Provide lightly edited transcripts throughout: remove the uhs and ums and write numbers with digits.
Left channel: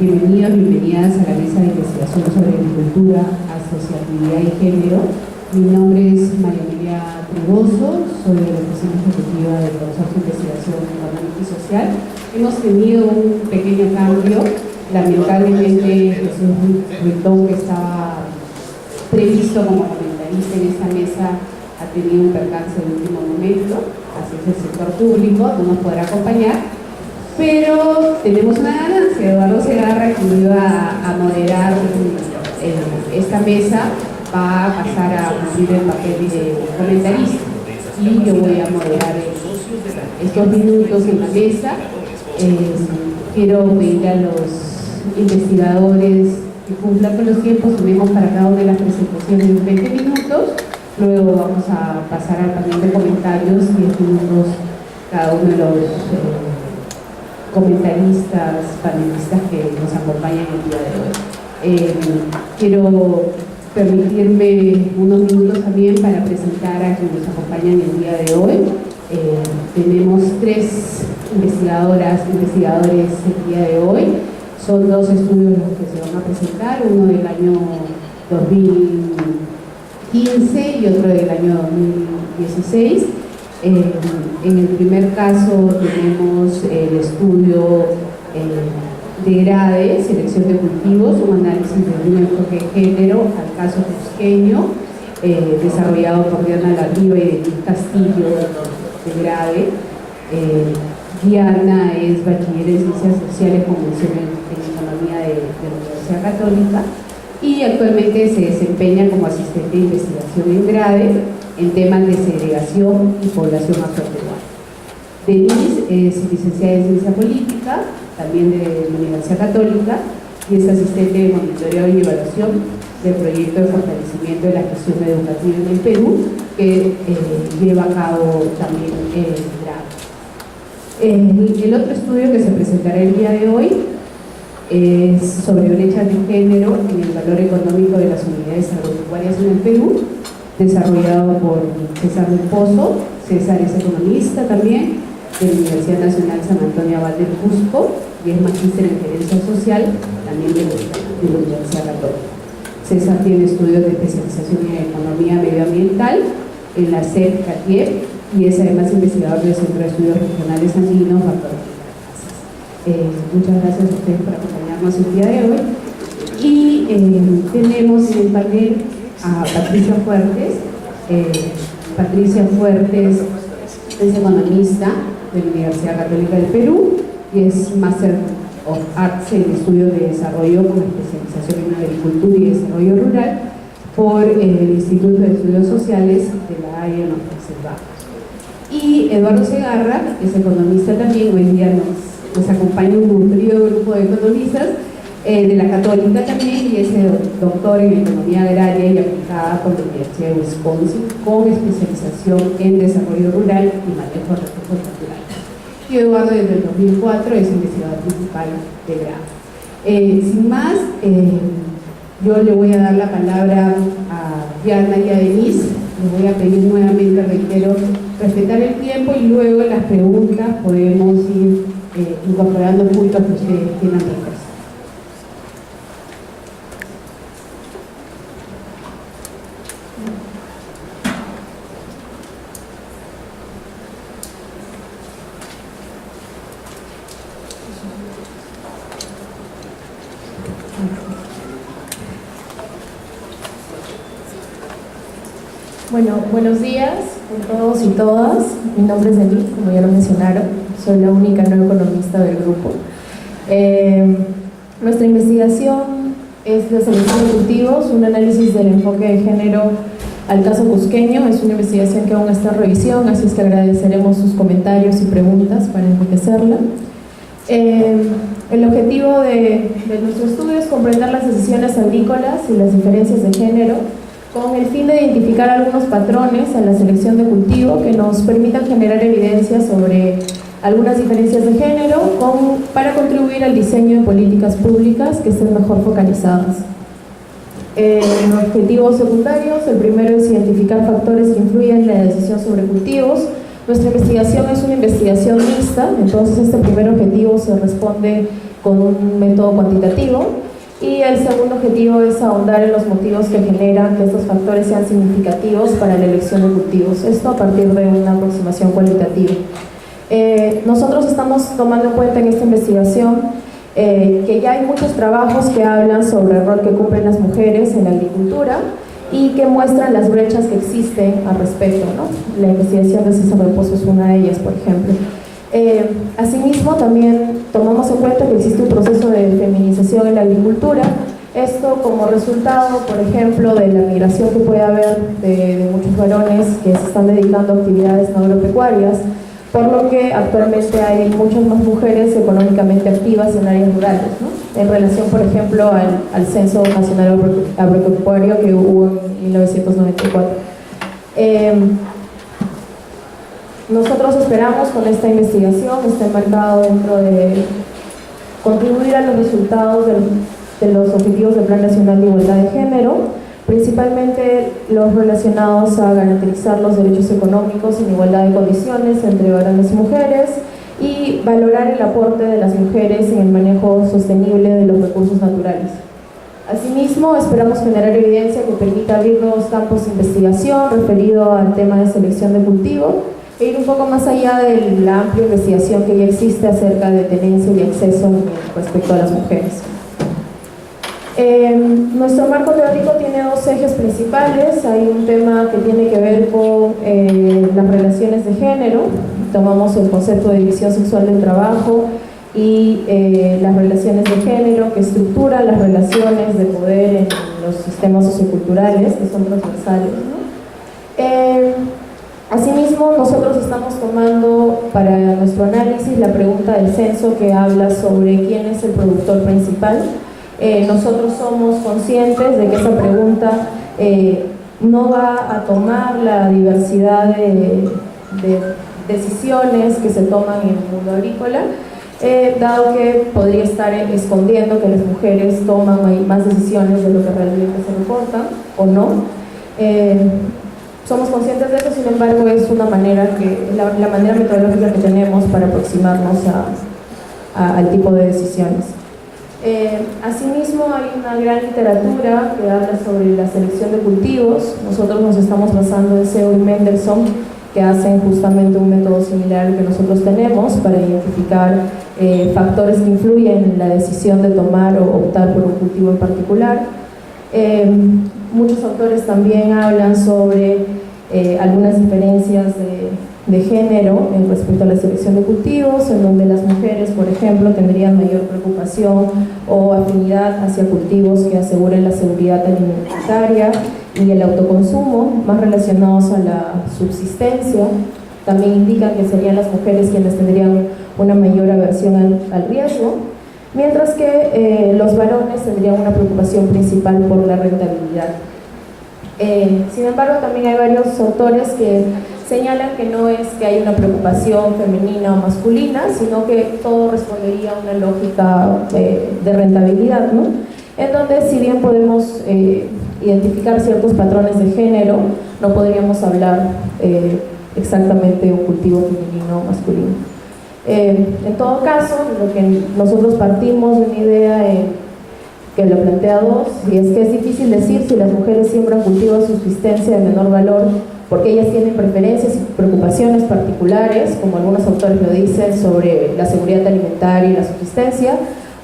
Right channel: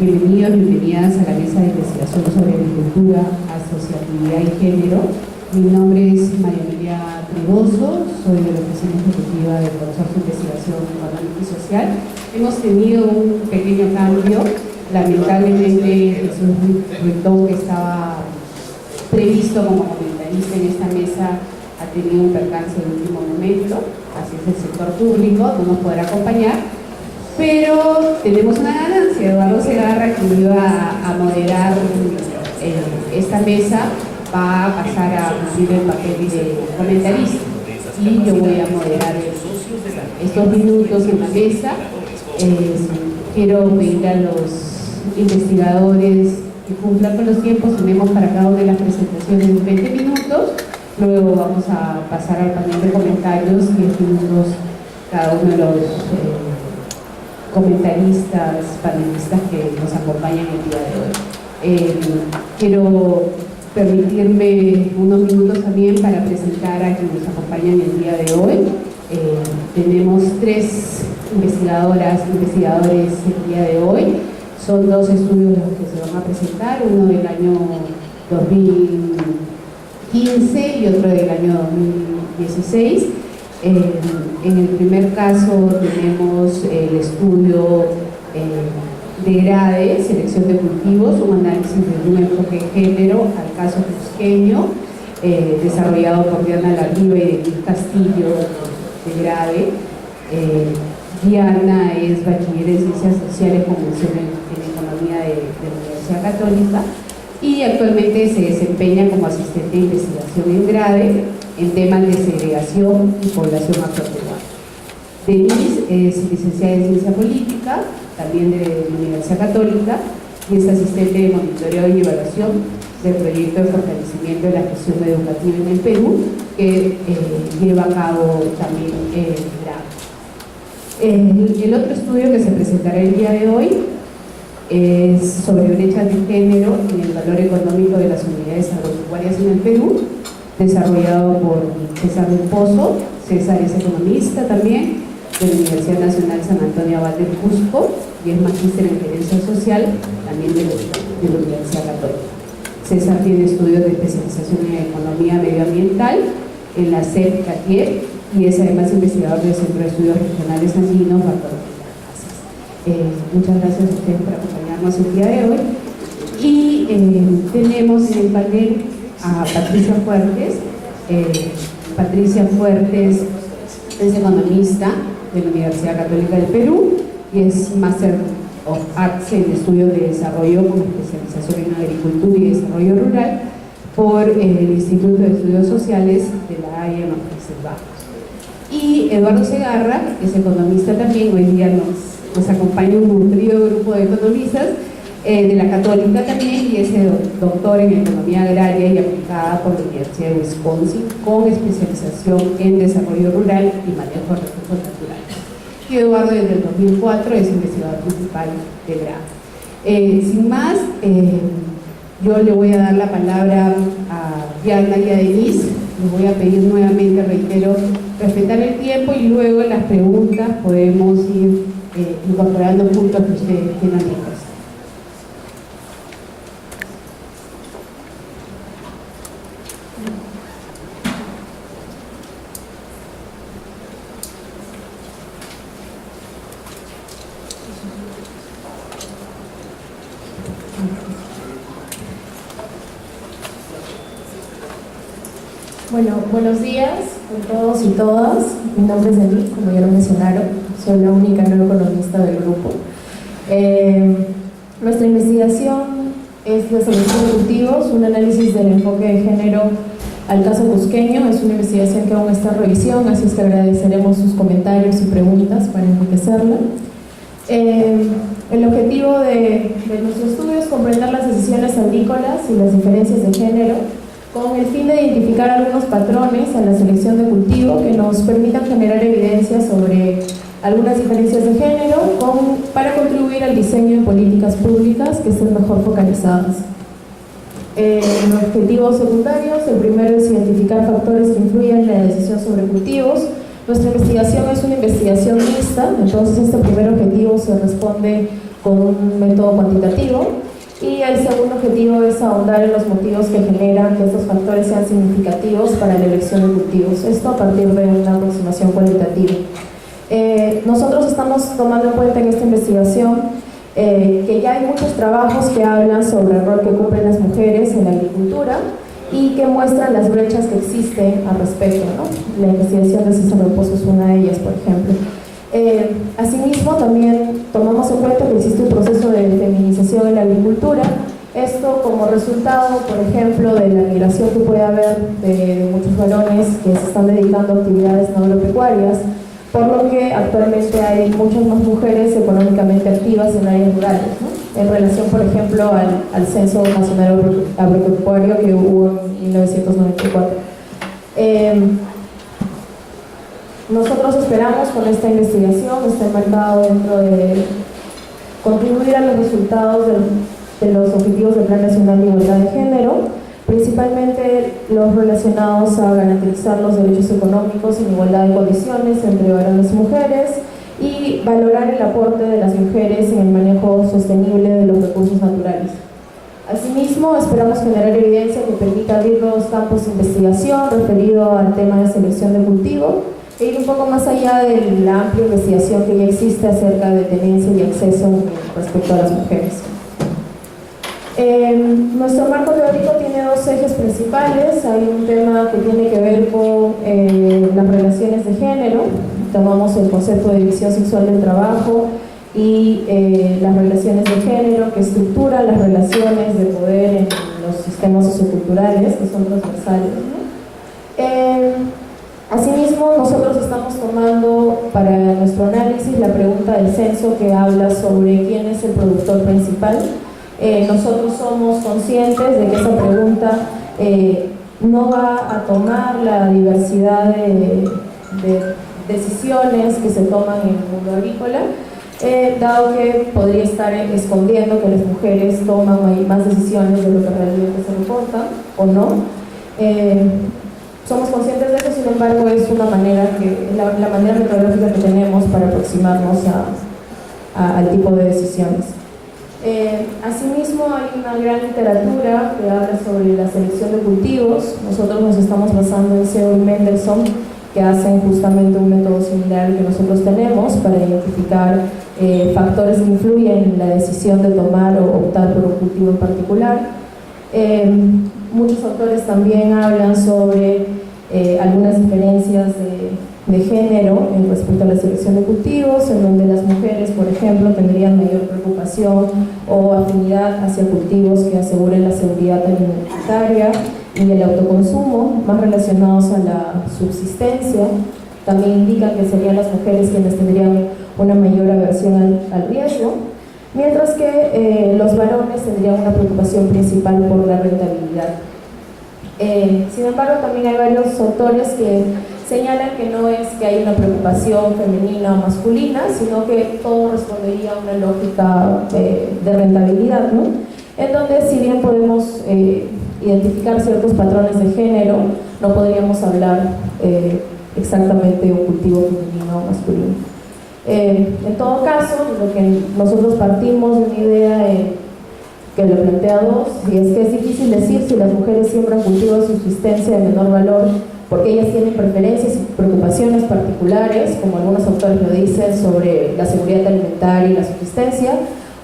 Bienvenidos, bienvenidas a la mesa de investigación sobre agricultura, asociatividad y género. Mi nombre es María Emilia Triboso, soy de la Oficina Ejecutiva del Consorcio de Investigación Económica y Social. Hemos tenido un pequeño cambio. Lamentablemente Jesús Ruitón, que estaba previsto como comentarista en esta mesa, ha tenido un percance de último momento, así es el sector público, no nos podrá acompañar. Pero tenemos una ganancia. Eduardo Segarra, que iba a moderar esta mesa, va a pasar a cumplir el papel de comentarista y yo voy a moderar estos minutos en la mesa. Quiero pedirle a los investigadores que cumplan con los tiempos. Tenemos para cada una de las presentaciones 20 minutos, luego vamos a pasar al panel de comentarios, 10 minutos cada uno de los comentaristas, panelistas que nos acompañan el día de hoy. Quiero permitirme unos minutos también para presentar a quienes nos acompañan el día de hoy. Tenemos 3 investigadoras, investigadores el día de hoy. Son 2 estudios los que se van a presentar, uno del año 2015 y otro del año 2016. En el primer caso tenemos el estudio de GRADE, selección de cultivos, un análisis de un enfoque de género al caso cusqueño, desarrollado por Diana Larriba y Denise Castillo de GRADE. Diana es bachiller en Ciencias Sociales con mención en Economía de la Universidad Católica y actualmente se desempeña como asistente de investigación en GRADE en temas de segregación y población afroperuana. Denise es licenciada en Ciencia Política, también de la Universidad Católica, y es asistente de monitoreo y evaluación del proyecto de fortalecimiento de la gestión educativa en el Perú, que lleva a cabo también GRADE. El otro estudio que se presentará el día de hoy es sobre brechas de género en el valor económico de las unidades agropecuarias en el Perú, desarrollado por César del Pozo. César es economista también de la Universidad Nacional San Antonio Abad del Cusco y es magíster en gerencia social también de la Universidad Católica. César tiene estudios de especialización en economía medioambiental en la SEP CATIEP y es además investigador del Centro de Estudios Regionales Andinos Bartolomé Casas. Muchas gracias a ustedes por acompañarnos el día de hoy. Y tenemos en el panel a Patricia Fuertes. Patricia Fuertes es economista de la Universidad Católica del Perú y es Master of Arts en Estudios de Desarrollo con especialización en Agricultura y Desarrollo Rural por el Instituto de Estudios Sociales de la Haya en los Países Bajos. Y Eduardo Segarra es economista también, hoy día nos acompaña un nutrido grupo de economistas de la Católica también, y es doctor en Economía Agraria y Aplicada por la Universidad de Wisconsin, con especialización en Desarrollo Rural y Manejo de Recursos Naturales. Y Eduardo desde el 2004 es investigador principal de GRADE. Sin más, yo le voy a dar la palabra a Diana y a Denise. Les voy a pedir nuevamente, reitero, respetar el tiempo y luego en las preguntas podemos ir incorporando puntos que ustedes quieran reforzar. Bueno, buenos días con todos y todas. Mi nombre es Denise, como ya lo mencionaron, soy la única no economista del grupo. Nuestra investigación es la selección de cultivos, un análisis del enfoque de género al caso cusqueño. Es una investigación que aún está en revisión, así es que agradeceremos sus comentarios y preguntas para enriquecerla. El objetivo de nuestro estudio es comprender las decisiones agrícolas y las diferencias de género con el fin de identificar algunos patrones en la selección de cultivo que nos permitan generar evidencia sobre algunas diferencias de género para contribuir al diseño de políticas públicas que estén mejor focalizadas. Objetivos secundarios: el primero es identificar factores que influyen en la decisión sobre cultivos. Nuestra investigación es una investigación mixta, entonces este primer objetivo se responde con un método cuantitativo y el segundo objetivo es ahondar en los motivos que generan que estos factores sean significativos para la elección de cultivos, esto a partir de una aproximación cualitativa. Nosotros estamos tomando en cuenta en esta investigación que ya hay muchos trabajos que hablan sobre el rol que cumplen las mujeres en la agricultura y que muestran las brechas que existen al respecto, ¿no? La investigación de César Reposo es una de ellas, por ejemplo. Asimismo, también tomamos en cuenta que existe un proceso de feminización en la agricultura, esto como resultado, por ejemplo, de la migración que puede haber de muchos varones que se están dedicando a actividades no agropecuarias, por lo que actualmente hay muchas más mujeres económicamente activas en áreas rurales, ¿no? En relación, por ejemplo, al Censo Nacional Agropecuario que hubo en 1994. Nosotros esperamos con esta investigación, está enmarcado dentro de contribuir a los resultados de los objetivos del Plan Nacional de Igualdad de Género, principalmente los relacionados a garantizar los derechos económicos en igualdad de condiciones entre varones y mujeres y valorar el aporte de las mujeres en el manejo sostenible de los recursos naturales. Asimismo, esperamos generar evidencia que permita abrir nuevos campos de investigación referido al tema de selección de cultivo e ir un poco más allá de la amplia investigación que ya existe acerca de tenencia y acceso respecto a las mujeres. Nuestro marco teórico tiene dos ejes principales. Hay un tema que tiene que ver con las relaciones de género. Tomamos el concepto de división sexual del trabajo y las relaciones de género que estructuran las relaciones de poder en los sistemas socioculturales que son transversales, ¿no? Asimismo, nosotros estamos tomando para nuestro análisis la pregunta del censo que habla sobre quién es el productor principal. Nosotros somos conscientes de que esa pregunta no va a tomar la diversidad de decisiones que se toman en el mundo agrícola, dado que podría estar escondiendo que las mujeres toman más decisiones de lo que realmente se reportan o no. Somos conscientes de eso, sin embargo, es una manera la manera metodológica que tenemos para aproximarnos al tipo de decisiones. Asimismo, hay una gran literatura que habla sobre la selección de cultivos. Nosotros nos estamos basando en Seo y Mendelssohn, que hacen justamente un método similar al que nosotros tenemos para identificar factores que influyen en la decisión de tomar o optar por un cultivo en particular. Muchos autores también hablan sobre algunas diferencias de género en respecto a la selección de cultivos, en donde las mujeres, por ejemplo, tendrían mayor preocupación o afinidad hacia cultivos que aseguren la seguridad alimentaria y el autoconsumo, más relacionados a la subsistencia. También indican que serían las mujeres quienes tendrían una mayor aversión al riesgo, mientras que los varones tendrían una preocupación principal por la rentabilidad. Sin embargo, también hay varios autores que señalan que no es que hay una preocupación femenina o masculina, sino que todo respondería a una lógica de rentabilidad, ¿no? En donde, si bien podemos identificar ciertos patrones de género, no podríamos hablar exactamente de un cultivo femenino o masculino. En todo caso, lo que nosotros partimos de una idea que lo plantea Dos, y es que es difícil decir si las mujeres siembran cultivos de subsistencia de menor valor porque ellas tienen preferencias y preocupaciones particulares, como algunos autores lo dicen, sobre la seguridad alimentaria y la subsistencia,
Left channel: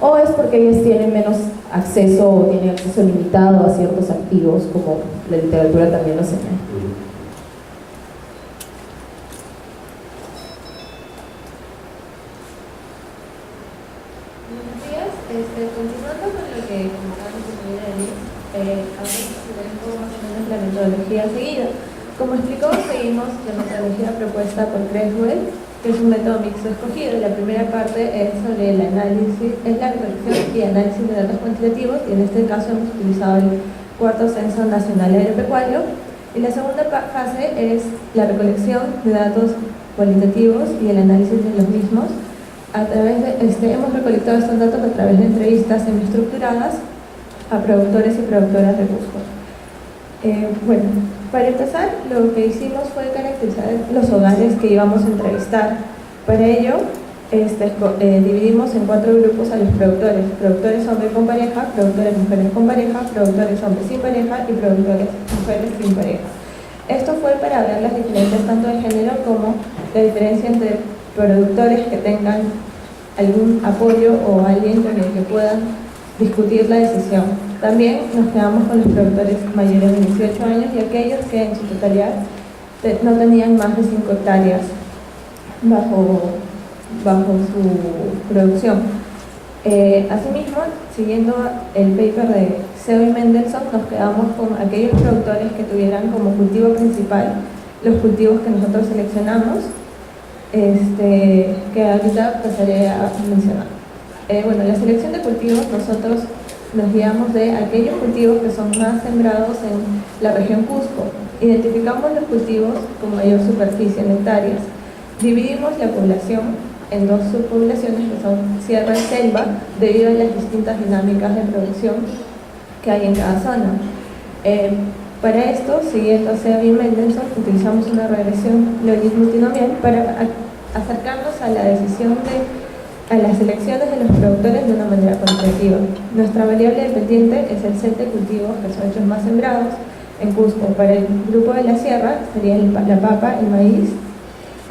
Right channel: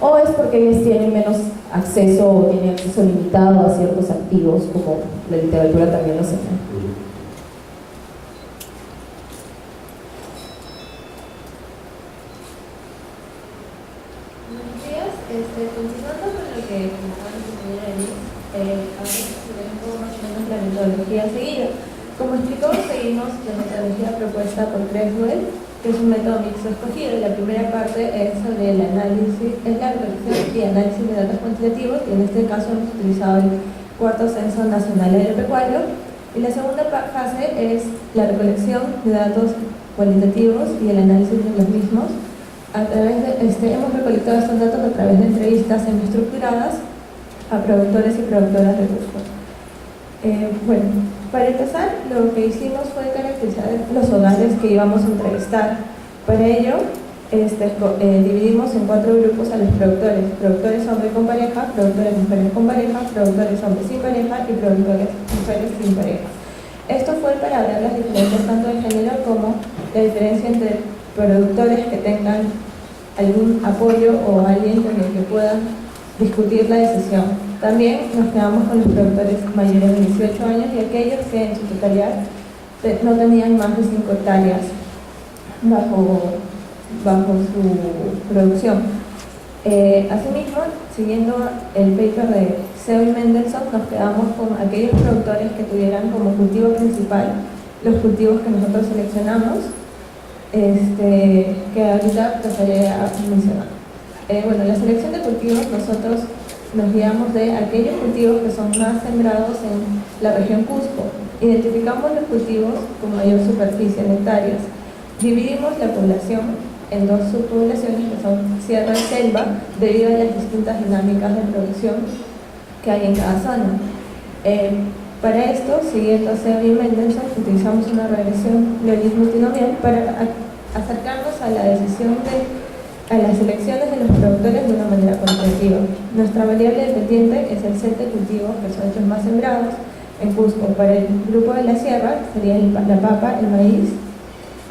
o es porque ellas tienen menos acceso o tienen acceso limitado a ciertos activos, como la literatura también lo señala. Continuando con lo que comentaba mi compañera Denise, ahora explicaré un poco más o menos la metodología seguida. Como explicó, seguimos la metodología propuesta por Creswell, que es un método mixto escogido. La primera parte es sobre el análisis, es la recolección y análisis de datos cuantitativos, y en este caso hemos utilizado el cuarto Censo Nacional Agropecuario. Y la segunda fase es la recolección de datos cualitativos y el análisis de los mismos. A través de, hemos recolectado estos datos a través de entrevistas semiestructuradas a productores y productoras de Cusco. Bueno, Para empezar, lo que hicimos fue caracterizar los hogares que íbamos a entrevistar. Para ello, dividimos en 4 grupos a los productores hombres con pareja, productores mujeres con pareja, productores hombres sin pareja y productores mujeres sin pareja. Esto fue para ver las diferencias tanto de género como la diferencia entre productores que tengan algún apoyo o alguien con el que puedan discutir la decisión. También nos quedamos con los productores mayores de 18 años y aquellos que en su totalidad no tenían más de 5 hectáreas bajo su producción. Asimismo, siguiendo el paper de Seo y Mendelssohn, nos quedamos con aquellos productores que tuvieran como cultivo principal los cultivos que nosotros seleccionamos, que ahorita pasaré a mencionar. Bueno, la selección de cultivos, nosotros nos guiamos de aquellos cultivos que son más sembrados en la región Cusco. Identificamos los cultivos con mayor superficie en hectáreas. Dividimos la población en 2 subpoblaciones que son sierra y selva, debido a las distintas dinámicas de producción que hay en cada zona. Para esto, siguiendo a Seo y Mendelssohn, utilizamos una regresión logismo-multinomial para acercarnos a la decisión a las elecciones de los productores de una manera cuantitativa. Nuestra variable dependiente es el set de cultivos que son los más sembrados en Cusco. Para el grupo de la sierra sería la papa, el maíz,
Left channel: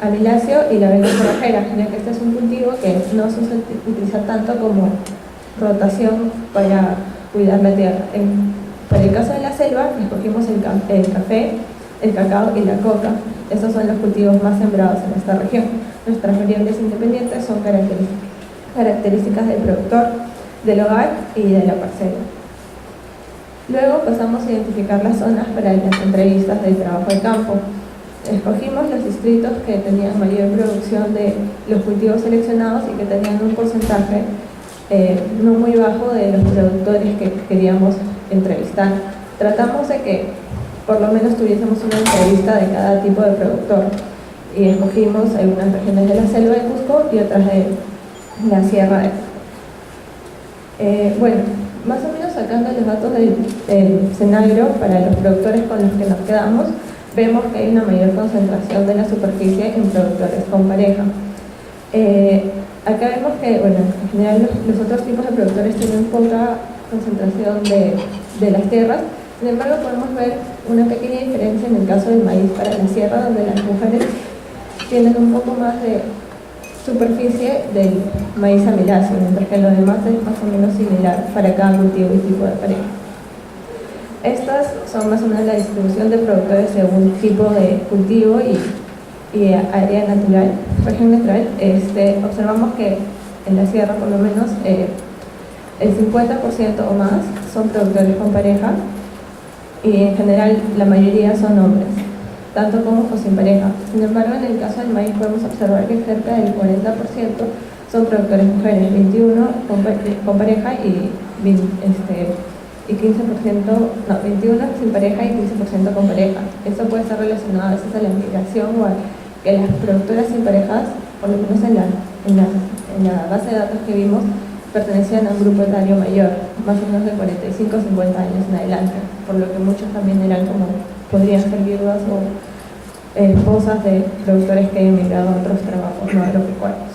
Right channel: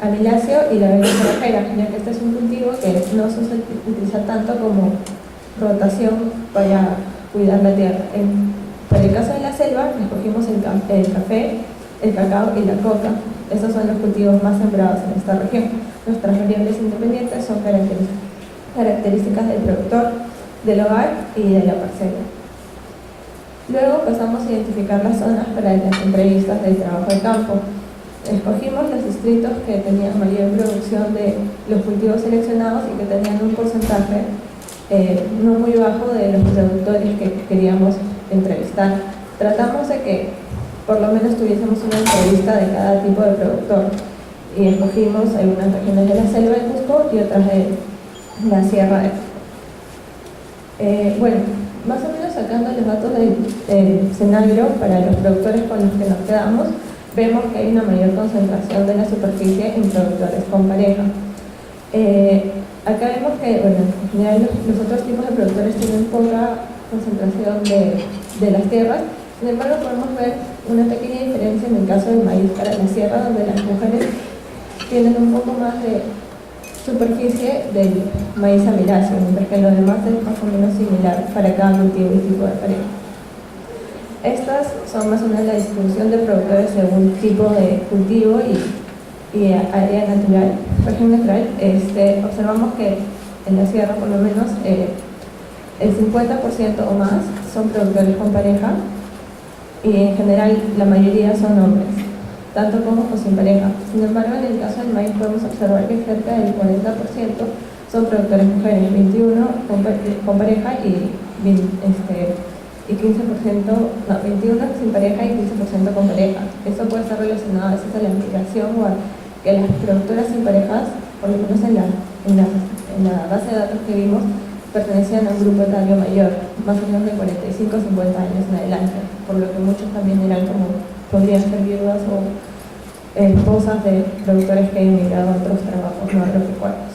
amiláceo y la avena forrajera, ya que este es un cultivo que no se utiliza tanto como rotación para cuidar la tierra. Para el caso de la selva, escogimos el café, el cacao y la coca. Estos son los cultivos más sembrados en esta región. Nuestras variables independientes son características del productor, del hogar y de la parcela. Luego pasamos a identificar las zonas para las entrevistas del trabajo de campo. Escogimos los distritos que tenían mayor producción de los cultivos seleccionados y que tenían un porcentaje no muy bajo de los productores que queríamos entrevistar. Tratamos de que por lo menos tuviésemos una entrevista de cada tipo de productor y escogimos algunas regiones de la selva de Cusco y otras de la sierra de Cusco. Bueno, más o menos sacando los datos del Senagro para los productores con los que nos quedamos, vemos que hay una mayor concentración de la superficie en productores con pareja. Acá vemos que, bueno, en general los otros tipos de productores tienen poca concentración de las tierras. Sin embargo, podemos ver una pequeña diferencia en el caso del maíz para la sierra, donde las mujeres tienen un poco más de superficie del maíz amiláceo, mientras que lo demás es más o menos similar para cada cultivo y tipo de pareja. Estas son más o menos la distribución de productores según tipo de cultivo y área natural, región natural. Observamos que en la sierra por lo menos el 50% o más son productores con pareja y en general la mayoría son hombres, tanto con o sin pareja. Sin embargo, en el caso del maíz podemos observar que cerca del 40% son productores mujeres, 21% con pareja y 15%, no, 21% sin pareja y 15% con pareja. Esto puede estar relacionado a veces a la migración o a que las productoras sin parejas, por lo menos en la base de datos que vimos, pertenecían a un grupo etario mayor, más o menos de 45 o 50 años en adelante, por lo que muchos también eran podrían ser viudas o esposas de productores que hayan migrado a otros trabajos no agropecuarios.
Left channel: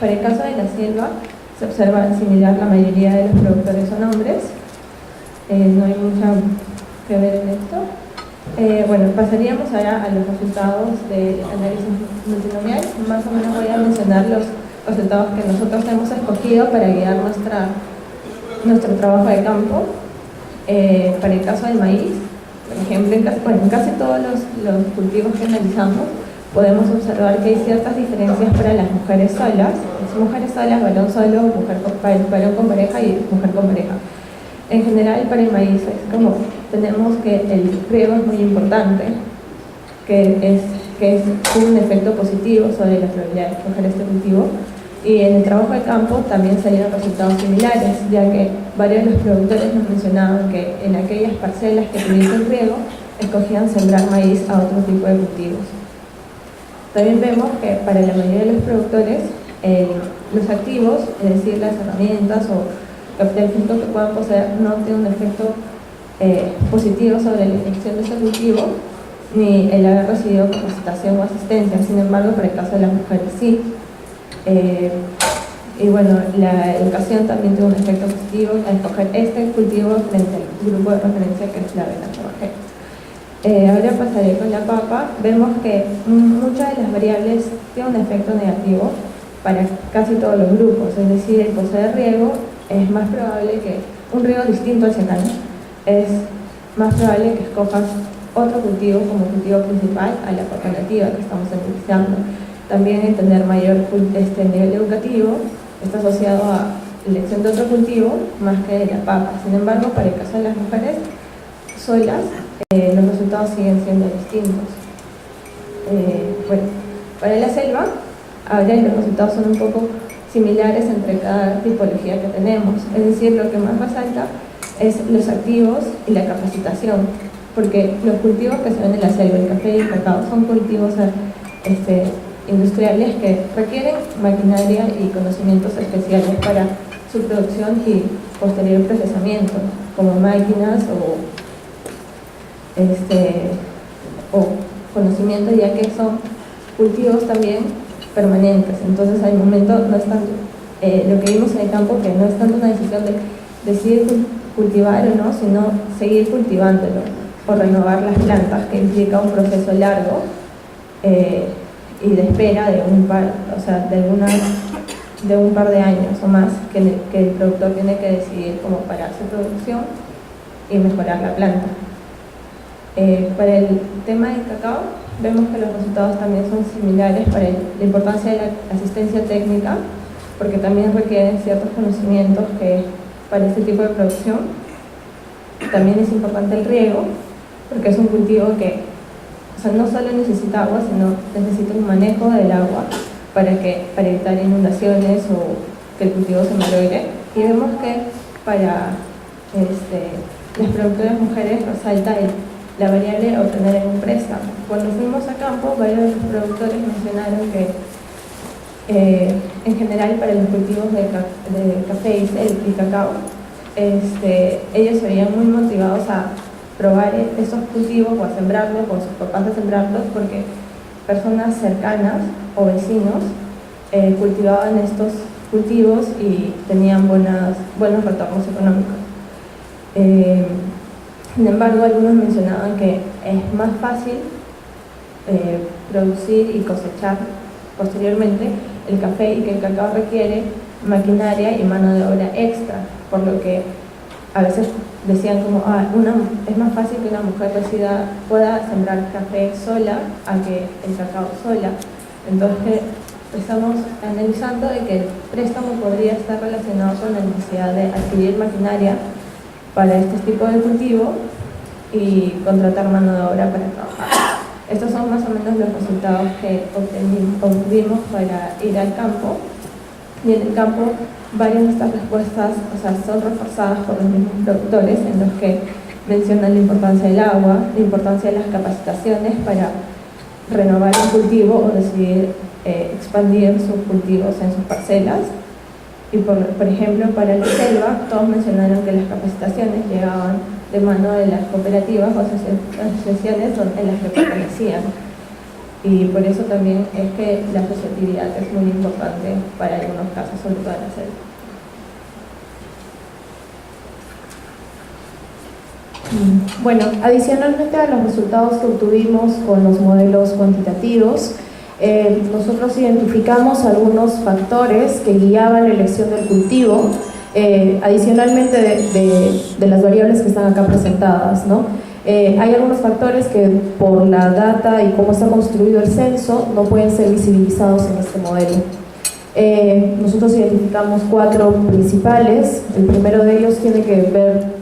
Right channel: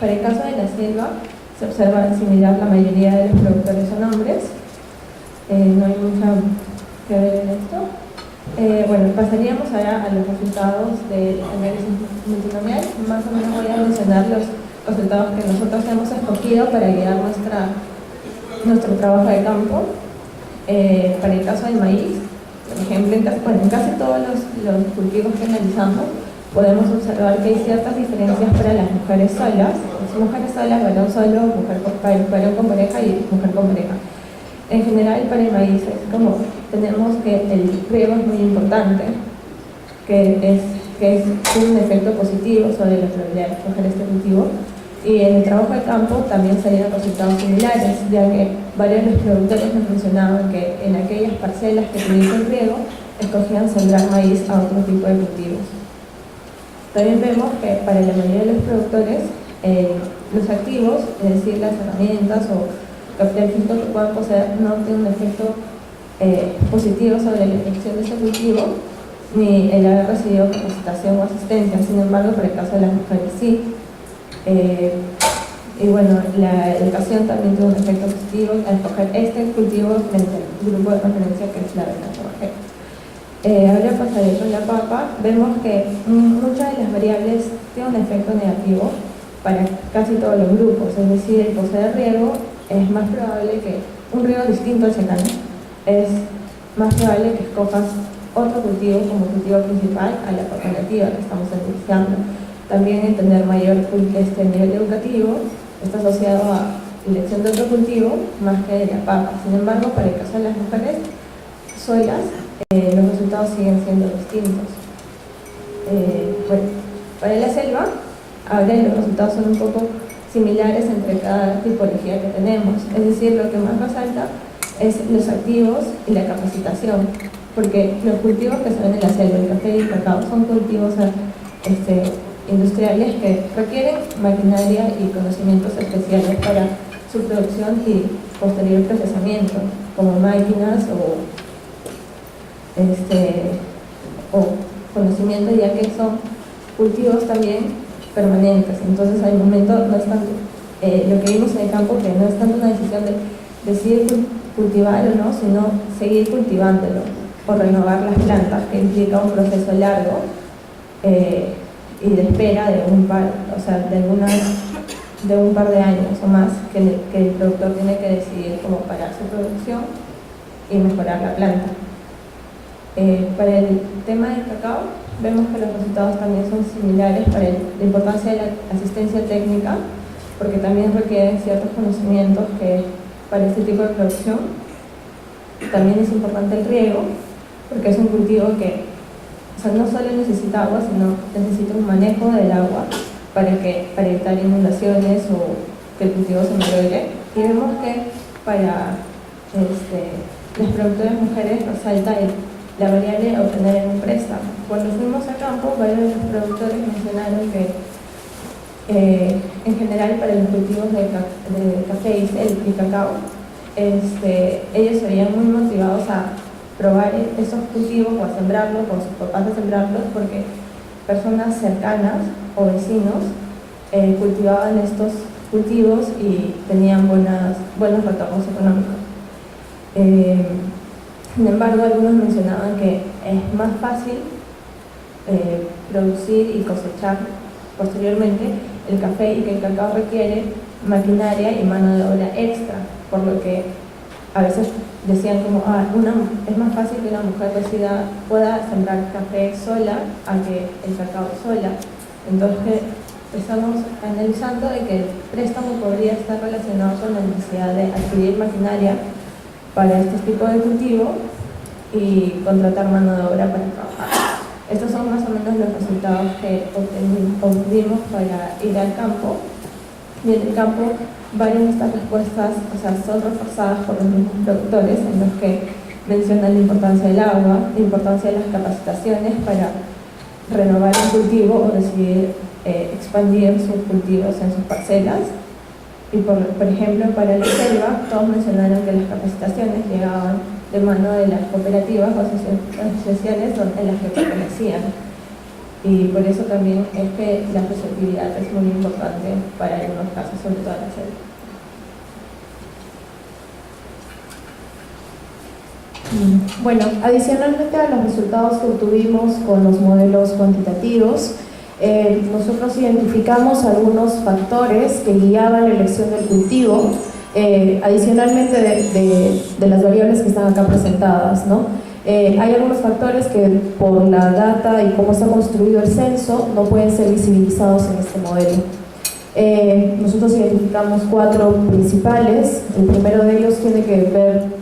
Para el caso de la selva, se observa similar, la mayoría de los productores son hombres. No hay mucho que ver en esto. Bueno, pasaríamos ahora a los resultados del análisis multinomial. Más o menos voy a mencionar los resultados que nosotros hemos escogido para guiar nuestro trabajo de campo. Para el caso del maíz, por ejemplo, en casi todos los cultivos que analizamos, podemos observar que hay ciertas diferencias para las mujeres solas. Mujeres solas, varón solo, varón con pareja y mujer con pareja. En general, para el maíz tenemos que el riego es muy importante, que tiene un efecto positivo sobre la probabilidad de escoger este cultivo. Y en el trabajo de campo también salieron resultados similares, ya que varios de los productores nos mencionaban que en aquellas parcelas que tuviesen riego, escogían sembrar maíz a otro tipo de cultivos. También vemos que para la mayoría de los productores, los activos, es decir, las herramientas o capital físico que puedan poseer, no tiene un efecto positivo sobre la elección de este cultivo, ni el haber recibido capacitación o asistencia. Sin embargo, para el caso de las mujeres sí. Y bueno, la educación también tuvo un efecto positivo al escoger este cultivo frente al grupo de referencia que es la avena forrajera. Ahora pasaré con la papa. Vemos que muchas de las variables tienen un efecto negativo para casi todos los grupos, es decir, el poseer riego es más probable que un riego distinto al secano, es más probable que escojas otro cultivo como cultivo principal a la papa nativa que estamos iniciando. También el tener mayor nivel educativo está asociado a la elección de otro cultivo más que de la papa. Sin embargo, para el caso de las mujeres solas, los resultados siguen siendo distintos. Bueno, para la selva, ahora los resultados son un poco similares entre cada tipología que tenemos. Es decir, lo que más resalta es los activos y la capacitación, porque los cultivos que se ven en la selva, el café y el cacao, son cultivos industriales que requieren maquinaria y conocimientos especiales para su producción y posterior procesamiento, como máquinas o conocimiento, ya que son cultivos también permanentes. Entonces al momento no es tanto lo que vimos en el campo, que no es tanto una decisión de decidir cultivar o no, sino seguir cultivándolo o renovar las plantas, que implica un proceso largo y de espera de un par de años o más que el productor tiene que decidir cómo parar su producción y mejorar la planta. Para el tema del cacao, vemos que los resultados también son similares para la importancia de la asistencia técnica, porque también requieren ciertos conocimientos que para este tipo de producción. También es importante el riego, porque es un cultivo que no solo necesita agua, sino necesita un manejo del agua para evitar inundaciones o que el cultivo se malogre. Y vemos que para las productoras mujeres resalta la variable a obtener en un préstamo. Cuando fuimos a campo, varios de los productores mencionaron que en general para los cultivos de café y cacao, ellos se veían muy motivados a probar esos cultivos o a sembrarlos, o a sus papás a sembrarlos, porque personas cercanas o vecinos cultivaban estos cultivos y tenían buenos retornos económicos. Sin embargo, algunos mencionaban que es más fácil producir y cosechar posteriormente el café y que el cacao requiere maquinaria y mano de obra extra, por lo que a veces decían como es más fácil que una mujer pueda sembrar café sola a que el cacao sola. Entonces estamos analizando de que el préstamo podría estar relacionado con la necesidad de adquirir maquinaria para este tipo de cultivo y contratar mano de obra para trabajar. Estos son más o menos los resultados que obtuvimos para ir al campo. Y en el campo, varias de estas respuestas son reforzadas por los mismos productores, en los que mencionan la importancia del agua, la importancia de las capacitaciones para renovar un cultivo o decidir expandir sus cultivos en sus parcelas. Y por ejemplo, para la selva, todos mencionaron que las capacitaciones llegaban de mano de las cooperativas o asociaciones en las que pertenecían. Y por eso también es que la asociatividad es muy importante para algunos casos, sobre todo en la selva. Bueno, adicionalmente a los resultados que obtuvimos con los modelos cuantitativos, nosotros identificamos algunos factores que guiaban la elección del cultivo, adicionalmente de las variables que están acá presentadas, ¿no? Hay algunos factores que por la data y cómo está construido el censo no pueden ser visibilizados en este modelo. Nosotros identificamos 4 principales. El primero de ellos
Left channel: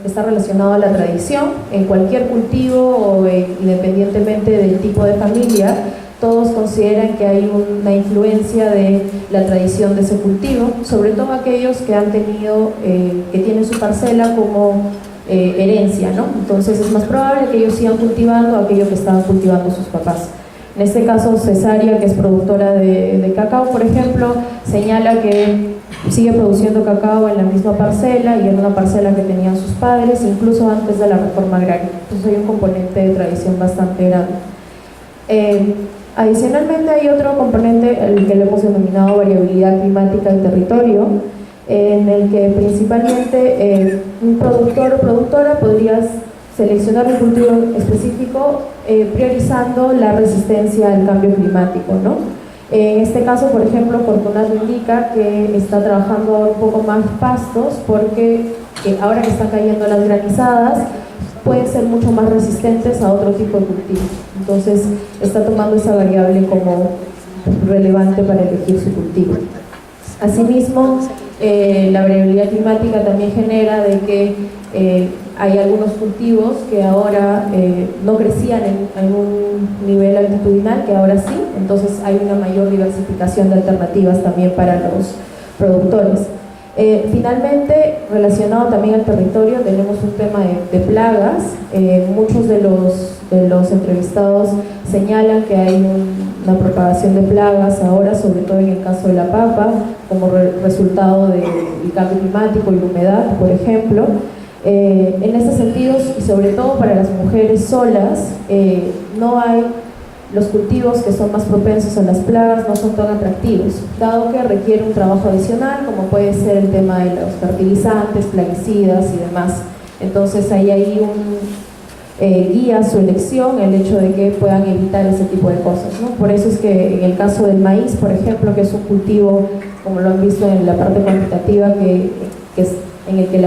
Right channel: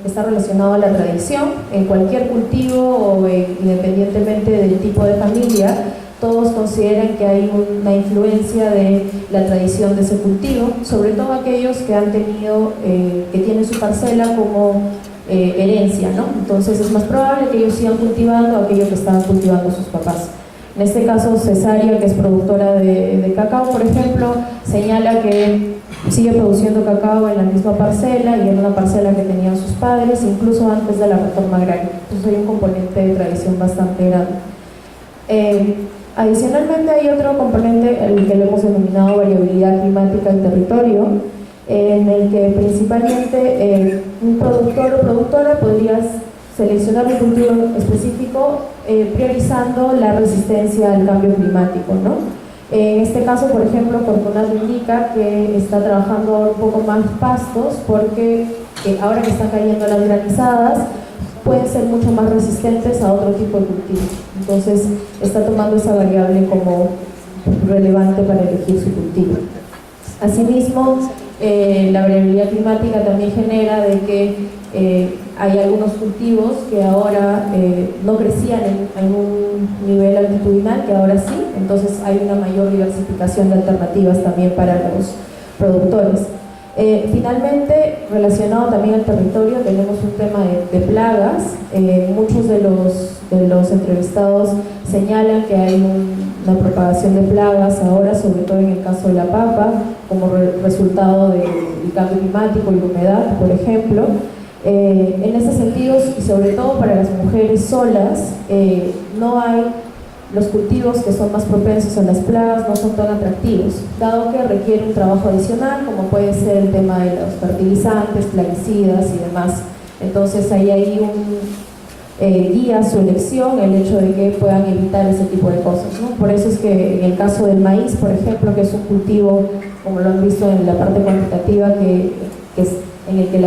está relacionado a la tradición. En cualquier cultivo o independientemente del tipo de familia, todos consideran que hay una influencia de la tradición de ese cultivo, sobre todo aquellos que han tenido, que tienen su parcela como herencia, ¿no? Entonces es más probable que ellos sigan cultivando aquello que estaban cultivando sus papás. En este caso, Cesárea, que es productora de cacao, por ejemplo, señala que sigue produciendo cacao en la misma parcela y en una parcela que tenían sus padres, incluso antes de la reforma agraria. Entonces hay un componente de tradición bastante grande. Adicionalmente hay otro componente, el que le hemos denominado variabilidad climática en territorio, en el que principalmente un productor o productora podría seleccionar un cultivo específico priorizando la resistencia al cambio climático, ¿no? En este caso, por ejemplo, Fortunato indica que está trabajando un poco más pastos porque ahora que están cayendo las granizadas pueden ser mucho más resistentes a otro tipo de cultivo. Entonces está tomando esa variable como relevante para elegir su cultivo. Asimismo, la variabilidad climática también genera de que hay algunos cultivos que ahora no crecían en un nivel altitudinal, que ahora sí, entonces hay una mayor diversificación de alternativas también para los productores. Finalmente, relacionado también al territorio, tenemos un tema de plagas. Muchos de los entrevistados señalan que hay una propagación de plagas ahora, sobre todo en el caso de la papa, como resultado del cambio climático y la humedad, por ejemplo. En estos sentidos, y sobre todo para las mujeres solas, no hay los cultivos que son más propensos a las plagas, no son tan atractivos, dado que requiere un trabajo adicional, como puede ser el tema de los fertilizantes, plaguicidas y demás. Entonces hay guía su elección, el hecho de que puedan evitar ese tipo de cosas, ¿no? Por eso es que en el caso del maíz, por ejemplo, que es un cultivo, como lo han visto en la parte cuantitativa, que es en el que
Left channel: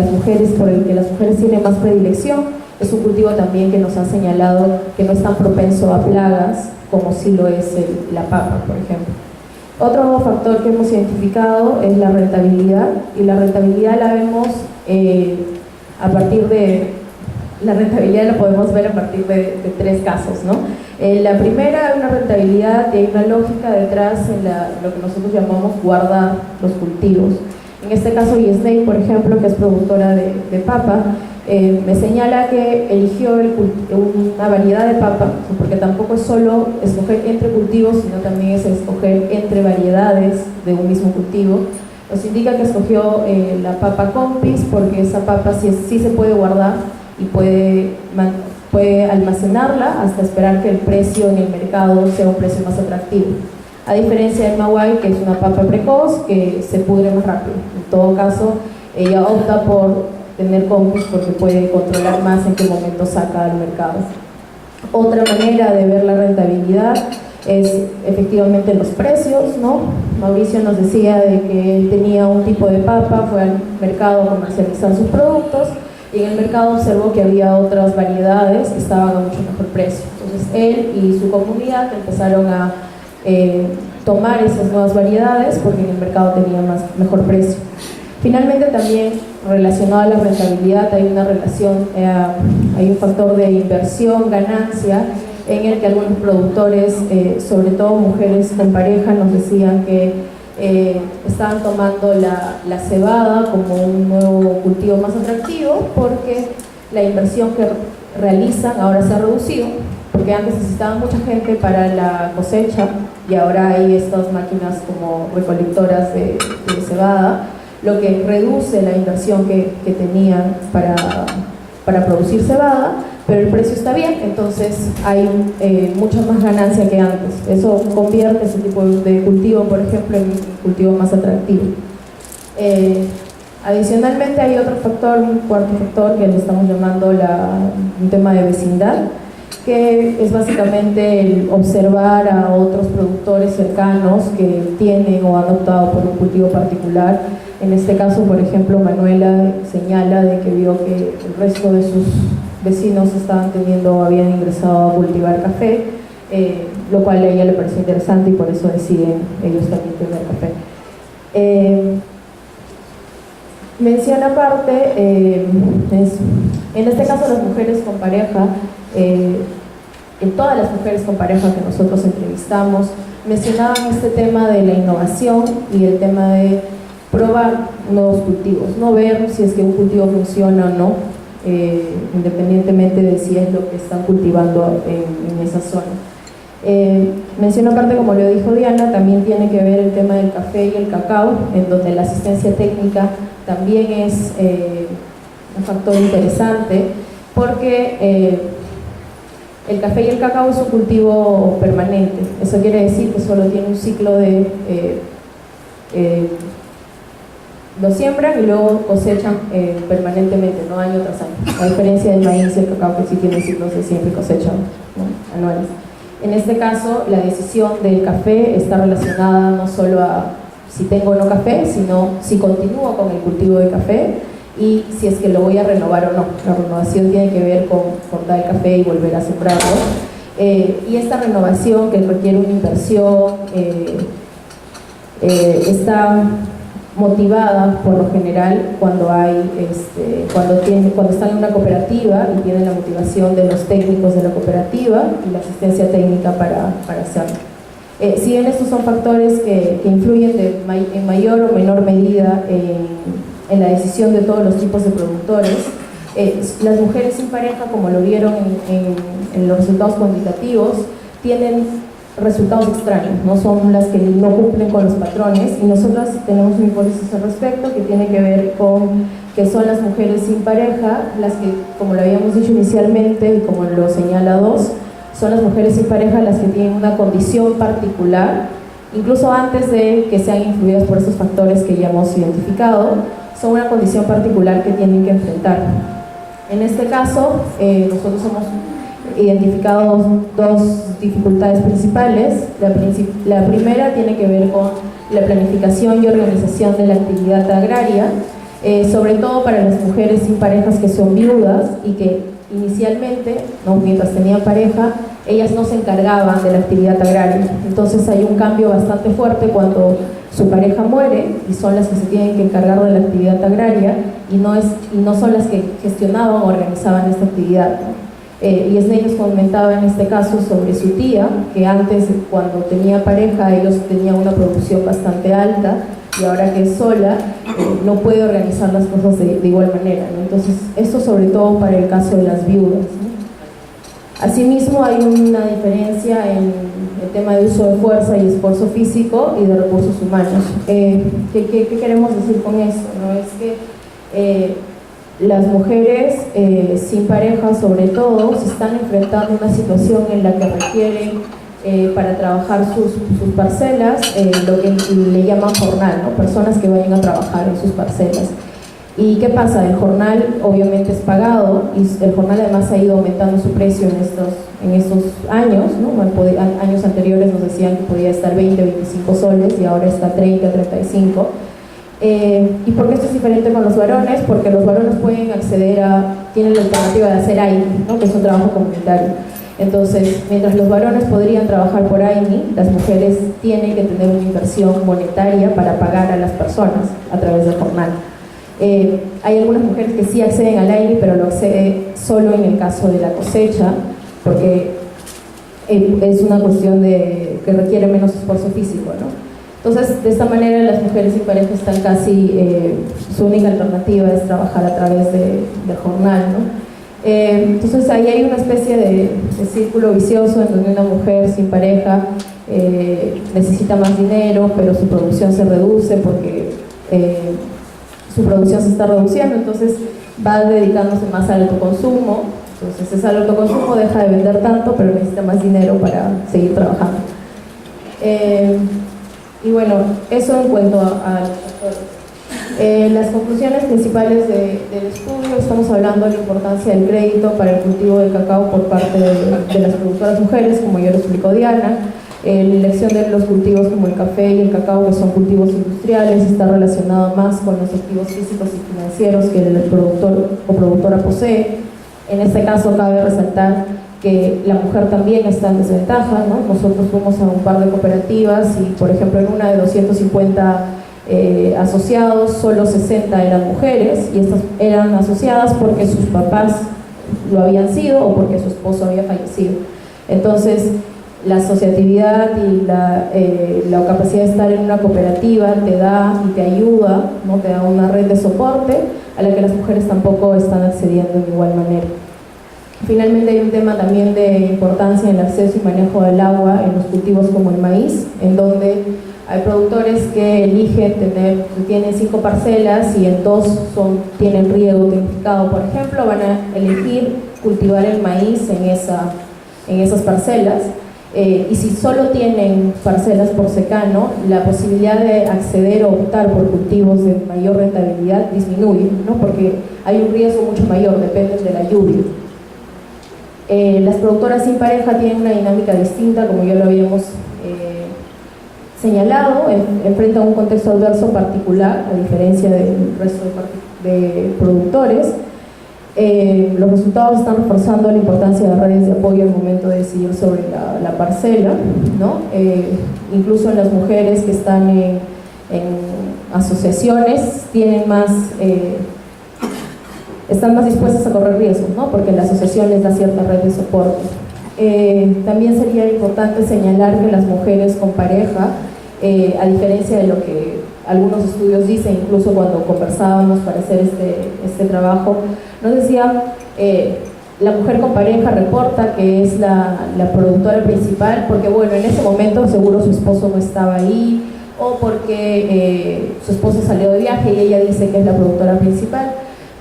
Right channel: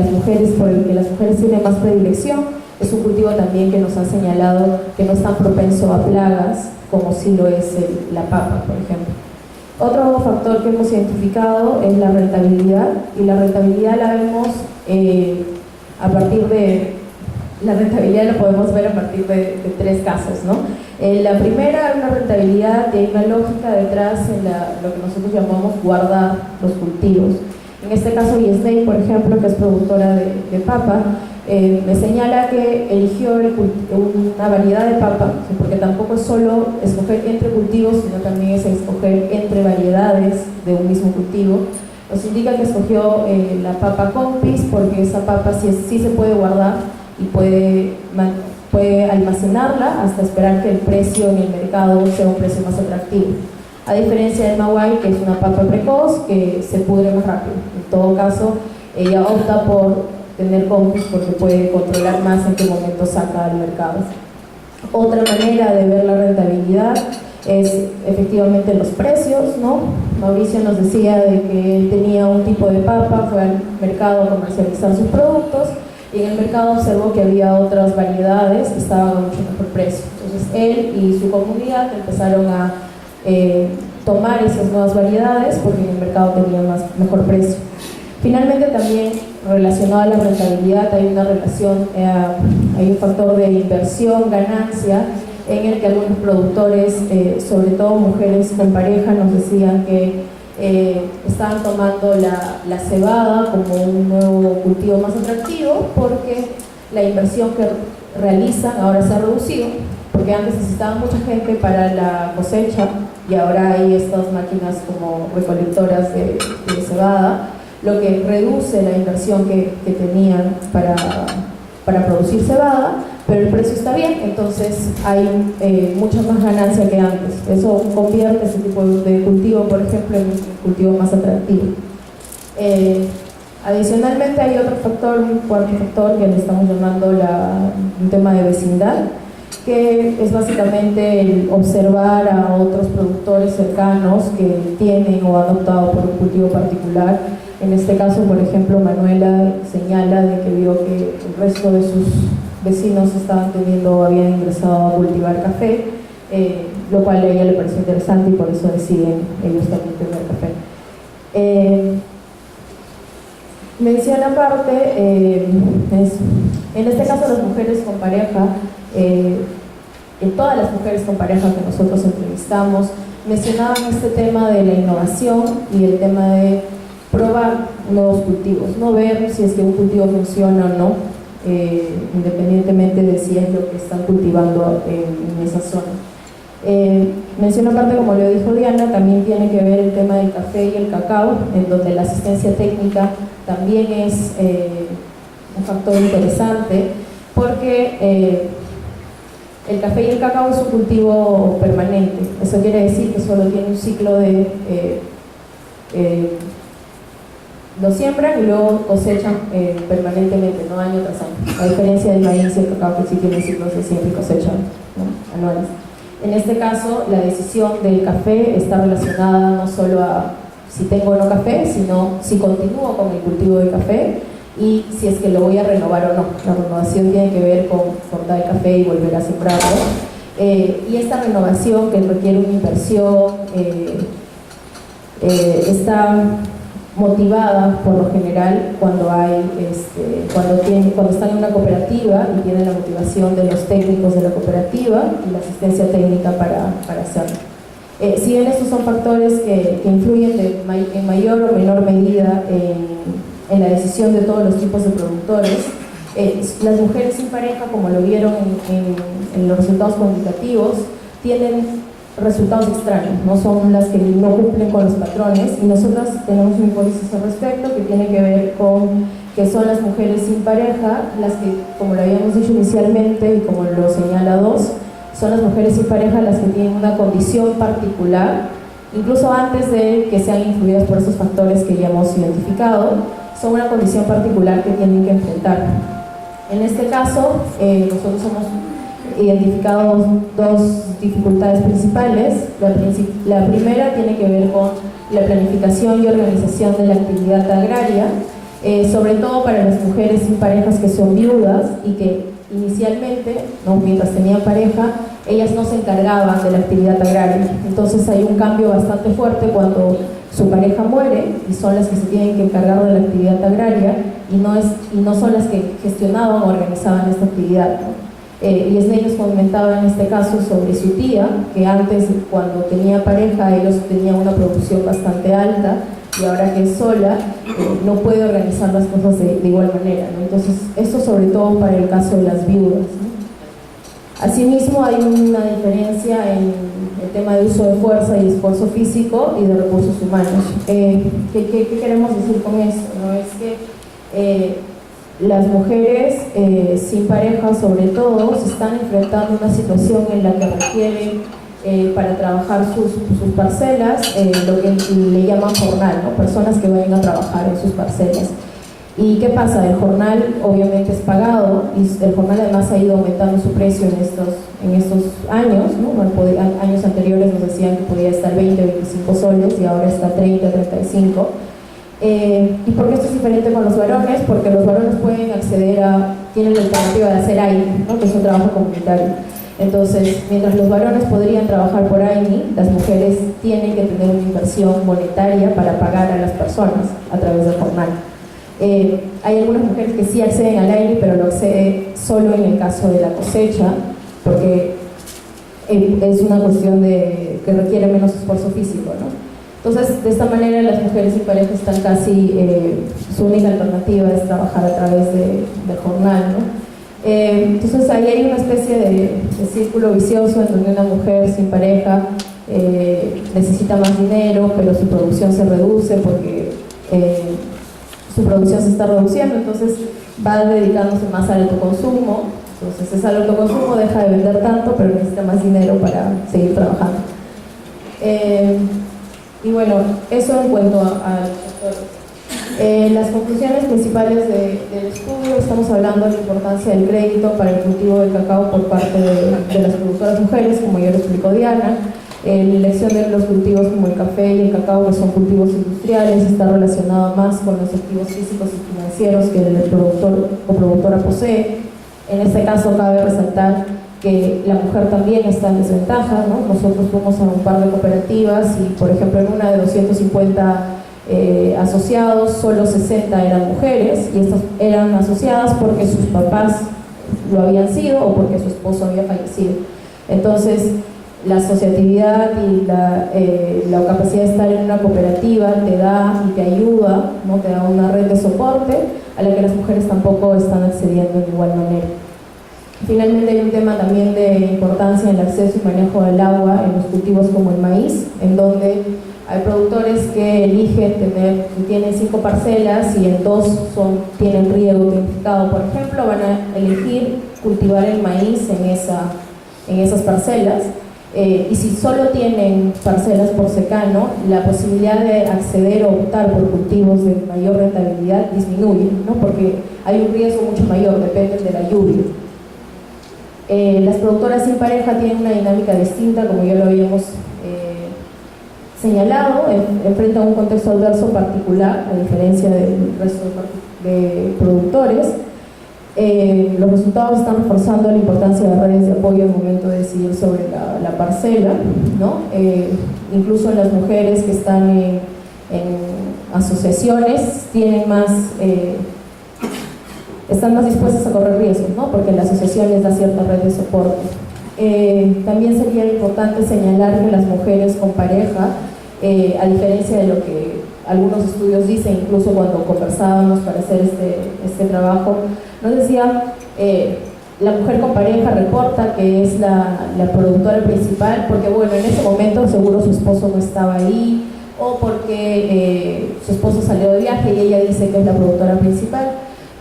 por el que las mujeres tienen más predilección, es un cultivo también que nos han señalado que no es tan propenso a plagas como sí lo es la papa, por ejemplo. Otro factor que hemos identificado es la rentabilidad, y la rentabilidad la vemos a partir de... La rentabilidad la podemos ver a partir de tres casos, ¿no? La primera, hay una rentabilidad y hay una lógica detrás en lo que nosotros llamamos guardar los cultivos. En este caso, Yesney, por ejemplo, que es productora de papa, me señala que eligió una variedad de papa, porque tampoco es solo escoger entre cultivos, sino también es escoger entre variedades de un mismo cultivo. Nos indica que escogió la papa Compis porque esa papa sí se puede guardar y puede almacenarla hasta esperar que el precio en el mercado sea un precio más atractivo. A diferencia del Maguey, que es una papa precoz que se pudre más rápido. En todo caso, ella opta por tener Compis porque puede controlar más en qué momento saca al mercado. Otra manera de ver la rentabilidad es efectivamente los precios, ¿no? Mauricio nos decía de que él tenía un tipo de papa, fue al mercado a comercializar sus productos y en el mercado observó que había otras variedades que estaban a mucho mejor precio. Entonces él y su comunidad empezaron a tomar esas nuevas variedades porque en el mercado tenía mejor precio. Finalmente, también relacionado a la rentabilidad hay una relación, hay un factor de inversión, ganancia, en el que algunos productores, sobre todo mujeres con pareja, nos decían que estaban tomando la cebada como un nuevo cultivo más atractivo porque la inversión que realizan ahora se ha reducido, porque antes necesitaban mucha gente para la cosecha y ahora hay estas máquinas como recolectoras de cebada, lo que reduce la inversión que tenían para producir cebada, pero el precio está bien, entonces hay mucha más ganancia que antes. Eso convierte ese tipo de cultivo, por ejemplo, en un cultivo más atractivo. Adicionalmente hay otro factor, un cuarto factor que le estamos llamando un tema de vecindad, que es básicamente el observar a otros productores cercanos que tienen o han optado por un cultivo particular. En este caso, por ejemplo, Manuela señala de que vio que el resto de sus vecinos habían ingresado a cultivar café, lo cual a ella le pareció interesante y por eso deciden ellos también tener café. Mención aparte, en este caso las mujeres con pareja, en todas las mujeres con pareja que nosotros entrevistamos, mencionaban este tema de la innovación y el tema de probar nuevos cultivos, no ver si es que un cultivo funciona o no, independientemente de si es lo que están cultivando en esa zona. Menciono aparte, como lo dijo Diana, también tiene que ver el tema del café y el cacao, en donde la asistencia técnica también es un factor interesante, porque el café y el cacao es un cultivo permanente. Eso quiere decir que solo tiene un ciclo de lo siembran y luego cosechan permanentemente, no año tras año, a diferencia del maíz y el cacao, que sí tienen ciclos de siembra y cosecha, ¿no?, anuales. En este caso, la decisión del café está relacionada no solo a si tengo o no café, sino si continúo con el cultivo de café y si es que lo voy a renovar o no. La renovación tiene que ver con cortar el café y volver a sembrarlo. Y esta renovación, que requiere una inversión, está motivada por lo general cuando están en una cooperativa y tienen la motivación de los técnicos de la cooperativa y la asistencia técnica para hacerlo. Si bien estos son factores que influyen en mayor o menor medida en la decisión de todos los tipos de productores, las mujeres sin pareja, como lo vieron en los resultados cuantitativos, tienen resultados extraños, no son las que no cumplen con los patrones, y nosotras tenemos una hipótesis al respecto que tiene que ver con que son las mujeres sin pareja las que, como lo habíamos dicho inicialmente y como lo señala DOS, son las mujeres sin pareja las que tienen una condición particular, incluso antes de que sean influidas por estos factores que ya hemos identificado, son una condición particular que tienen que enfrentar. En este caso, nosotros hemos identificado dos dificultades principales. La primera tiene que ver con la planificación y organización de la actividad agraria, sobre todo para las mujeres sin parejas que son viudas y que inicialmente, ¿no?, mientras tenían pareja, ellas no se encargaban de la actividad agraria. Entonces hay un cambio bastante fuerte cuando su pareja muere y son las que se tienen que encargar de la actividad agraria y no son las que gestionaban o organizaban esta actividad, ¿no? Y Esnei nos comentaba en este caso sobre su tía, que antes, cuando tenía pareja, ellos tenían una producción bastante alta y ahora que es sola, no puede organizar las cosas de igual manera, ¿no? Entonces, esto sobre todo para el caso de las viudas, ¿no? Asimismo, hay una diferencia en el tema de uso de fuerza y esfuerzo físico y de recursos humanos. ¿Qué queremos decir con esto, no? Es que las mujeres sin pareja, sobre todo, se están enfrentando a una situación en la que requieren, para trabajar sus parcelas, lo que le llaman jornal, ¿no? Personas que vayan a trabajar en sus parcelas. ¿Y qué pasa? El jornal obviamente es pagado y el jornal además ha ido aumentando su precio en estos años, ¿no? Años anteriores nos decían que podía estar 20, 25 soles y ahora está 30, 35. ¿Y por qué esto es diferente con los varones? Porque los varones tienen la alternativa de hacer AINI, ¿no?, que es un trabajo comunitario. Entonces, mientras los varones podrían trabajar por AINI, las mujeres tienen que tener una inversión monetaria para pagar a las personas a través del jornal. Hay algunas mujeres que sí acceden al AINI, pero lo acceden solo en el caso de la cosecha, porque es una cuestión que requiere menos esfuerzo físico, ¿no? Entonces, de esta manera, las mujeres sin pareja están casi, su única alternativa es trabajar a través del jornal, ¿no? Entonces, ahí hay una especie de círculo vicioso en donde una mujer sin pareja necesita más dinero, pero su producción se reduce porque su producción se está reduciendo, entonces va dedicándose más al autoconsumo. Entonces, es al autoconsumo, deja de vender tanto, pero necesita más dinero para seguir trabajando. Y bueno, eso en cuanto a los factores. Las conclusiones principales del estudio: estamos hablando de la importancia del crédito para el cultivo de cacao por parte de las productoras mujeres, como ya lo explicó Diana. La elección de los cultivos como el café y el cacao, que son cultivos industriales, está relacionado más con los activos físicos y financieros que el productor o productora posee. En este caso cabe resaltar que la mujer también está en desventaja, ¿no? Nosotros fuimos a un par de cooperativas y, por ejemplo, en una de 250 asociados, solo 60 eran mujeres, y estas eran asociadas porque sus papás lo habían sido o porque su esposo había fallecido. Entonces, la asociatividad y la capacidad de estar en una cooperativa te da y te ayuda, ¿no? Te da una red de soporte a la que las mujeres tampoco están accediendo de igual manera. Finalmente hay un tema también de importancia en el acceso y manejo del agua en los cultivos como el maíz, en donde hay productores que eligen tienen 5 parcelas y en 2 tienen riego tecnificado, por ejemplo, van a elegir cultivar el maíz en esas parcelas. Y si solo tienen parcelas por secano, la posibilidad de acceder o optar por cultivos de mayor rentabilidad disminuye, ¿no? Porque hay un riesgo mucho mayor, depende de la lluvia. Las productoras sin pareja tienen una dinámica distinta, como ya lo habíamos señalado, enfrentan un contexto adverso particular, a diferencia del resto de productores. Los resultados están reforzando la importancia de redes de apoyo al momento de decidir sobre la parcela, ¿no? Incluso en las mujeres que están en asociaciones están más dispuestas a correr riesgos, ¿no? Porque la asociación les da cierta red de soporte. También sería importante señalar que las mujeres con pareja, a diferencia de lo que algunos estudios dicen, incluso cuando conversábamos para hacer este trabajo, nos decían, la mujer con pareja reporta que es la productora principal porque, bueno, en ese momento seguro su esposo no estaba ahí, o porque su esposo salió de viaje y ella dice que es la productora principal.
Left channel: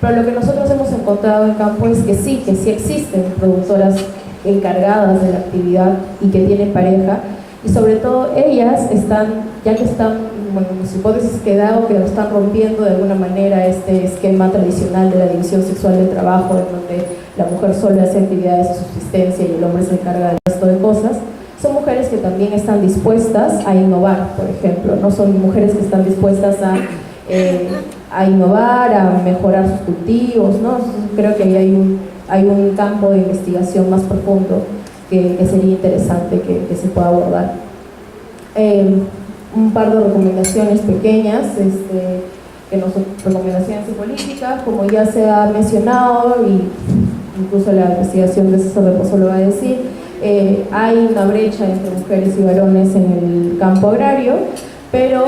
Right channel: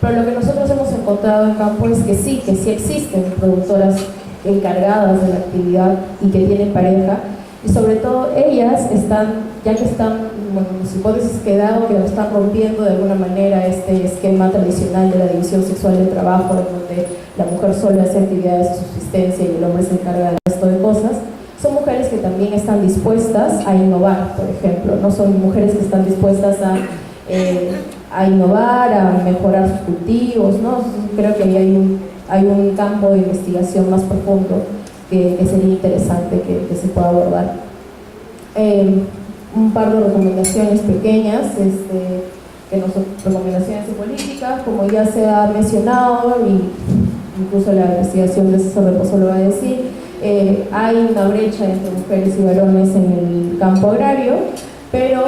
Pero lo que nosotros hemos encontrado en campo es que sí existen productoras encargadas de la actividad y que tienen pareja, y sobre todo ellas su hipótesis que están rompiendo de alguna manera este esquema tradicional de la división sexual del trabajo, en donde la mujer solo hace actividades de subsistencia y el hombre se encarga del resto de cosas. Son mujeres que también están dispuestas a innovar, por ejemplo, no son mujeres que están dispuestas a innovar, a mejorar sus cultivos, ¿no? Creo que ahí hay un campo de investigación más profundo que sería interesante que se pueda abordar. Un par de recomendaciones pequeñas, recomendaciones de política, como ya se ha mencionado, y incluso la investigación de César Reposo lo va a decir, hay una brecha entre mujeres y varones en el campo agrario, pero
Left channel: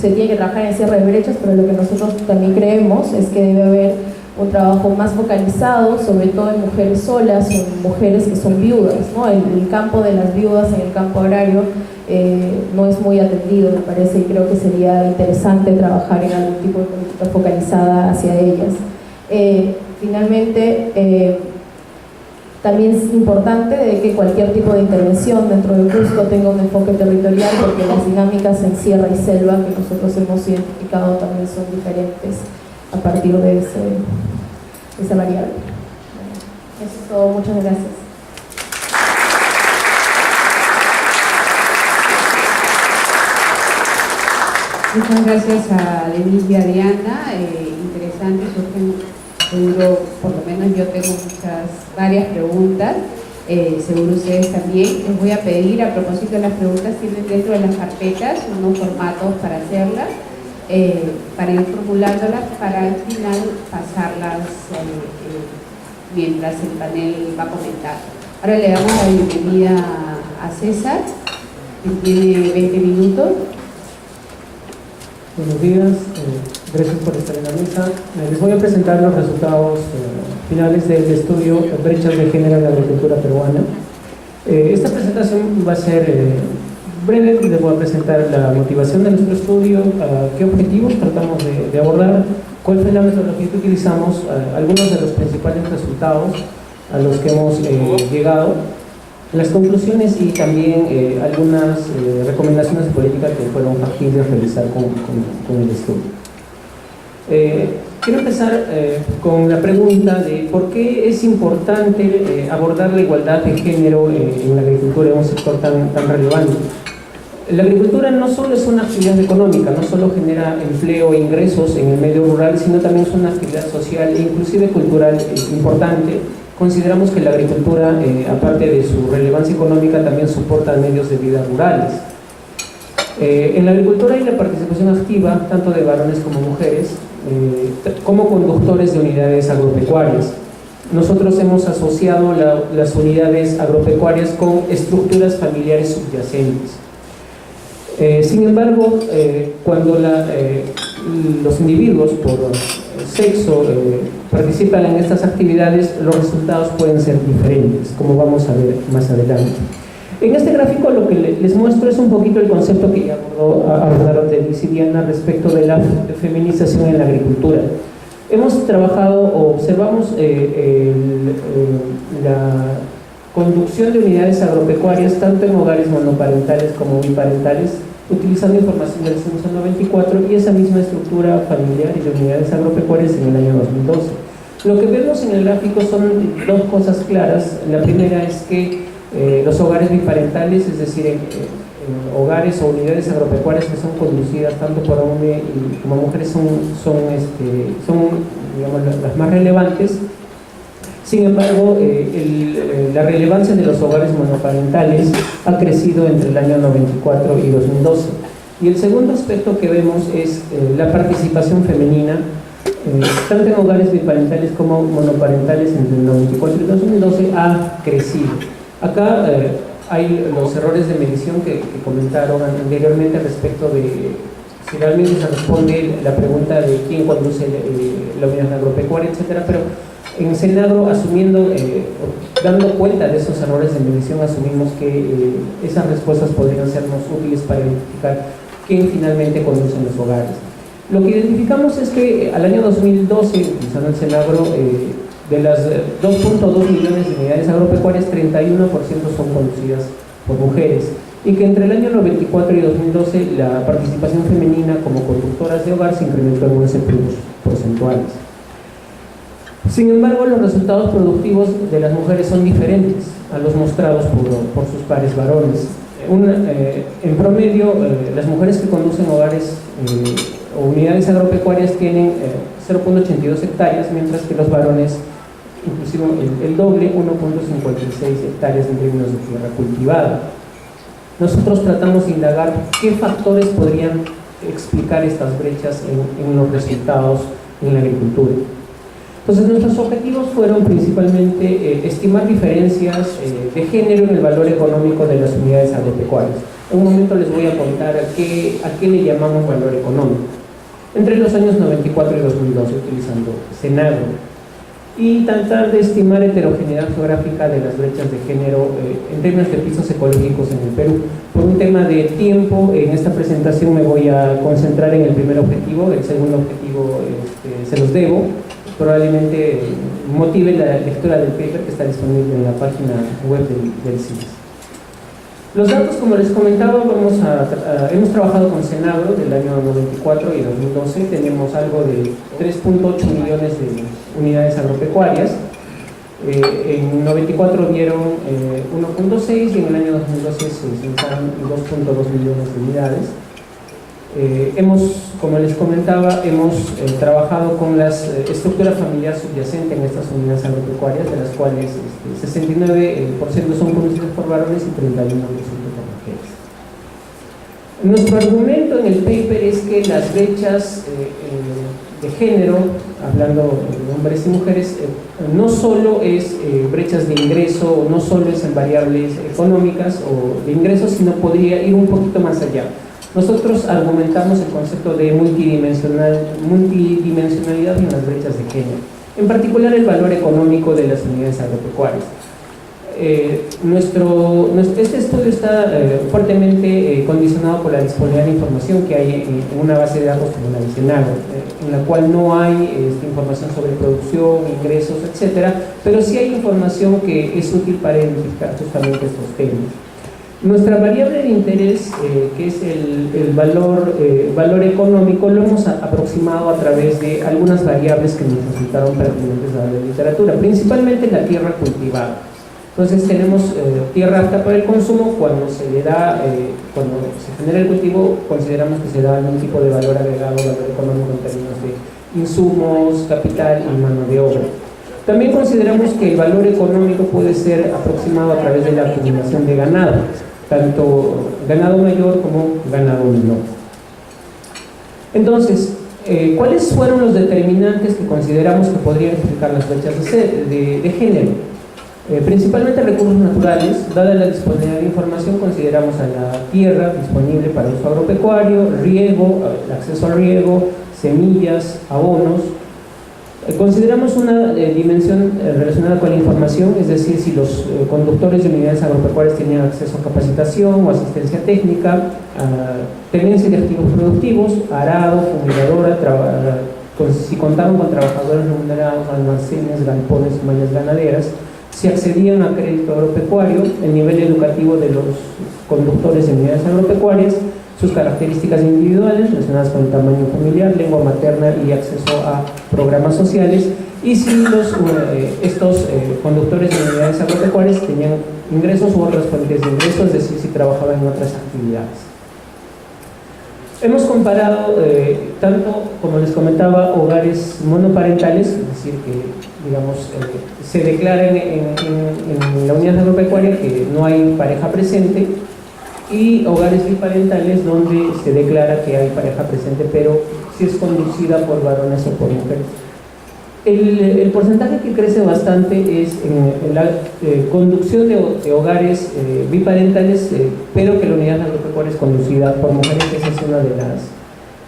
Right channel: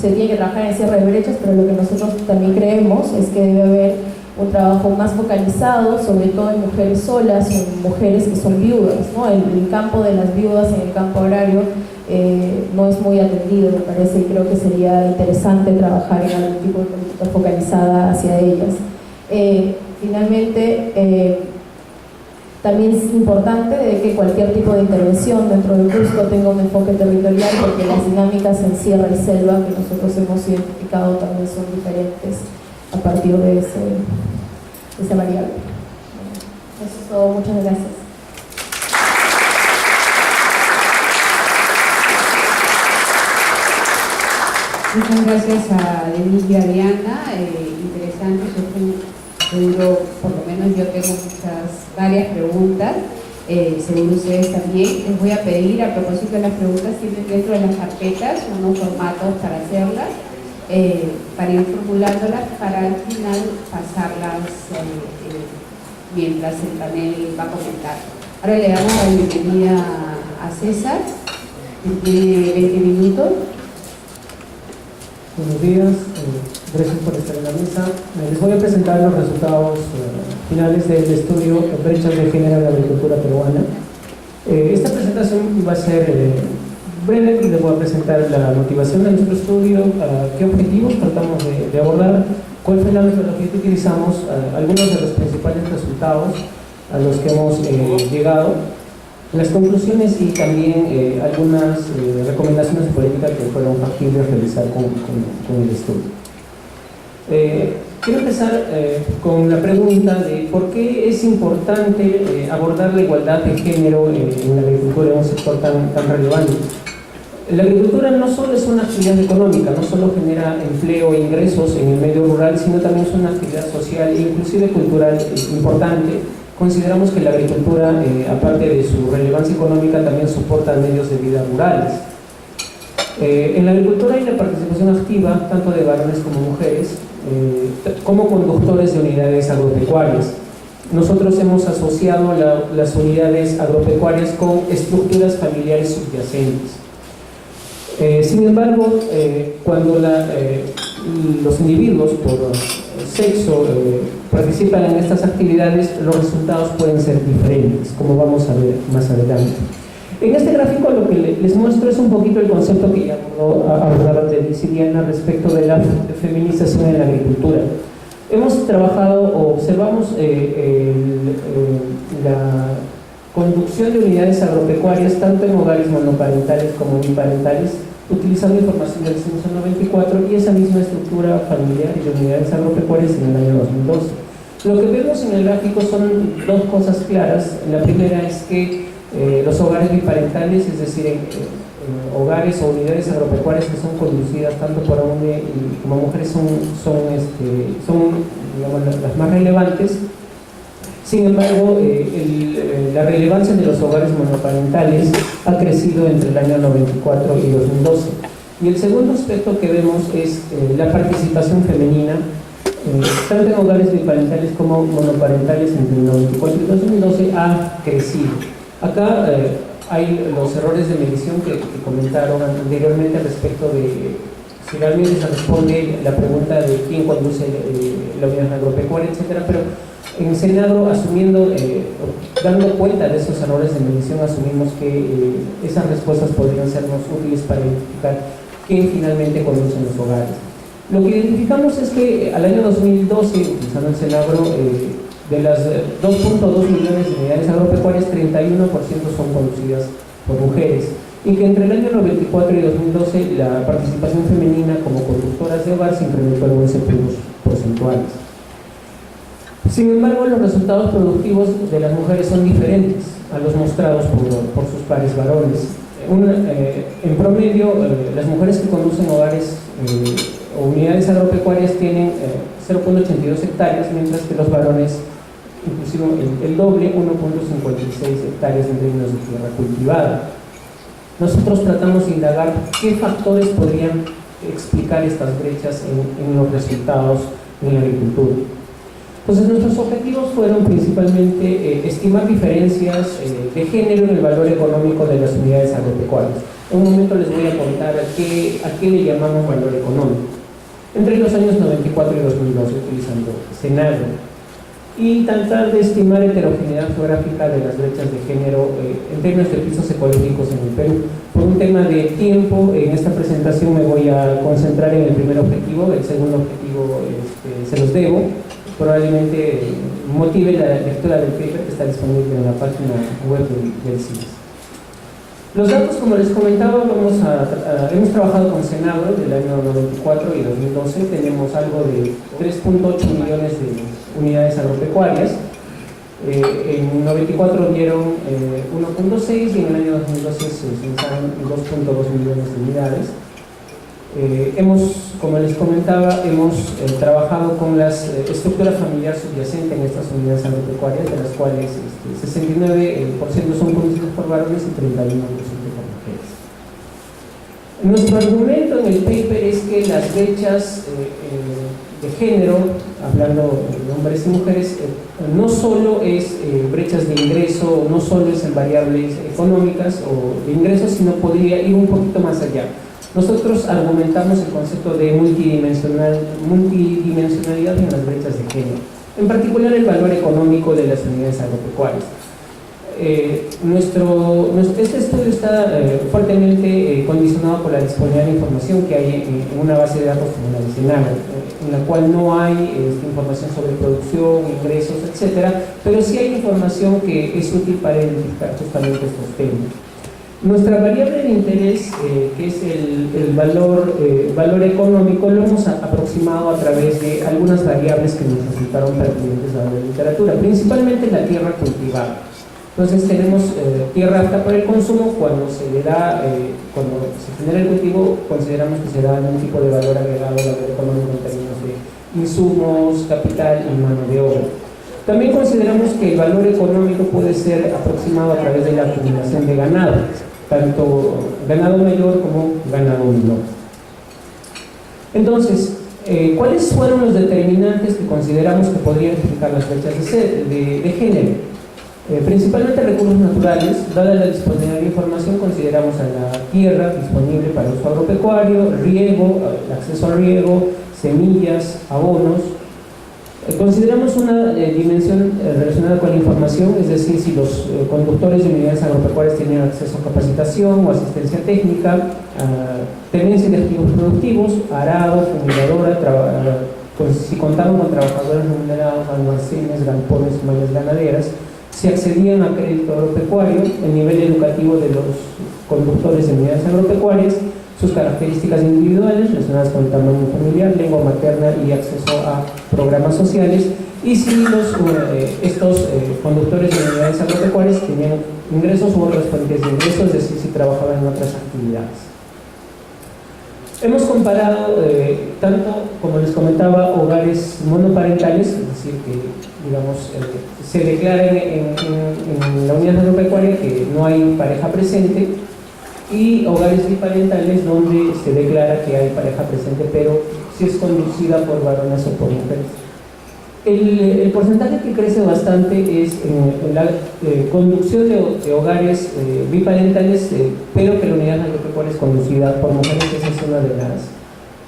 se tiene que trabajar en cierre de brechas, pero lo que nosotros también creemos es que debe haber un trabajo más focalizado, sobre todo en mujeres solas o en mujeres que son viudas, ¿no? El campo de las viudas en el campo agrario no es muy atendido, me parece, y creo que sería interesante trabajar en algún tipo de política focalizada hacia ellas. Finalmente, también es importante de que cualquier tipo de intervención dentro de Cusco tenga un enfoque territorial, porque las dinámicas en sierra y selva que nosotros hemos identificado también son diferentes a partir de esa variable. Eso es todo, muchas gracias. Muchas gracias a Denise y a Diana, interesante, seguro, por lo menos yo tengo varias preguntas, seguro ustedes también. Les voy a pedir, a propósito de las preguntas, tienen dentro de las carpetas unos formatos para hacerlas, para ir formulándolas, para al final pasarlas mientras el panel va a comentar. Ahora le damos la bienvenida a César, que tiene 20 minutos. Buenos días, gracias por estar en la mesa. Les voy a presentar los resultados finales del estudio Brechas de Género en la Agricultura Peruana. Esta presentación va a ser breve. Les voy a presentar la motivación de nuestro estudio, qué objetivos tratamos de abordar, cuál fue la metodología que utilizamos, algunos de los principales resultados a los que hemos llegado, las conclusiones y también algunas recomendaciones de política que fueron factibles realizar con el estudio. Quiero empezar con la pregunta de por qué es importante abordar la igualdad de género en la agricultura, en un sector tan relevante. La agricultura no solo es una actividad económica, no solo genera empleo e ingresos en el medio rural, sino también es una actividad social e inclusive cultural importante. Consideramos que la agricultura, aparte de su relevancia económica, también soporta medios de vida rurales. En la agricultura hay la participación activa, tanto de varones como mujeres, como conductores de unidades agropecuarias. Nosotros hemos asociado las unidades agropecuarias con estructuras familiares subyacentes. Sin embargo, cuando los individuos, por sexo participan en estas actividades, los resultados pueden ser diferentes, como vamos a ver más adelante. En este gráfico lo que les muestro es un poquito el concepto que ya abordaron Denise y Diana respecto de la feminización en la agricultura. Hemos trabajado o observamos la conducción de unidades agropecuarias tanto en hogares monoparentales como biparentales, utilizando información del censo 94 y esa misma estructura familiar y de unidades agropecuarias en el año 2012. Lo que vemos en el gráfico son dos cosas claras. La primera es que los hogares biparentales, es decir, en hogares o unidades agropecuarias que son conducidas tanto por hombres como mujeres, son digamos, las más relevantes. Sin embargo, la relevancia de los hogares monoparentales ha crecido entre el año 94 y 2012. Y el segundo aspecto que vemos es la participación femenina, tanto en hogares biparentales como monoparentales entre el 94 y 2012 ha crecido. Acá hay los errores de medición que comentaron anteriormente respecto de si realmente se responde la pregunta de quién conduce la unidad agropecuaria, etcétera, pero en Senagro, dando cuenta de esos errores de medición, asumimos que esas respuestas podrían sernos útiles para identificar quién finalmente conduce los hogares. Lo que identificamos es que al año 2012, utilizando el Senagro, de las 2.2 millones de unidades agropecuarias, 31% son conducidas por mujeres, y que entre el año 94 y 2012 la participación femenina como conductoras de hogar se incrementó en 11 puntos porcentuales. Sin embargo, los resultados productivos de las mujeres son diferentes a los mostrados por sus pares varones. En promedio, las mujeres que conducen hogares o unidades agropecuarias tienen 0.82 hectáreas, mientras que los varones, inclusive el doble, 1.56 hectáreas en términos de tierra cultivada. Nosotros tratamos de indagar qué factores podrían explicar estas brechas en los resultados en la agricultura. Entonces, nuestros objetivos fueron principalmente estimar diferencias de género en el valor económico de las unidades agropecuarias. En un momento les voy a contar a qué le llamamos valor económico. Entre los años 94 y 2012, utilizando Senagro, y tratar de estimar heterogeneidad geográfica de las brechas de género en términos de pisos ecológicos en el Perú. Por un tema de tiempo, en esta presentación me voy a concentrar en el primer objetivo. El segundo objetivo se los debo. Probablemente motive la lectura del paper que está disponible en la página web del CIES. Los datos, como les comentaba, hemos trabajado con Senagro del año 94 y 2012. Tenemos algo de 3.8 millones de unidades agropecuarias. En 94 dieron 1.6 y en el año 2012 se censaron 2.2 millones de unidades. Como les comentaba, hemos trabajado con la estructura familiar subyacente en estas unidades agropecuarias, de las cuales 69% son conducidas por varones y 31% por mujeres. Nuestro argumento en el paper es que las brechas de género, hablando de hombres y mujeres, no solo es brechas de ingreso, no solo es en variables económicas o de ingresos, sino podría ir un poquito más allá. Nosotros argumentamos el concepto de multidimensionalidad en las brechas de género, en particular el valor económico de las unidades agropecuarias. Este estudio está fuertemente condicionado por la disponibilidad de información que hay en una base de datos como la de Senagro, en la cual no hay información sobre producción, ingresos, etcétera, pero sí hay información que es útil para identificar justamente estos temas. Nuestra variable de interés, que es el valor económico, lo hemos aproximado a través de algunas variables que nos resultaron pertinentes a la literatura, principalmente la tierra cultivada. Entonces tenemos tierra apta para el consumo. Cuando se genera el cultivo, consideramos que se da algún tipo de valor agregado, valor económico en términos de insumos, capital y mano de obra. También consideramos que el valor económico puede ser aproximado a través de la acumulación de ganado, tanto ganado mayor como ganado menor. Entonces, ¿cuáles fueron los determinantes que consideramos que podrían explicar las brechas de género? Principalmente recursos naturales. Dada la disponibilidad de información, consideramos a la tierra disponible para uso agropecuario, riego, el acceso al riego, semillas, abonos, Consideramos una dimensión relacionada con la información, es decir, si los conductores de unidades agropecuarias tenían acceso a capacitación o asistencia técnica, tenencia de activos productivos, arado, fumigadora, si contaban con trabajadores remunerados, almacenes, galpones, mallas ganaderas, si accedían a crédito agropecuario, el nivel educativo de los conductores de unidades agropecuarias, sus características individuales relacionadas con el tamaño familiar, lengua materna y acceso a programas sociales, y si estos conductores de unidades agropecuarias tenían ingresos u otras fuentes de ingresos, es decir, si trabajaban en otras actividades. Hemos comparado tanto, como les comentaba, hogares monoparentales, es decir, que digamos, se declara en la unidad agropecuaria que no hay pareja presente, y hogares biparentales donde se declara que hay pareja presente, pero si es conducida por varones o por mujeres. El porcentaje que crece bastante es en la conducción de hogares biparentales, pero que la unidad agropecuaria es conducida por mujeres. Esa es una de las,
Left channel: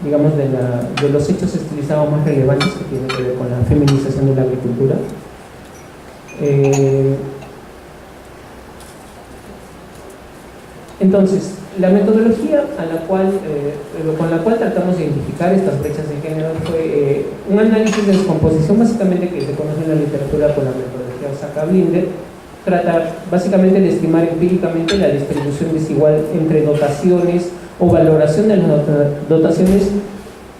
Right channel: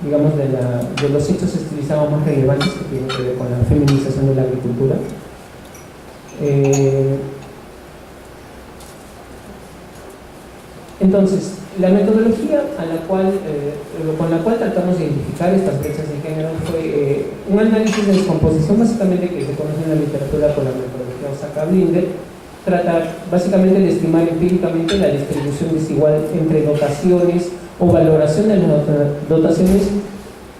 digamos, de los hechos estilizados más relevantes que tienen que ver con la feminización de la agricultura. Entonces, la metodología con la cual tratamos de identificar estas brechas de género fue un análisis de descomposición, básicamente, que se conoce en la literatura con la metodología Osaka-Blinder. Trata básicamente de estimar empíricamente la distribución desigual entre dotaciones o valoración de las dotaciones,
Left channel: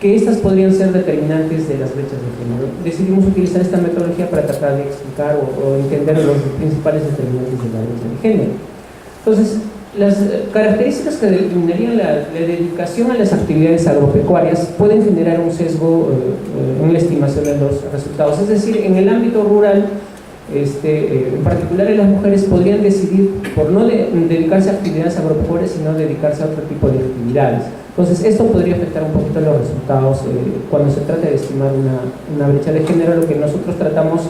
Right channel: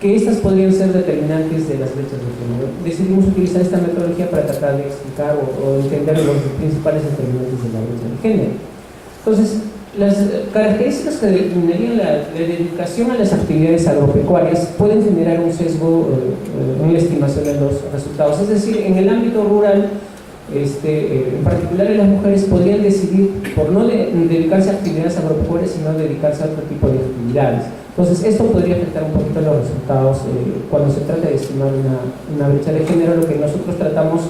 que estas podrían ser determinantes de las brechas de género. Decidimos utilizar esta metodología para tratar de explicar o entender los principales determinantes de la brecha de género. Entonces, las características que determinarían la dedicación a las actividades agropecuarias pueden generar un sesgo en la estimación de los resultados. Es decir, en el ámbito rural, en particular las mujeres podrían decidir por no dedicarse a actividades agropecuarias, sino dedicarse a otro tipo de actividades. Entonces, esto podría afectar un poquito los resultados cuando se trata de estimar una brecha de género. Lo que nosotros tratamos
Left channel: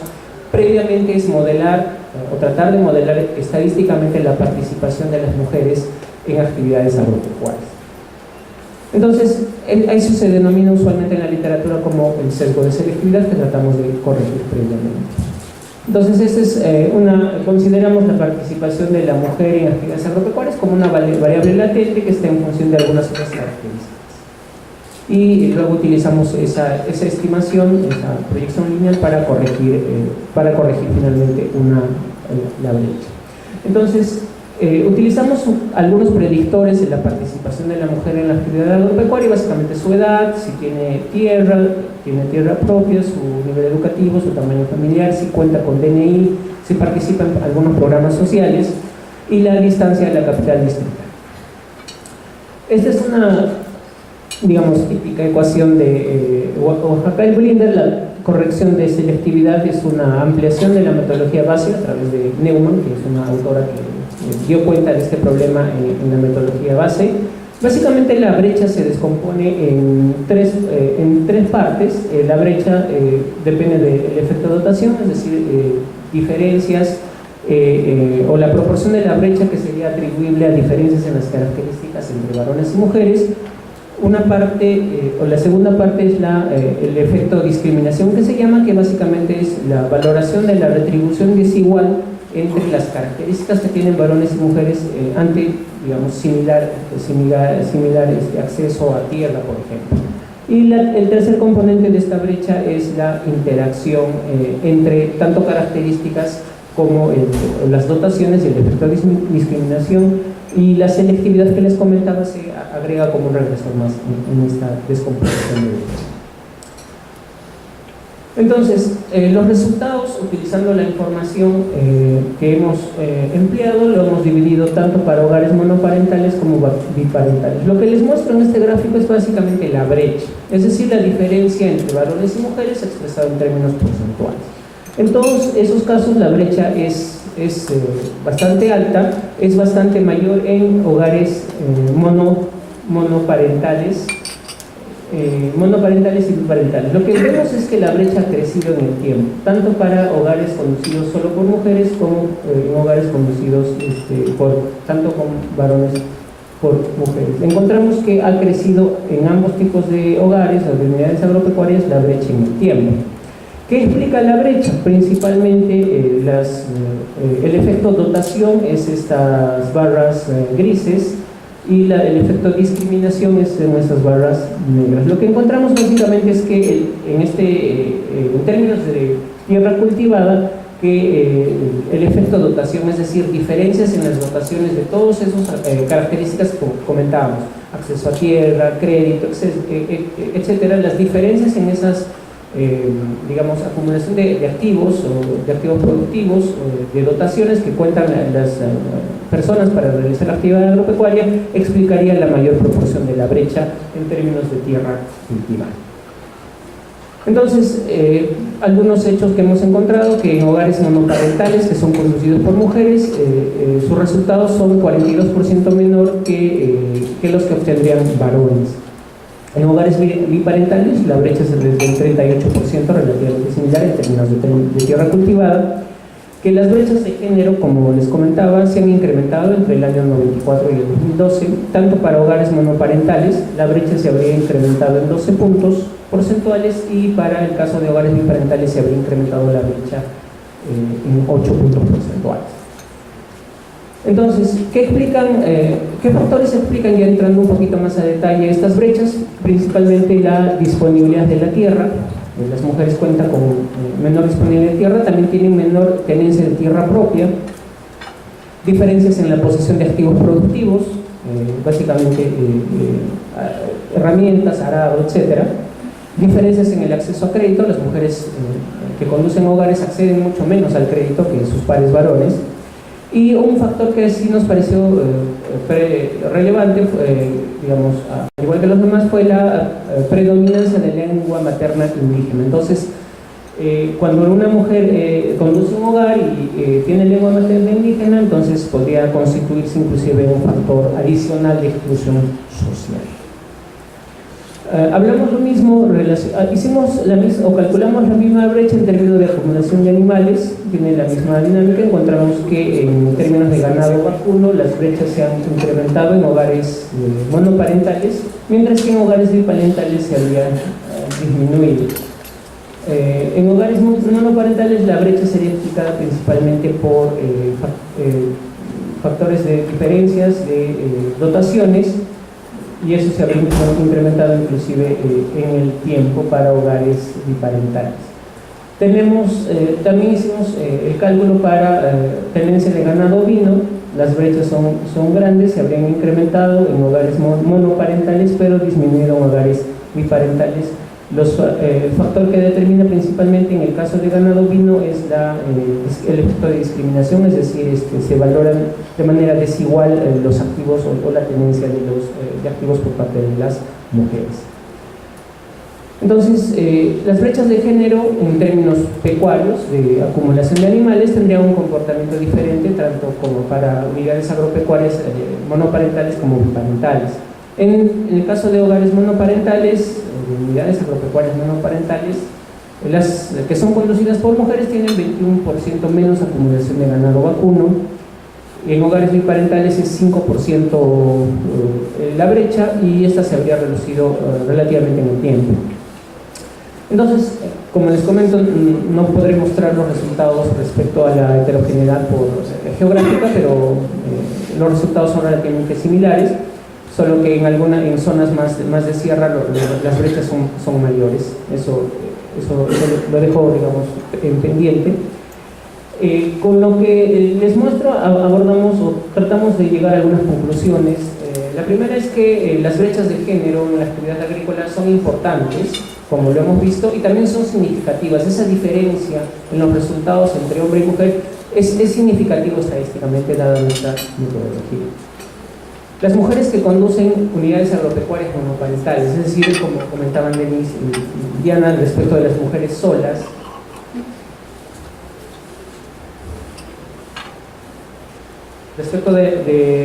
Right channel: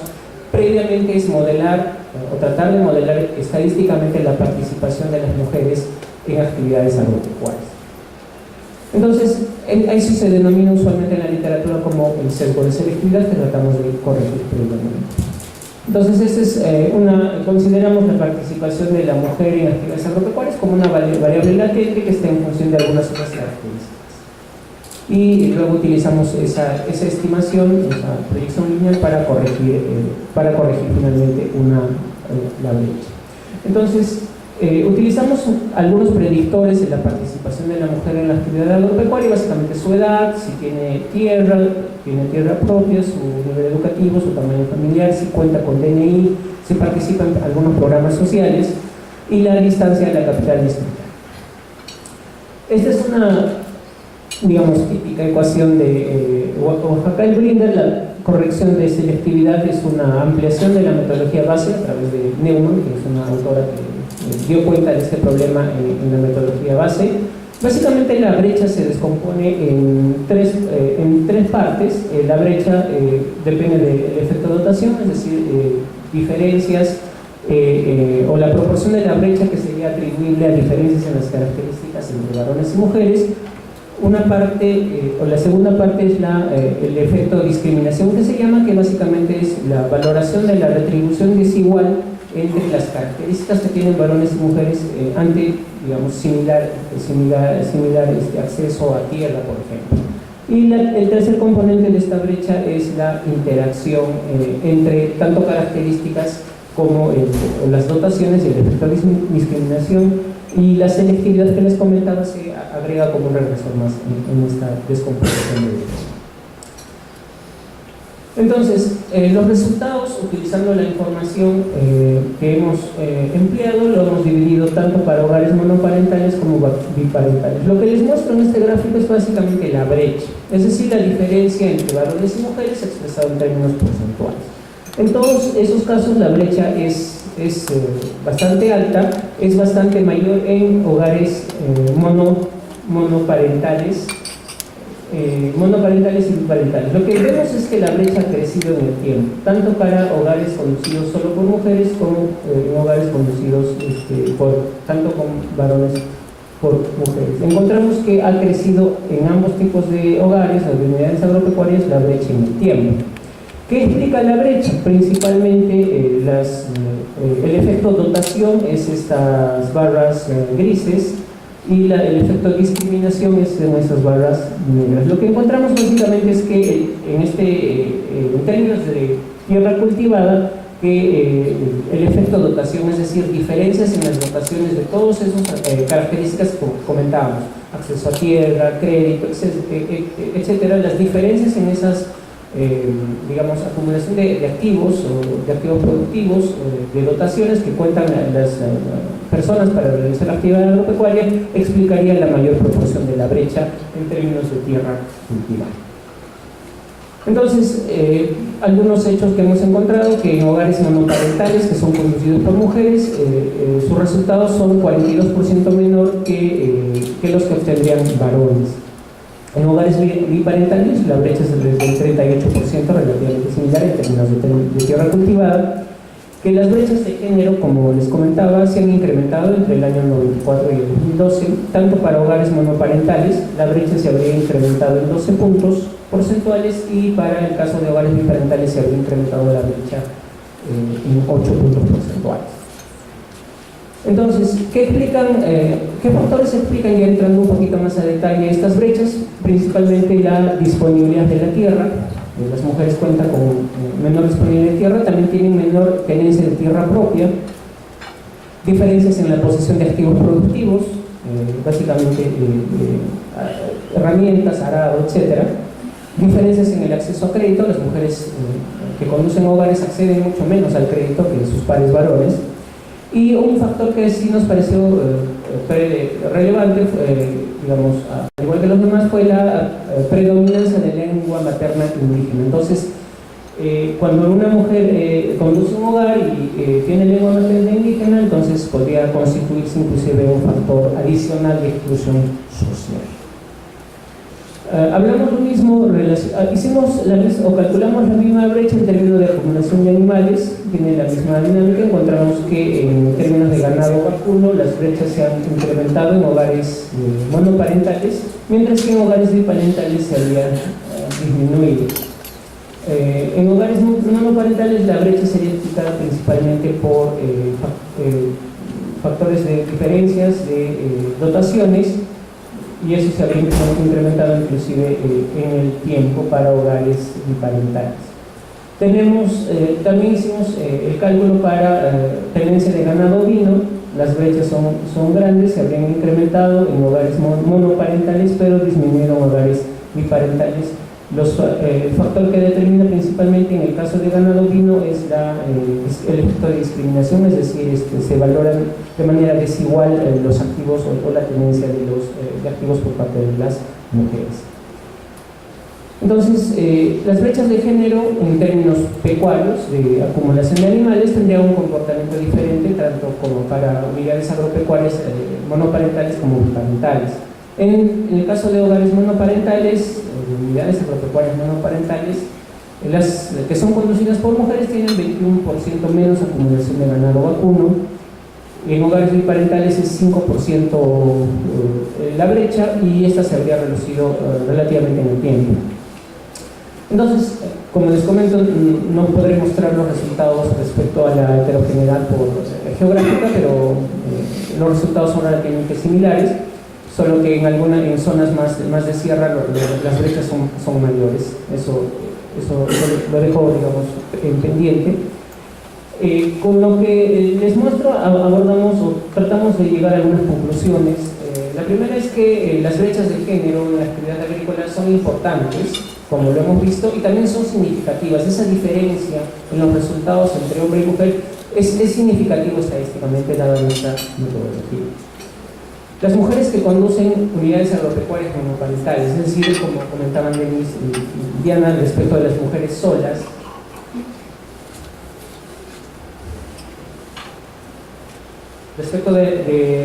previamente es modelar o tratar de modelar estadísticamente la participación de las mujeres en actividades agropecuarias. Entonces, eso se denomina usualmente en la literatura como el sesgo de selectividad, que tratamos de corregir previamente. Entonces, consideramos la participación de la mujer en actividades agropecuarias como una variable latente que está en función de algunas otras características. Y luego utilizamos esa estimación, esa proyección lineal para corregir finalmente la brecha. Entonces, utilizamos algunos predictores de la participación de la mujer en la actividad agropecuaria, básicamente su edad, si tiene tierra propia, su nivel educativo, su tamaño familiar, si cuenta con DNI, si participa en algunos programas sociales, y la distancia de la capital distrital. Esta es una, digamos, típica ecuación de Osaka-Blinder. La corrección de selectividad es una ampliación de la metodología base a través de Neumann, que es una autora que dio cuenta de este problema en la metodología base. Básicamente, la brecha se descompone en tres partes. La brecha depende del efecto de dotación, es decir, diferencias o la proporción de la brecha que sería atribuible a diferencias en las características entre varones y mujeres. Una parte, o la segunda parte, es el efecto de discriminación, que se llama, que básicamente es la valoración de la retribución desigual entre las características que tienen varones y mujeres ante, digamos, similar acceso a tierra, por ejemplo. Y el tercer componente de esta brecha es la interacción entre tanto características como las dotaciones y el efecto de discriminación, y la selectividad que les comentaba se agrega como un regresor más en esta descomposición de brecha. Entonces, los resultados, utilizando la información que hemos empleado, lo hemos dividido tanto para hogares monoparentales como biparentales. Lo que les muestro en este gráfico es básicamente la brecha, es decir, la diferencia entre varones y mujeres expresado en términos porcentuales. En todos esos casos la brecha es bastante alta, es bastante mayor en hogares monoparentales y biparentales. Lo que vemos es que la brecha ha crecido en el tiempo, tanto para hogares conducidos solo por mujeres como en hogares conducidos tanto con varones por mujeres. Encontramos que ha crecido en ambos tipos de hogares o de unidades agropecuarias la brecha en el tiempo. ¿Qué explica la brecha? Principalmente el efecto dotación es estas barras grises y el efecto discriminación es en esas barras negras. Lo que encontramos básicamente es que en términos de tierra cultivada, que el efecto dotación, es decir, diferencias en las dotaciones de todas esas características que comentábamos, acceso a tierra, crédito, etcétera, las diferencias en esas digamos, acumulación de activos o de activos productivos o de dotaciones que cuentan las personas para realizar la actividad agropecuaria explicaría la mayor proporción de la brecha en términos de tierra cultivada. Entonces, algunos hechos que hemos encontrado, que en hogares monoparentales que son conducidos por mujeres, sus resultados son 42% menor que los que obtendrían varones. En hogares biparentales la brecha es del 38%, relativamente similar en términos de tierra cultivada, que las brechas de género, como les comentaba, se han incrementado entre el año 94 y el 2012, tanto para hogares monoparentales, la brecha se habría incrementado en 12 puntos porcentuales y para el caso de hogares biparentales se habría incrementado la brecha en 8 puntos porcentuales. Entonces, ¿qué factores explican, ya entrando un poquito más a detalle, estas brechas? Principalmente la disponibilidad de la tierra. Las mujeres cuentan con menor disponibilidad de tierra, también tienen menor tenencia de tierra propia, diferencias en la posesión de activos productivos, básicamente herramientas, arado, etc. Diferencias en el acceso a crédito, las mujeres que conducen hogares acceden mucho menos al crédito que sus pares varones. Y un factor que sí nos pareció relevante, digamos, al igual que los demás, fue la predominancia de la lengua materna indígena. Entonces, cuando una mujer conduce un hogar y tiene lengua materna indígena, entonces podría constituirse inclusive un factor adicional de exclusión social. Hablamos lo mismo, calculamos la misma brecha en términos de acumulación de animales, tiene la misma dinámica. Encontramos que en términos de ganado vacuno las brechas se han incrementado en hogares monoparentales, mientras que en hogares biparentales se habían disminuido. En hogares monoparentales la brecha sería explicada principalmente por factores de diferencias de dotaciones, y eso se habría incrementado inclusive en el tiempo para hogares biparentales. También hicimos el cálculo para tenencia de ganado ovino. Las brechas son grandes, se habrían incrementado en hogares monoparentales, pero disminuido en hogares biparentales. El factor que determina principalmente en el caso de ganado ovino es el efecto de discriminación, es decir, se valoran de manera desigual los activos o la tenencia de activos por parte de las mujeres. Entonces, las brechas de género en términos pecuarios de acumulación de animales tendrían un comportamiento diferente tanto como para unidades agropecuarias monoparentales como biparentales. En el caso de hogares monoparentales, unidades agropecuarias monoparentales, las que son conducidas por mujeres tienen 21% menos acumulación de ganado vacuno. En hogares biparentales es 5% la brecha, y esta se habría reducido relativamente en el tiempo. Entonces, como les comento, no podré mostrar los resultados respecto a la heterogeneidad geográfica, pero los resultados son relativamente similares, solo que en zonas más de sierra las brechas son mayores. Eso lo dejo, digamos, en pendiente. Con lo que les muestro, abordamos o tratamos de llegar a algunas conclusiones. La primera es que las brechas de género en la actividad agrícola son importantes, como lo hemos visto, y también son significativas. Esa diferencia en los resultados entre hombre y mujer es significativo estadísticamente, dada nuestra metodología. Las mujeres que conducen unidades agropecuarias monoparentales, es decir, como comentaban Denise y Diana respecto de las mujeres solas,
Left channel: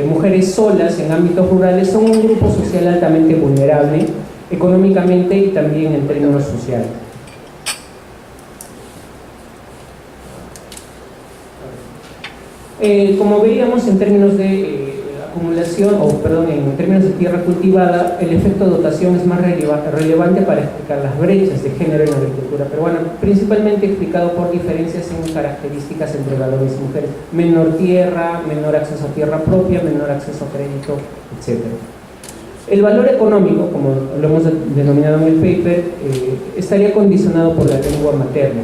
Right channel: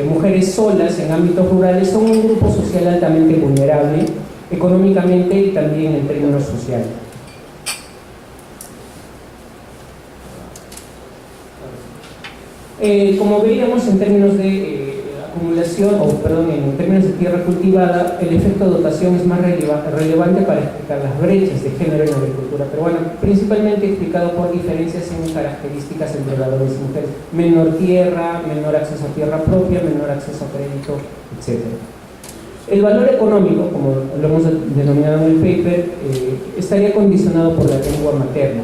mujeres solas en ámbitos rurales, son un grupo social altamente vulnerable económicamente y también en términos sociales. Como veíamos, en términos de acumulación, en términos de tierra cultivada, el efecto de dotación es más relevante para explicar las brechas de género en la agricultura peruana, principalmente explicado por diferencias en características entre varones y mujeres. Menor tierra, menor acceso a tierra propia, menor acceso a crédito, etc. El valor económico, como lo hemos denominado en el paper, estaría condicionado por la lengua materna,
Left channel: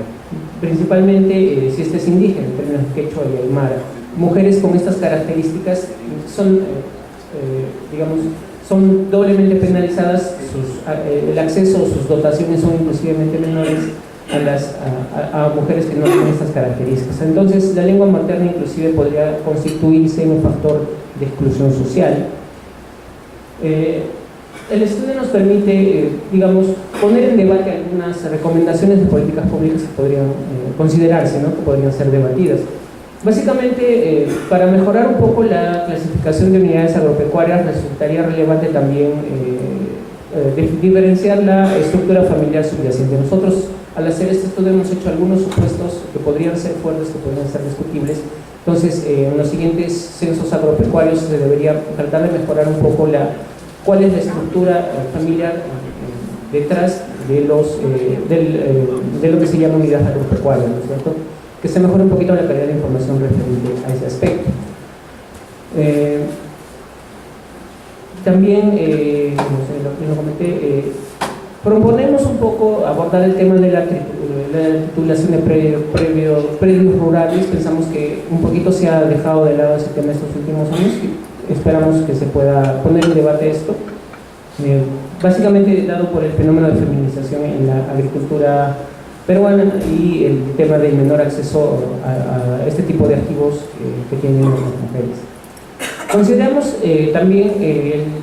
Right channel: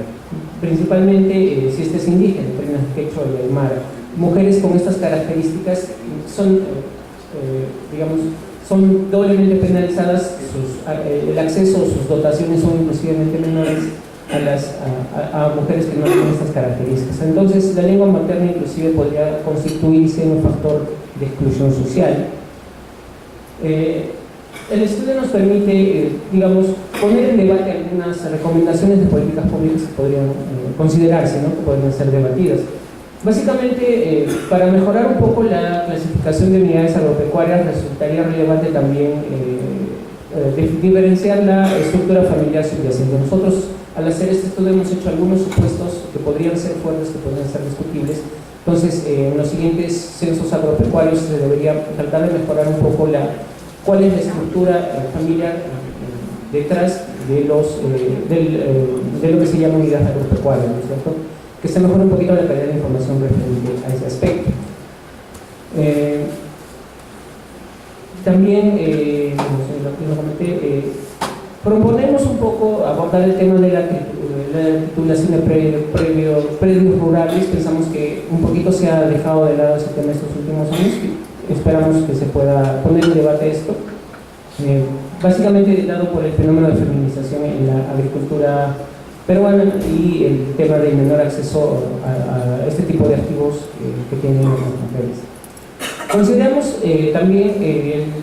principalmente si este es indígena, en términos de quechua y aymara. Mujeres con estas características son, son doblemente penalizadas, el acceso o sus dotaciones son inclusivamente menores a mujeres que no tienen estas características. Entonces, la lengua materna inclusive podría constituirse en un factor de exclusión social. El estudio nos permite, poner en debate algunas recomendaciones de políticas públicas que podrían considerarse, ¿no? Que podrían ser debatidas. Básicamente, para mejorar un poco la clasificación de unidades agropecuarias, resultaría relevante también diferenciar la estructura familiar subyacente. Nosotros, al hacer este estudio, hemos hecho algunos supuestos que podrían ser fuertes, que podrían ser discutibles. Entonces, en los siguientes censos agropecuarios se debería tratar de mejorar un poco cuál es la estructura familiar detrás de lo que se llama unidad agropecuaria, ¿no es cierto? Que se mejore un poquito la calidad de información referente a ese aspecto. También, lo comenté, proponemos un poco abordar el tema de la titulación de predios rurales. Pensamos que un poquito se ha dejado de lado ese tema estos últimos años. Esperamos que se pueda poner en debate esto, básicamente dado por el fenómeno de feminización en la agricultura peruana y el tema del menor acceso a este tipo de activos que tienen las mujeres. Consideramos también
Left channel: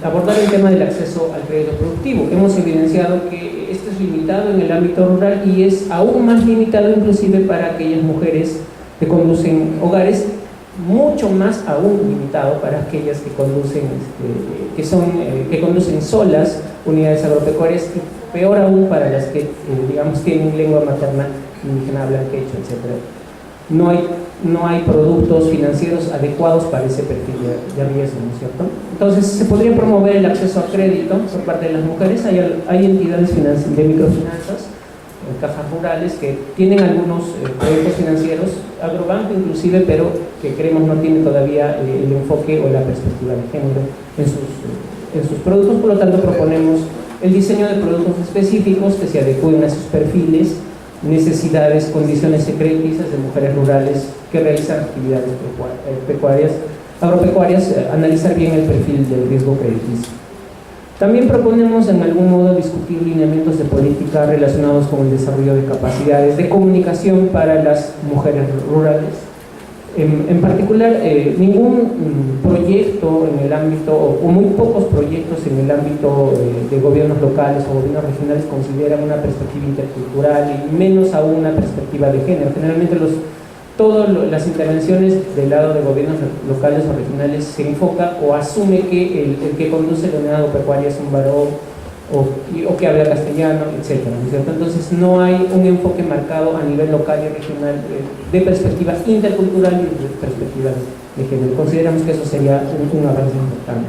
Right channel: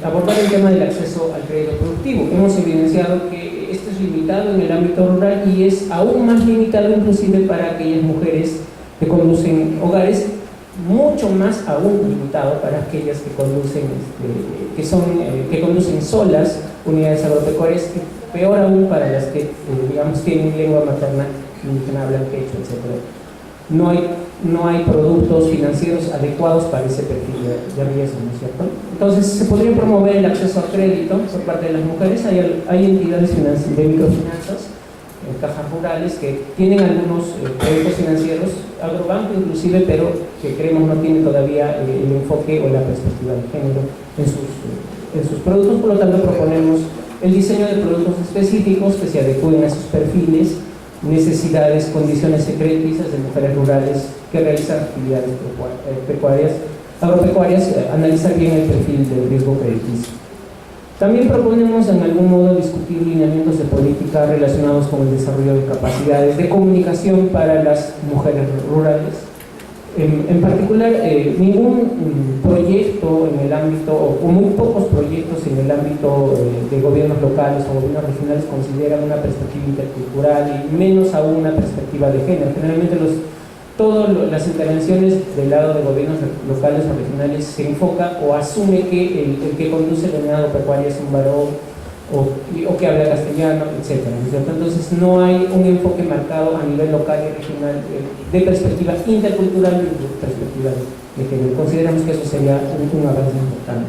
abordar el tema del acceso al crédito productivo. Hemos evidenciado que este es limitado en el ámbito rural y es aún más limitado inclusive para aquellas mujeres que conducen hogares, mucho más aún limitado para aquellas que conducen, que conducen solas unidades agropecuarias, y peor aún para las que tienen lengua materna indígena, hablan quechua, etc. No hay productos financieros adecuados para ese perfil de riesgo, ¿no es cierto? Entonces, se podría promover el acceso a crédito por parte de las mujeres. Hay entidades de microfinanzas, cajas rurales, que tienen algunos proyectos financieros, agrobanco inclusive, pero que creemos no tiene todavía el enfoque o la perspectiva de género en sus productos. Por lo tanto, proponemos el diseño de productos específicos que se adecúen a sus perfiles, necesidades, condiciones secretizas de mujeres rurales que realizan actividades agropecuarias, analizar bien el perfil del riesgo crediticio. También proponemos en algún modo discutir lineamientos de política relacionados con el desarrollo de capacidades de comunicación para las mujeres rurales. En particular, ningún proyecto en el ámbito, o muy pocos proyectos en el ámbito de gobiernos locales o gobiernos regionales consideran una perspectiva intercultural y menos aún una perspectiva de género. Generalmente todas las intervenciones del lado de gobiernos locales o regionales se enfoca o asume que el que conduce la unidad agropecuaria es un varón o que habla castellano, etc. Entonces no hay un enfoque marcado a nivel local y regional de perspectiva intercultural y de perspectiva de género. Consideramos que eso sería un avance importante.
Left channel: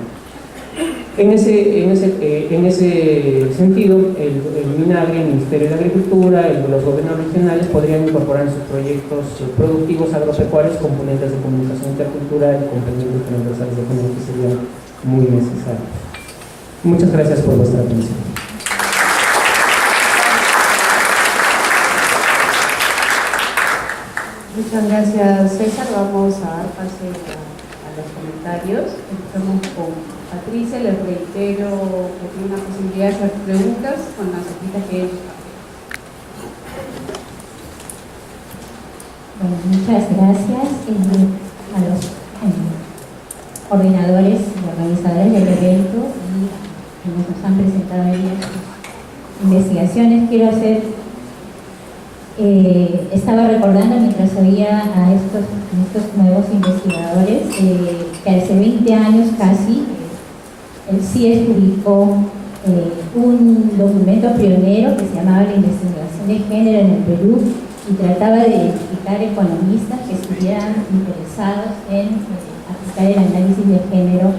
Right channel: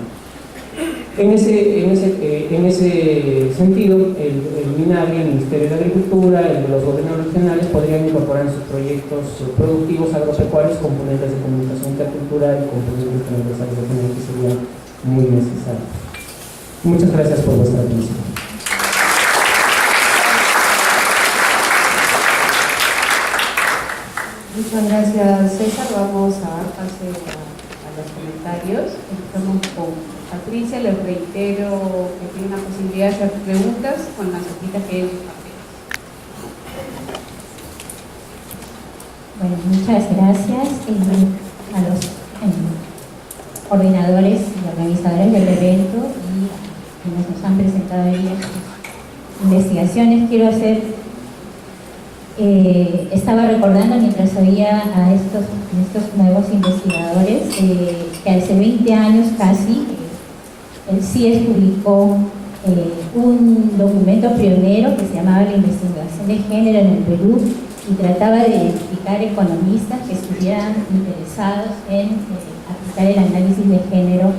En ese sentido, el MINAGRI, el Ministerio de Agricultura, los gobiernos regionales podrían incorporar en sus proyectos productivos agropecuarios componentes de comunicación intercultural y componentes transversales de género que serían muy necesarios. Muchas gracias por vuestra atención. Muchas gracias, César. Vamos a dar pase a los comentarios. Empezamos con Patricia. Les reitero que tiene una posibilidad de hacer preguntas con las hojitas que ellos papeles. Bueno, muchas gracias a los coordinadores y organizadores del evento y quienes nos han presentado hoy sus investigaciones. Quiero hacer, estaba recordando mientras oía a estos nuevos investigadores que hace 20 años casi el CIES publicó un documento pionero que se llamaba La investigación de género en el Perú, y trataba de identificar economistas que estuvieran interesados en aplicar el análisis de género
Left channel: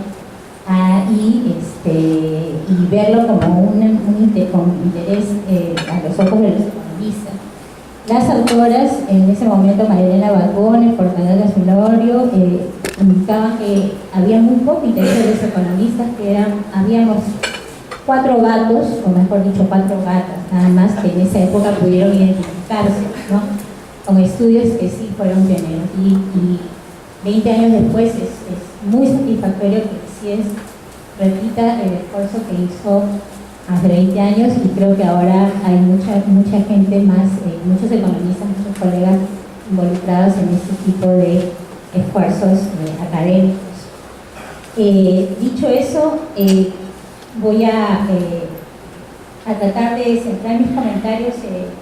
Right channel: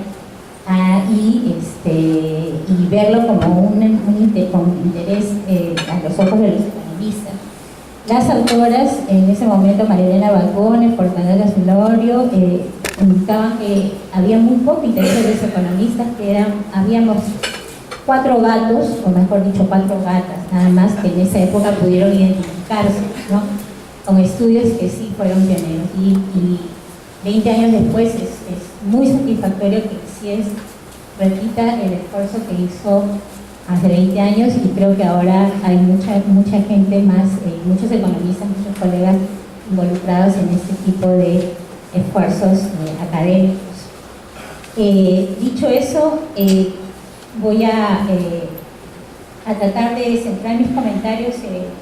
y verlo como con interés a los ojos de los economistas. Las autoras, en ese momento María Elena Balbón, Fortanella Zulorio, indicaban que había muy poco interés de los economistas, habíamos 4 gatos, o mejor dicho 4 gatas, nada más, que en esa época pudieron identificarse, ¿no?, con estudios que sí fueron pioneros. Y 20 años después es muy satisfactorio que sí repita el esfuerzo que hizo hace 20 años, y creo que ahora hay mucha gente más, muchos economistas, muchos colegas involucrados en este tipo de esfuerzos académicos. Dicho eso, voy a tratar de centrar mis comentarios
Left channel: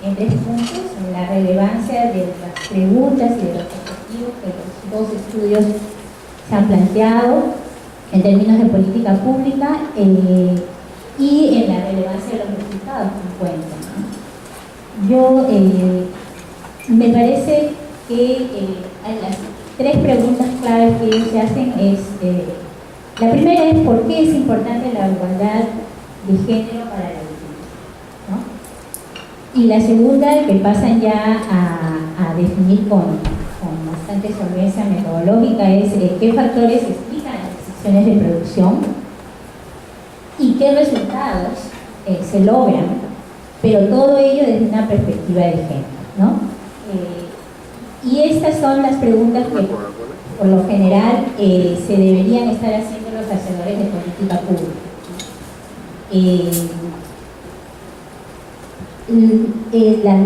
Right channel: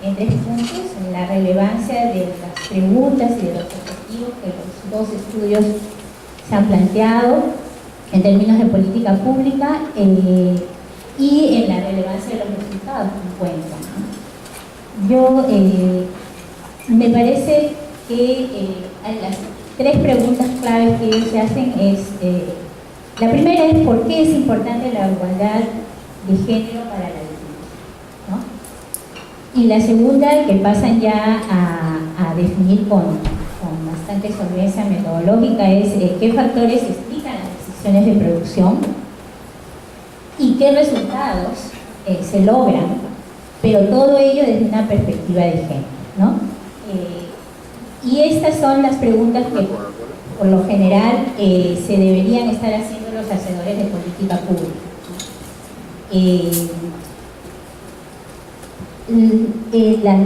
en 3 puntos: en la relevancia de las preguntas y de los objetivos que los 2 estudios se han planteado en términos de política pública, y en la relevancia de los resultados que encuentran, ¿no? Yo me parece que las 3 preguntas claves que ellos se hacen es, la primera es ¿por qué es importante la igualdad de género para la víctima?, ¿no? Y la segunda, que pasan ya a definir con bastante solvencia metodológica, es qué factores explican las decisiones de producción y qué resultados se logran, pero todo ello desde una perspectiva de género, ¿no? Y estas son las preguntas que por lo general se deberían estar haciendo los hacedores de política pública.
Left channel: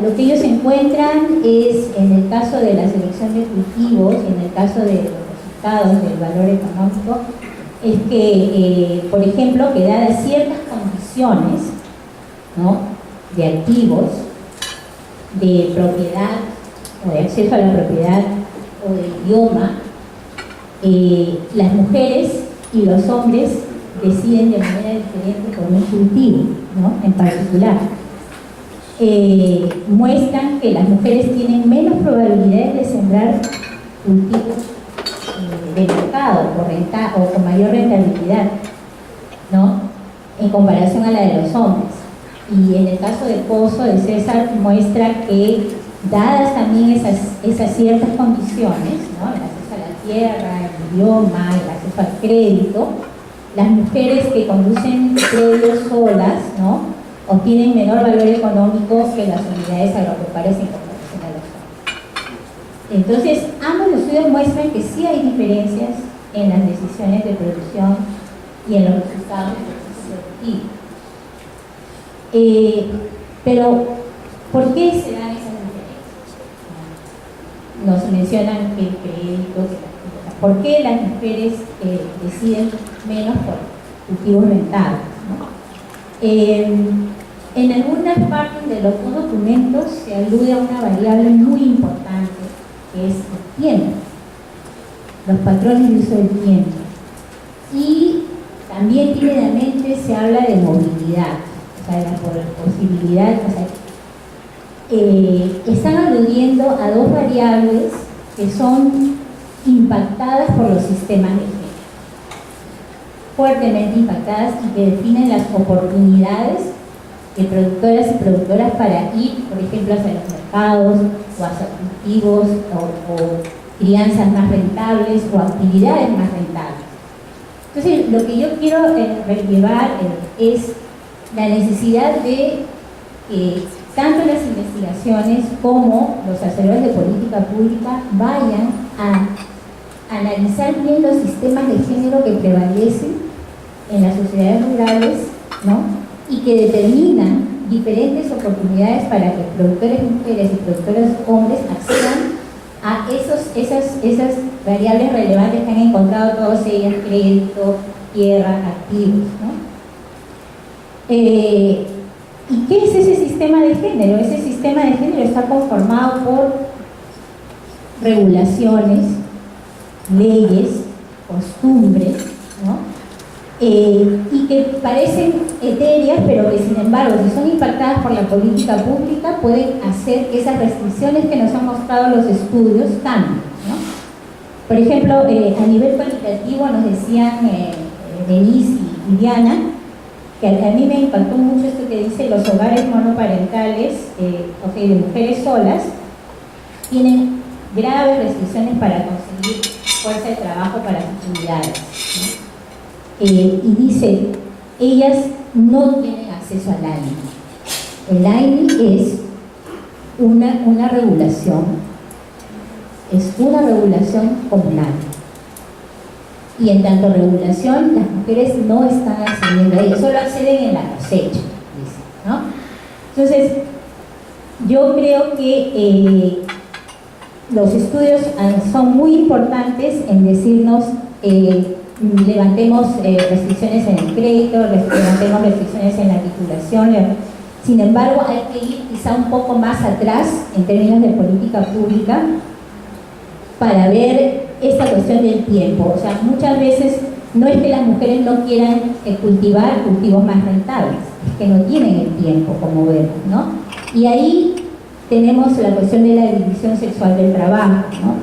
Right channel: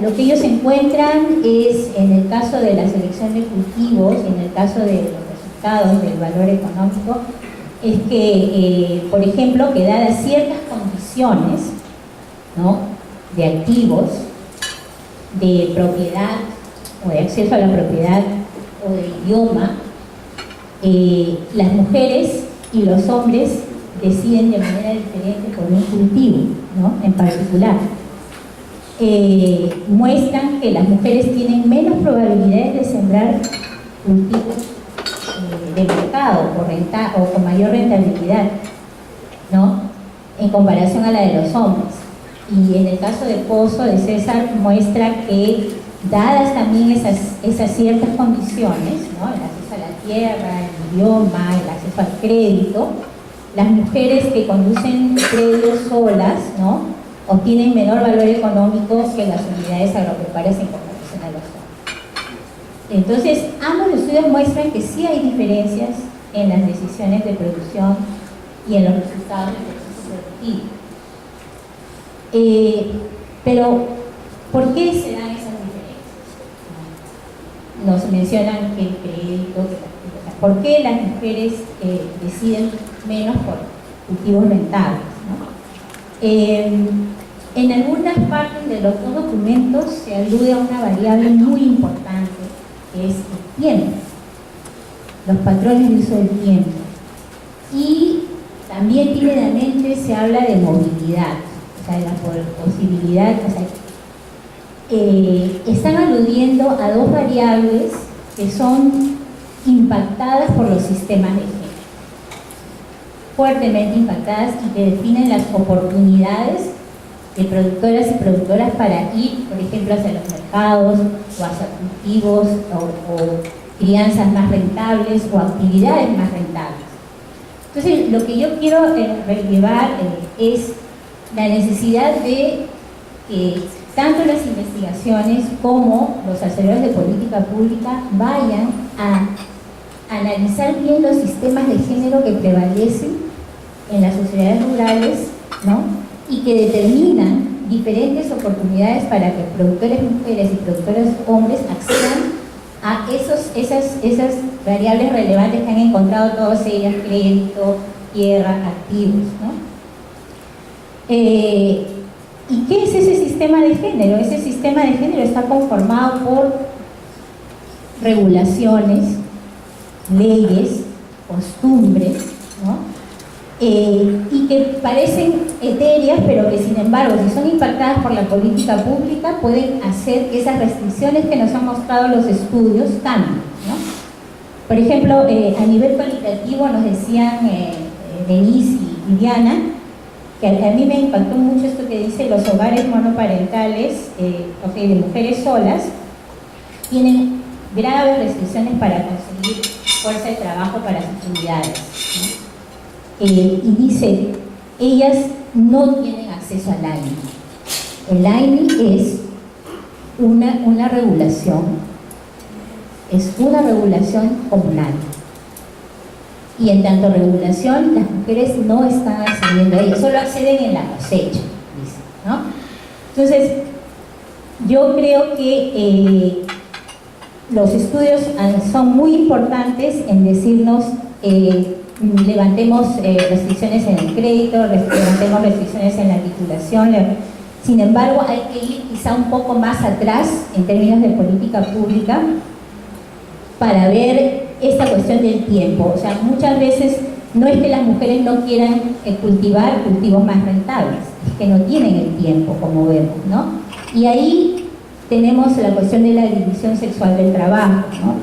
Lo que ellos encuentran es, en el caso de la selección de cultivos y en el caso de los resultados del valor económico, es que, por ejemplo, que dadas ciertas condiciones, ¿no?, de activos, de propiedad o de acceso a la propiedad o de idioma, las mujeres y los hombres deciden de manera diferente por un cultivo, ¿no?, en particular. Muestran que las mujeres tienen menos probabilidades de sembrar cultivos de mercado o con mayor rentabilidad, ¿no?, en comparación a la de los hombres. Y en el caso de Pozo, de César, muestra que, dadas también esas ciertas condiciones, ¿no?, el acceso a la tierra, el idioma, el acceso al crédito, las mujeres que conducen predios solas, ¿no?, obtienen menor valor económico que las unidades agropecuarias en comparación a los hombres. Entonces, ambos estudios muestran que sí hay diferencias en las decisiones de producción y en los resultados del proceso productivo. Pero, ¿por qué se dan esas diferencias? Nos mencionan que el crédito, ¿por qué las mujeres deciden menos por cultivos rentables, ¿no? En algunas partes de los 2 documentos se alude a una variable muy importante, que es el tiempo, los patrones de uso del tiempo. Y también tímidamente se habla de movilidad, o sea, de la posibilidad, o sea, están aludiendo a 2 variables que son impactadas por los sistemas de género, fuertemente impactadas, y que definen las oportunidades de productoras y productoras para ir, por ejemplo, hacia los mercados o hacia cultivos o crianzas más rentables o actividades más rentables. Entonces, lo que yo quiero relevar es la necesidad de que tanto las investigaciones como los hacedores de política pública vayan a analizar bien los sistemas de género que prevalecen en las sociedades rurales, ¿no?, y que determinan diferentes oportunidades para que productores mujeres y productores hombres accedan a esas variables relevantes que han encontrado todas ellas: crédito, tierra, activos, ¿no? ¿Y qué es ese sistema de género? Ese sistema de género está conformado por regulaciones, leyes, costumbres, ¿no?, y que parecen etéreas, pero que sin embargo, si son impactadas por la política pública, pueden hacer que esas restricciones que nos han mostrado los estudios cambien, ¿no? Por ejemplo, a nivel cualitativo nos decían Denise y Diana, que a mí me impactó mucho esto que dice: los hogares monoparentales, de mujeres solas, tienen graves restricciones para conseguir fuerza de trabajo para sus unidades, ¿no? Y dice, ellas no tienen acceso al AINI. El AINI es una regulación, comunal. Y en tanto regulación, las mujeres no están accediendo a ella, solo acceden en la cosecha, dice, ¿no? Entonces, yo creo que los estudios son muy importantes en decirnos levantemos restricciones en el crédito, levantemos restricciones en la titulación. Sin embargo, hay que ir quizá un poco más atrás en términos de política pública para ver esta cuestión del tiempo. O sea, muchas veces no es que las mujeres no quieran cultivar cultivos más rentables, es que no tienen el tiempo, como vemos, ¿no? Y ahí tenemos la cuestión de la división sexual del trabajo, ¿no?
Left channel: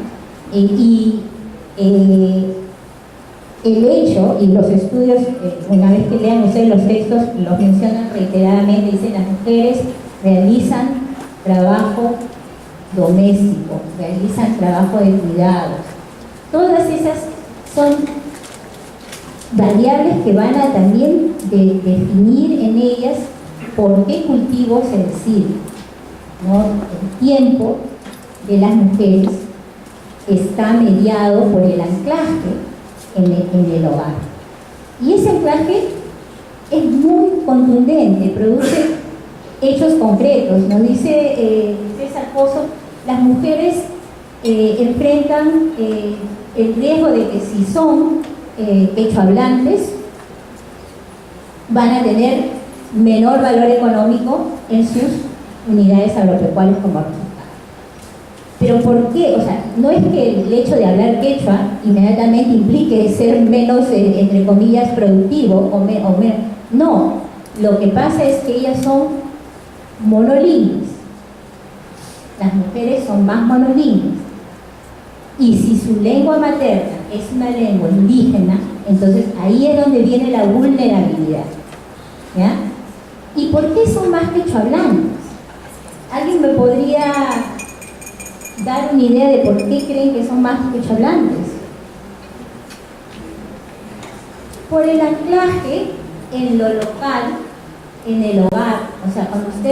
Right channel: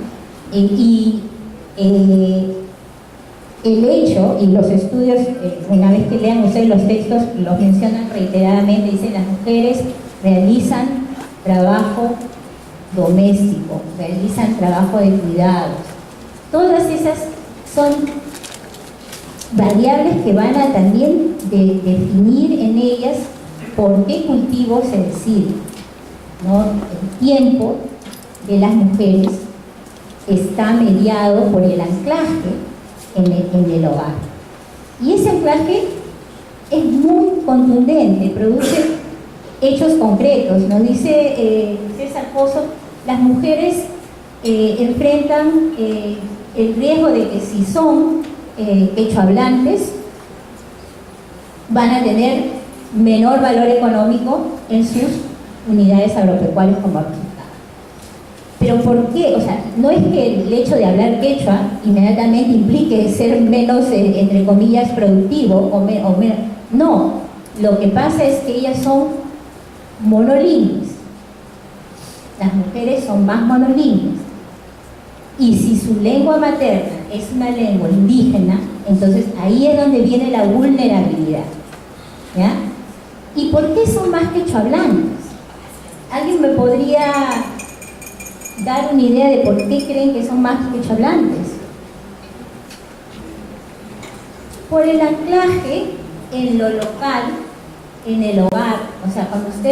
El hecho, y los estudios, una vez que lean ustedes los textos, los mencionan reiteradamente, dicen: las mujeres realizan trabajo doméstico, realizan trabajo de cuidados. Todas esas son variables que van a también definir en ellas por qué cultivo se decide, ¿no? El tiempo de las mujeres está mediado por el anclaje en el hogar. Y ese anclaje es muy contundente, produce hechos concretos. Nos dice César Pozo, las mujeres enfrentan el riesgo de que si son quechohablantes van a tener menor valor económico en sus unidades agropecuarias como resultado. ¿Pero por qué? O sea, no es que el hecho de hablar quechua inmediatamente implique ser menos, entre comillas, productivo o menos. No, lo que pasa es que ellas son monolingües. Las mujeres son más monolingües. Y si su lengua materna es una lengua indígena, entonces ahí es donde viene la vulnerabilidad, ¿ya? ¿Y por qué son más quechohablantes? ¿Alguien me podría dar una idea de por qué creen que son más quechohablantes? Por el anclaje en lo local, en el hogar. O sea,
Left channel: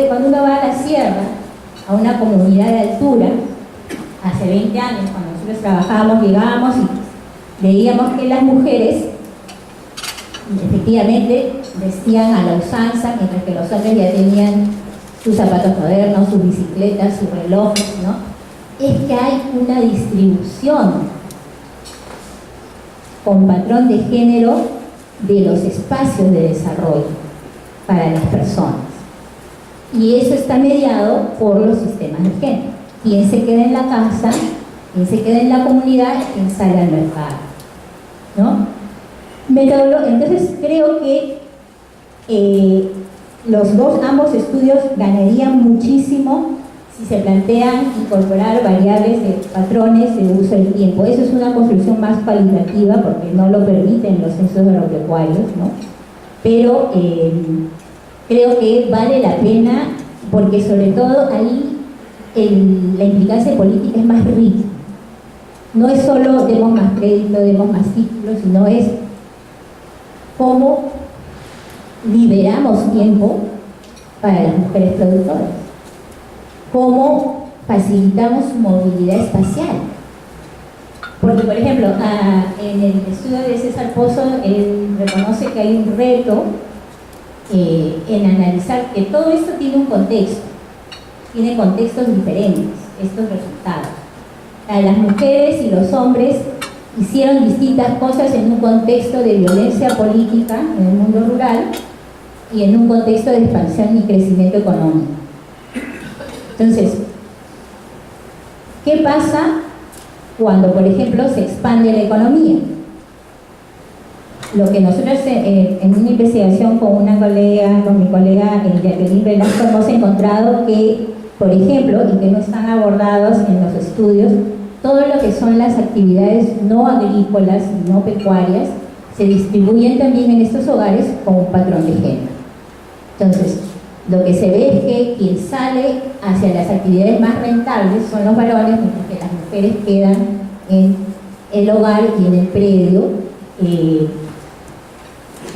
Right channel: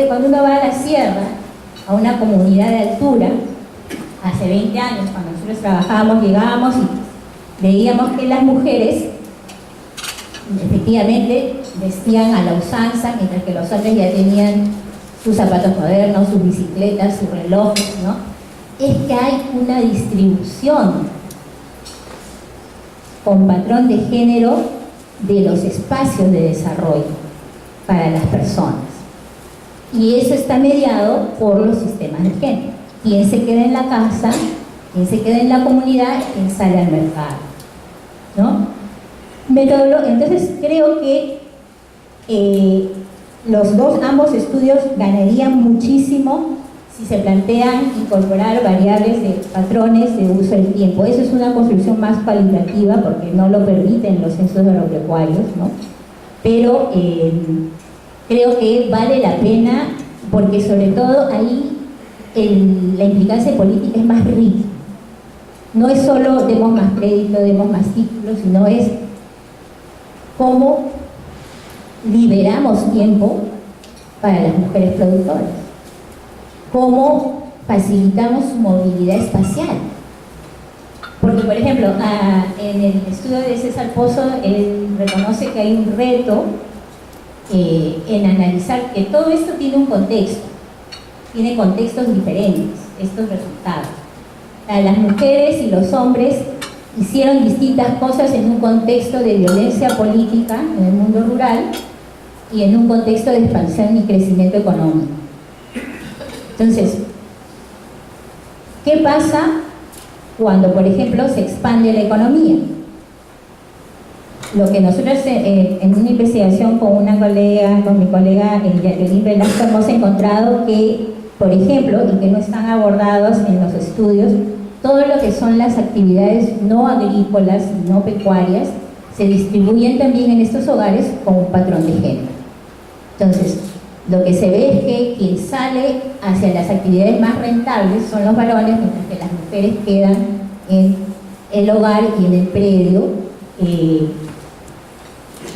cuando uno va a la sierra, a una comunidad de altura, hace 20 años, cuando nosotros trabajábamos, llegábamos y veíamos que las mujeres efectivamente vestían a la usanza, mientras que los hombres ya tenían sus zapatos modernos, sus bicicletas, sus relojes, ¿no? Es que hay una distribución con patrón de género de los espacios de desarrollo para las personas. Y eso está mediado por los sistemas de género. Quién se queda en la casa, quién se queda en la comunidad, quién sale al mercado, ¿no? Entonces creo que ambos estudios ganarían muchísimo si se plantean incorporar variables de patrones de uso del tiempo. Eso es una construcción más cualitativa porque no lo permiten los censos agropecuarios, ¿no? Pero creo que vale la pena porque sobre todo ahí la implicancia política es más rica. No es solo demos más crédito, demos más títulos, sino es cómo liberamos tiempo para las mujeres productoras, cómo facilitamos su movilidad espacial. Porque, por ejemplo, en el estudio de César Pozo, él reconoce que hay un reto en analizar que todo esto tiene un contexto, tiene contextos diferentes, estos resultados. Las mujeres y los hombres hicieron distintas cosas en un contexto de violencia política en el mundo rural y en un contexto de expansión y crecimiento económico. Entonces, ¿qué pasa cuando, por ejemplo, se expande la economía? lo que nosotros en una investigación con mi colega Jacqueline Velasco hemos encontrado que, por ejemplo, y que no están abordados en los estudios, todo lo que son las actividades no agrícolas y no pecuarias se distribuyen también en estos hogares con un patrón de género. Entonces, lo que se ve es que quien sale hacia las actividades más rentables son los varones, mientras que las mujeres quedan en el hogar y en el predio,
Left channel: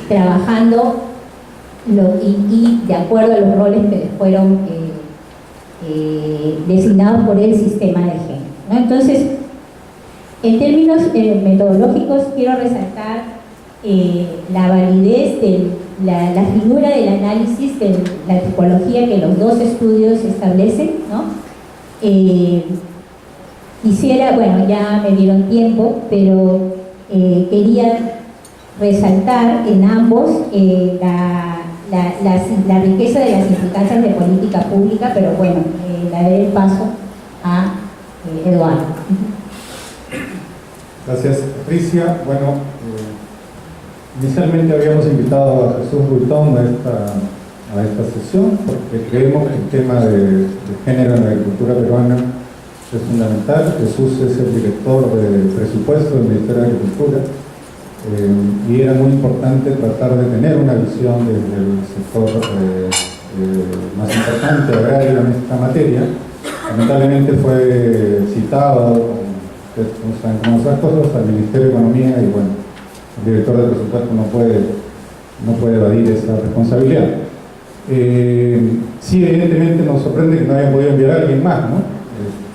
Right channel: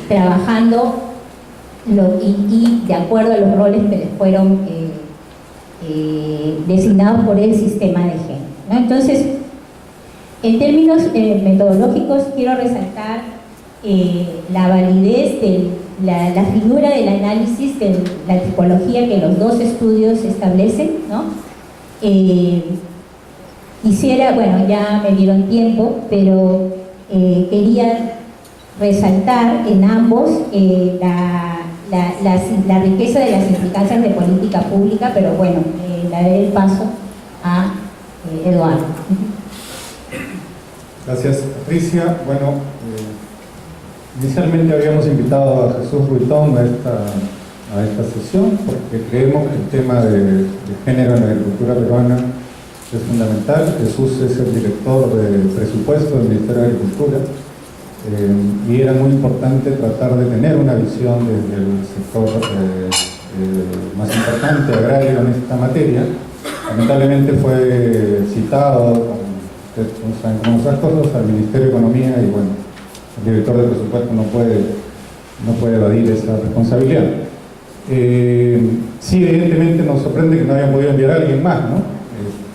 trabajando y de acuerdo a los roles que les fueron designados por el sistema de género, ¿no? Entonces, en términos metodológicos, quiero resaltar la validez de la figura del análisis de la tipología que los dos estudios establecen, ¿no? Quisiera, bueno, ya me dieron tiempo, pero quería resaltar en ambos la riqueza de las implicancias de política pública, pero bueno, le daré el paso a Eduardo. Gracias, Patricia. Bueno, inicialmente habíamos invitado a Jesús Ruitón a esta sesión porque creemos que el tema de género en la agricultura peruana es fundamental. Jesús es el director de presupuesto del Ministerio de Agricultura y era muy importante tratar de tener una visión desde el sector más importante, agrario, en esta materia. Lamentablemente fue citado, ustedes saben cómo son las cosas, al Ministerio de Economía y bueno, el director de presupuesto no puede evadir esa responsabilidad. Sí, evidentemente nos sorprende que no hayan podido enviar a alguien más, ¿no?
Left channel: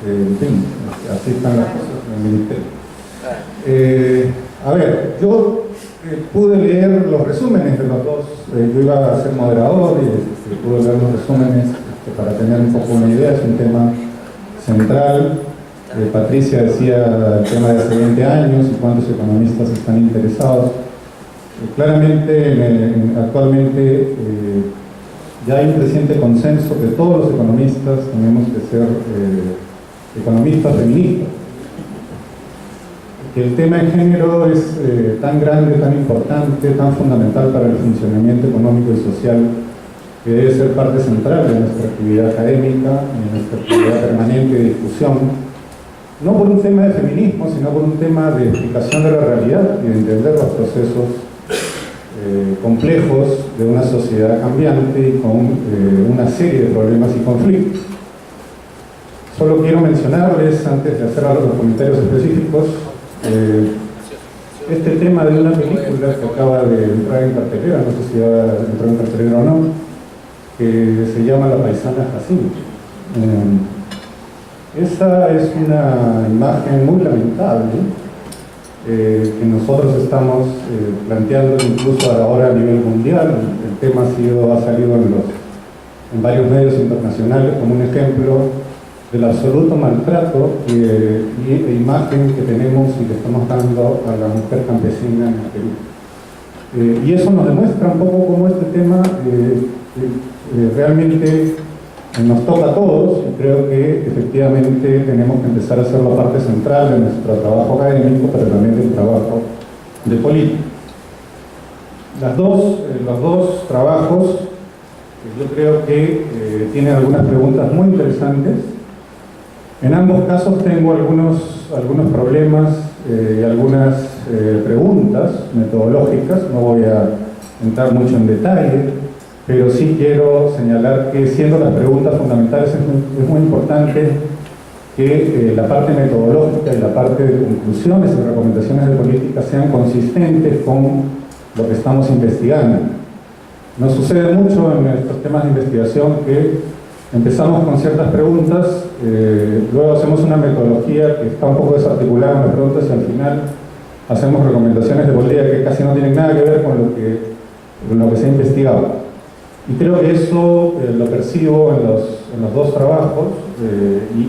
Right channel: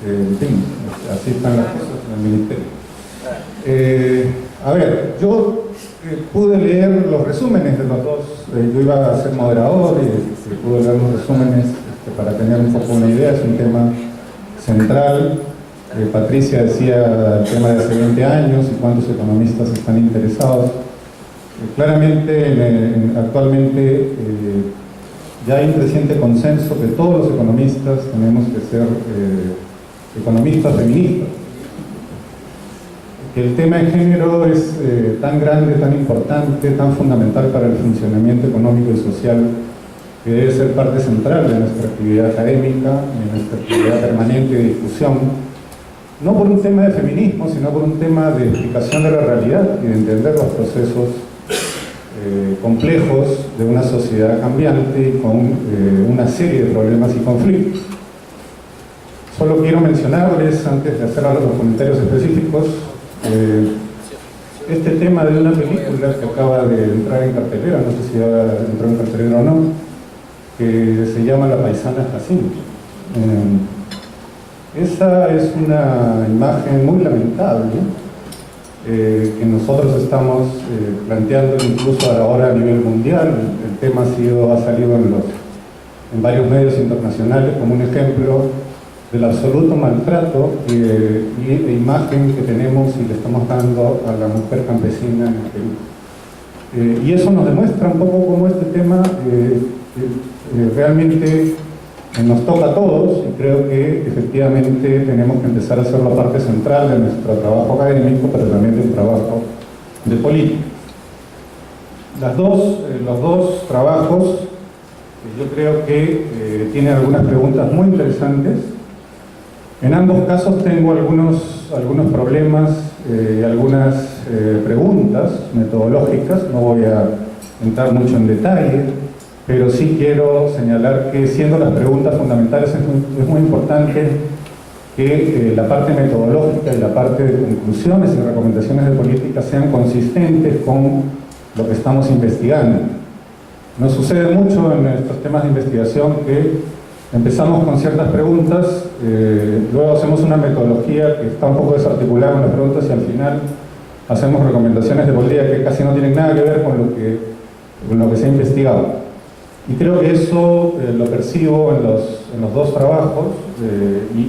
En fin, así están las cosas en el Ministerio. A ver, yo pude leer los resúmenes de los dos, yo iba a ser moderador y pude leer los resúmenes para tener un poco una idea, es un tema central. Patricia decía el tema de hace 20 años y cuántos economistas están interesados. Claramente, actualmente ya hay un creciente consenso que todos los economistas tenemos que ser economistas feministas. Que el tema de género es tan grande, tan importante, tan fundamental para el funcionamiento económico y social, que debe ser parte central de nuestra actividad académica, de nuestra actividad permanente de discusión. No por un tema de feminismo, sino por un tema de explicación de la realidad y de entender los procesos complejos de una sociedad cambiante y con una serie de problemas y conflictos. Solo quiero mencionarles, antes de hacer los comentarios específicos, este tema de una película que acaba de entrar en cartelera, no sé si ya entró en cartelera o no, que se llama La paisana Jacinto. Esa es una imagen muy lamentable que nosotros estamos planteando incluso ahora a nivel mundial. El tema ha salido en varios medios internacionales como un ejemplo del absoluto maltrato e imagen que tenemos y le estamos dando a la mujer campesina en el Perú. Y eso nos demuestra un poco cómo este tema realmente nos toca a todos y creo que efectivamente tenemos que empezar a hacerlo parte central de nuestro trabajo académico, pero también del trabajo de política. Los dos trabajos yo creo que tienen algunas preguntas muy interesantes. En ambos casos tengo algunos problemas y algunas preguntas metodológicas, no voy a entrar mucho en detalle, pero sí quiero señalar que siendo las preguntas fundamentales es muy importante que la parte metodológica y la parte de conclusiones y recomendaciones de política sean consistentes con lo que estamos investigando. Nos sucede mucho en estos temas de investigación que empezamos con ciertas preguntas, luego hacemos una metodología que está un poco desarticulada con las preguntas y al final hacemos recomendaciones de política que casi no tienen nada que ver con lo que se ha investigado. Y creo que eso lo percibo en los dos trabajos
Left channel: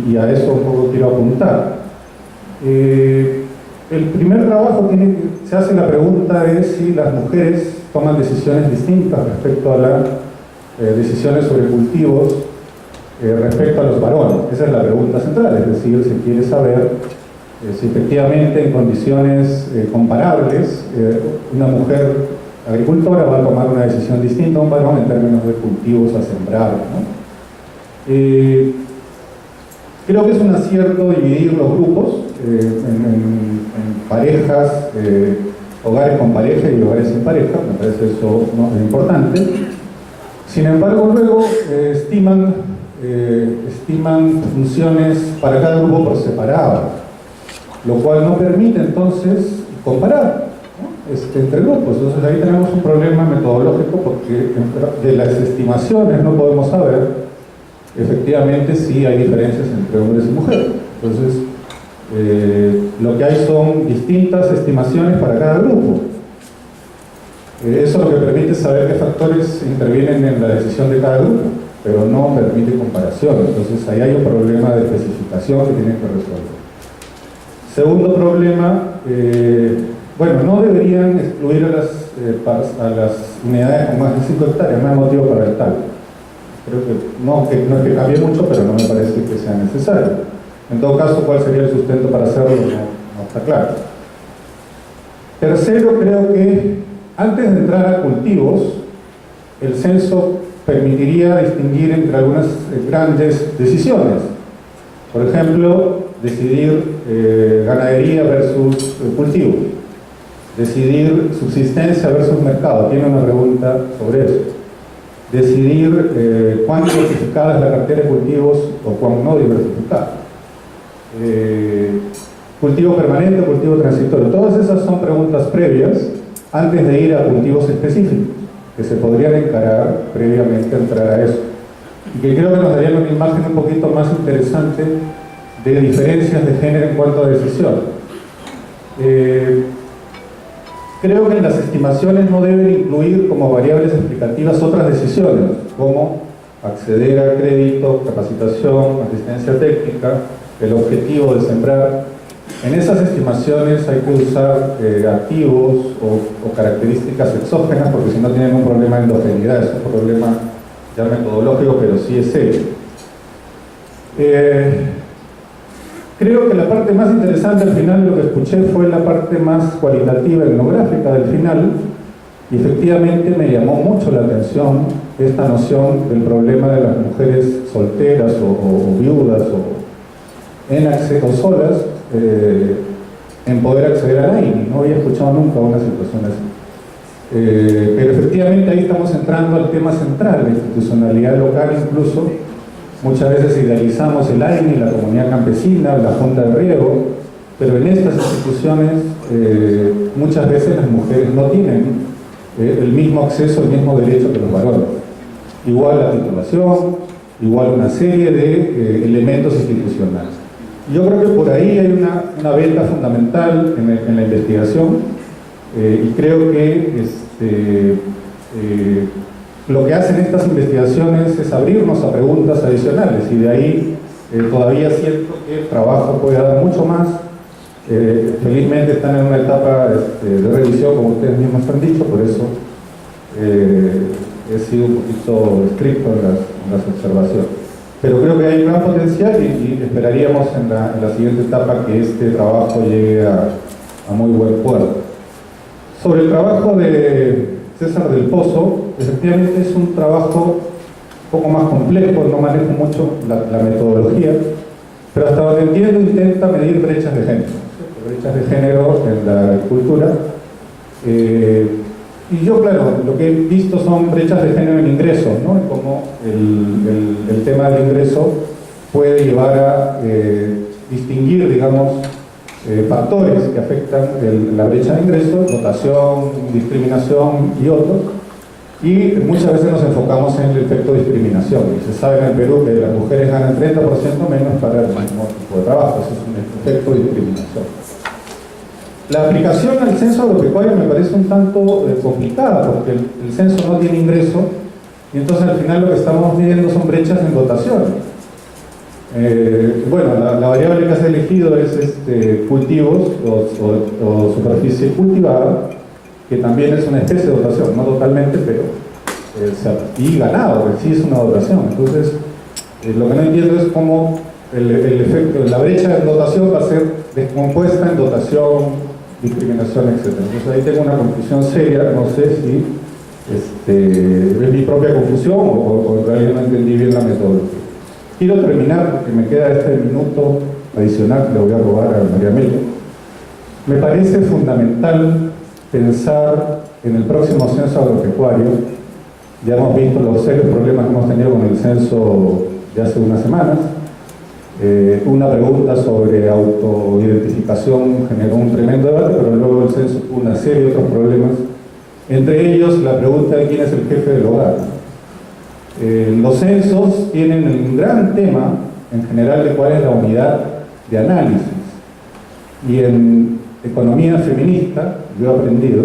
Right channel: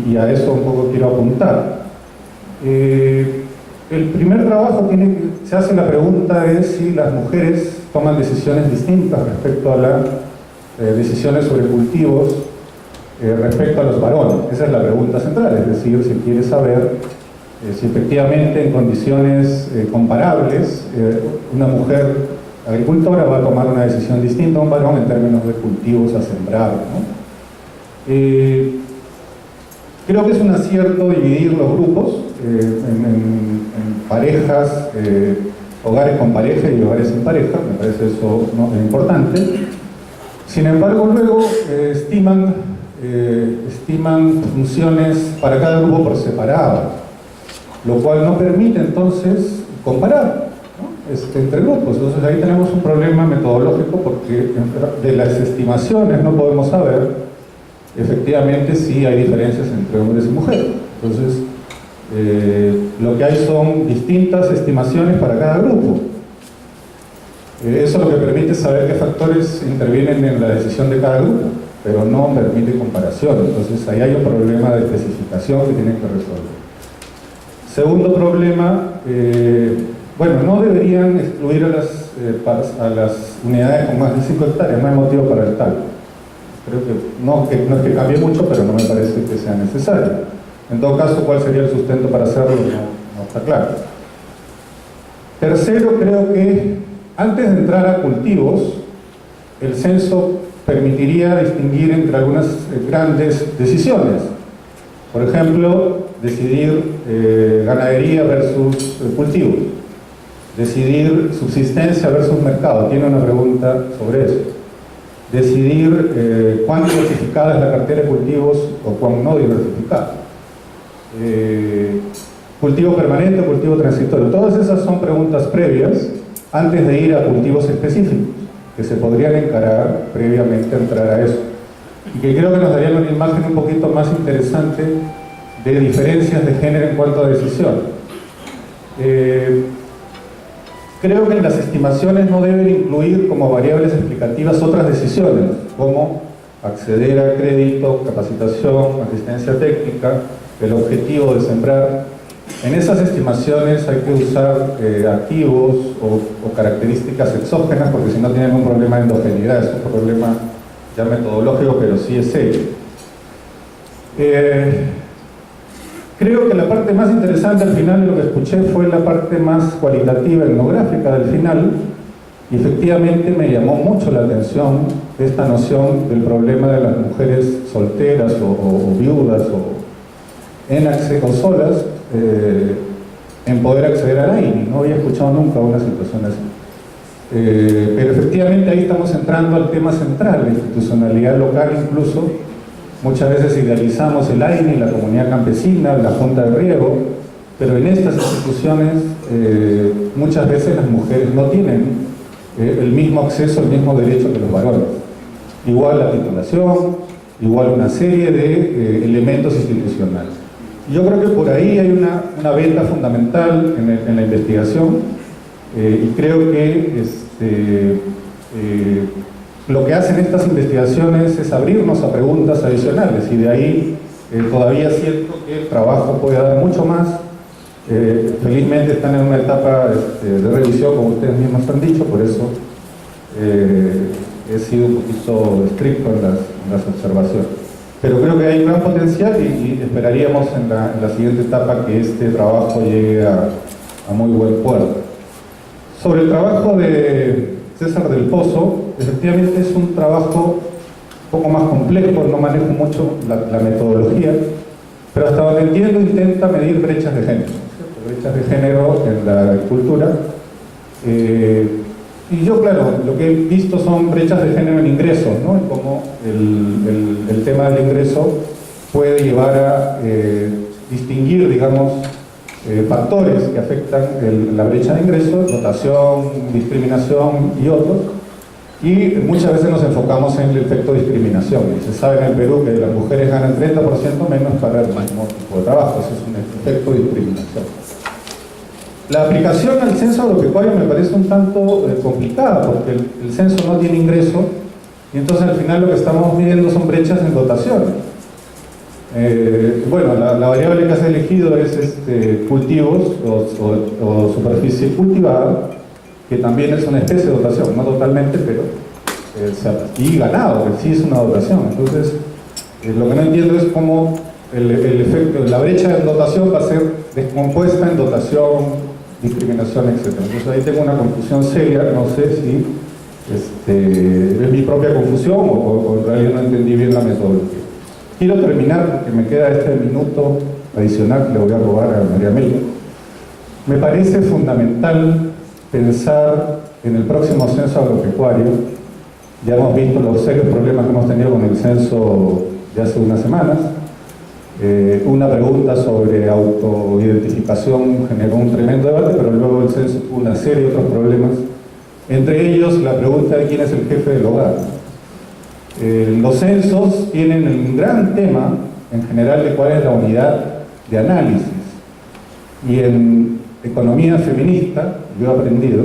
y a eso un poco quiero apuntar. El primer trabajo se hace la pregunta de si las mujeres toman decisiones distintas respecto a las decisiones sobre cultivos respecto a los varones. Esa es la pregunta central, es decir, se quiere saber si efectivamente en condiciones comparables una mujer agricultora va a tomar una decisión distinta a un varón en términos de cultivos a sembrar, ¿no? Creo que es un acierto dividir los grupos en parejas, hogares con pareja y hogares sin pareja, me parece eso, ¿no?, es importante. Sin embargo, luego estiman funciones para cada grupo por separado, lo cual no permite entonces comparar, ¿no?, entre grupos. Entonces ahí tenemos un problema metodológico porque de las estimaciones no podemos saber efectivamente si hay diferencias entre hombres y mujeres. Entonces lo que hay son distintas estimaciones para cada grupo. Eso lo que permite saber qué factores intervienen en la decisión de cada grupo, pero no permite comparación. Entonces ahí hay un problema de especificación que tienen que resolver. Segundo problema, bueno, no deberían excluir a las unidades con más de 5 hectáreas, no hay motivo para el tal. Creo que no es que cambie mucho, pero no me parece que sea necesario. En todo caso, ¿cuál sería el sustento para hacerlo? No está claro. Tercero, creo que antes de entrar a cultivos, el censo permitiría distinguir entre algunas grandes decisiones. Por ejemplo, decidir ganadería versus cultivos, decidir subsistencia versus mercado. Tiene una pregunta sobre eso. Decidir cuán diversificada es la cartera de cultivos o cuán no diversificada. Cultivo permanente o cultivo transitorio. Todas esas son preguntas previas antes de ir a cultivos específicos, que se podrían encarar previamente a entrar a eso. Y que creo que nos darían una imagen un poquito más interesante de diferencias de género en cuanto a decisión. Creo que en las estimaciones no deben incluir como variables explicativas otras decisiones, como acceder a crédito, capacitación, asistencia técnica, el objetivo de sembrar. En esas estimaciones hay que usar activos o características exógenas, porque si no tienen un problema de endogeneidad, es un problema ya metodológico, pero sí es serio. Creo que la parte más interesante al final de lo que escuché fue la parte más cualitativa, etnográfica del final, y efectivamente me llamó mucho la atención esta noción del problema de las mujeres solteras o viudas o solas en poder acceder a la AINI. No había escuchado nunca una situación así. Pero efectivamente ahí estamos entrando al tema central, la institucionalidad local incluso. Muchas veces idealizamos el AINI, la comunidad campesina, la junta de riego, pero en estas instituciones muchas veces las mujeres no tienen el mismo acceso, el mismo derecho que los varones. Igual la titulación, igual una serie de elementos institucionales. Yo creo que por ahí hay una beta fundamental en la investigación y creo que lo que hacen estas investigaciones es abrirnos a preguntas adicionales y de ahí todavía siento que el trabajo puede dar mucho más. Felizmente están en una etapa de revisión, como ustedes mismos han dicho, por eso he sido un poquito estricto en las observaciones. Pero creo que hay un gran potencial y esperaríamos en la siguiente etapa que este trabajo llegue a muy buen puerto. Sobre el trabajo de César del Pozo, efectivamente es un trabajo un poco más complejo, no manejo mucho la metodología, pero hasta donde entiendo intenta medir brechas de género, ¿cierto? Brechas de género en la agricultura. Y yo, claro, lo que he visto son brechas de género en ingresos, ¿no? Y cómo el tema del ingreso puede llevar a distinguir, digamos, factores que afectan la brecha de ingresos, dotación, discriminación y otros. Y muchas veces nos enfocamos en el efecto discriminación. Y se sabe en el Perú que las mujeres ganan 30% menos para el mismo tipo de trabajo. Ese es un efecto de discriminación. La aplicación al censo agropecuario me parece un tanto complicada porque el censo no tiene ingreso y entonces al final lo que estamos midiendo son brechas en dotación. Bueno, la variable que has elegido es cultivos o superficie cultivada, que también es una especie de dotación, no totalmente, pero y ganado, que sí es una dotación. Entonces, lo que no entiendo es cómo el efecto, la brecha en dotación va a ser descompuesta en dotación, discriminación, etc. Entonces ahí tengo una confusión seria, no sé si es mi propia confusión o en realidad no entendí bien la metodología. Quiero terminar, porque me queda este minuto adicional que le voy a robar a María Amelia. Me parece fundamental pensar en el próximo censo agropecuario. Ya hemos visto los serios problemas que hemos tenido con el censo de hace unas semanas. Una pregunta sobre autoidentificación generó un tremendo debate, pero luego el censo tuvo una serie de otros problemas. Entre ellos, la pregunta de quién es el jefe del hogar. Los censos tienen un gran tema, en general, de cuál es la unidad de análisis. Y en economía feminista, yo he aprendido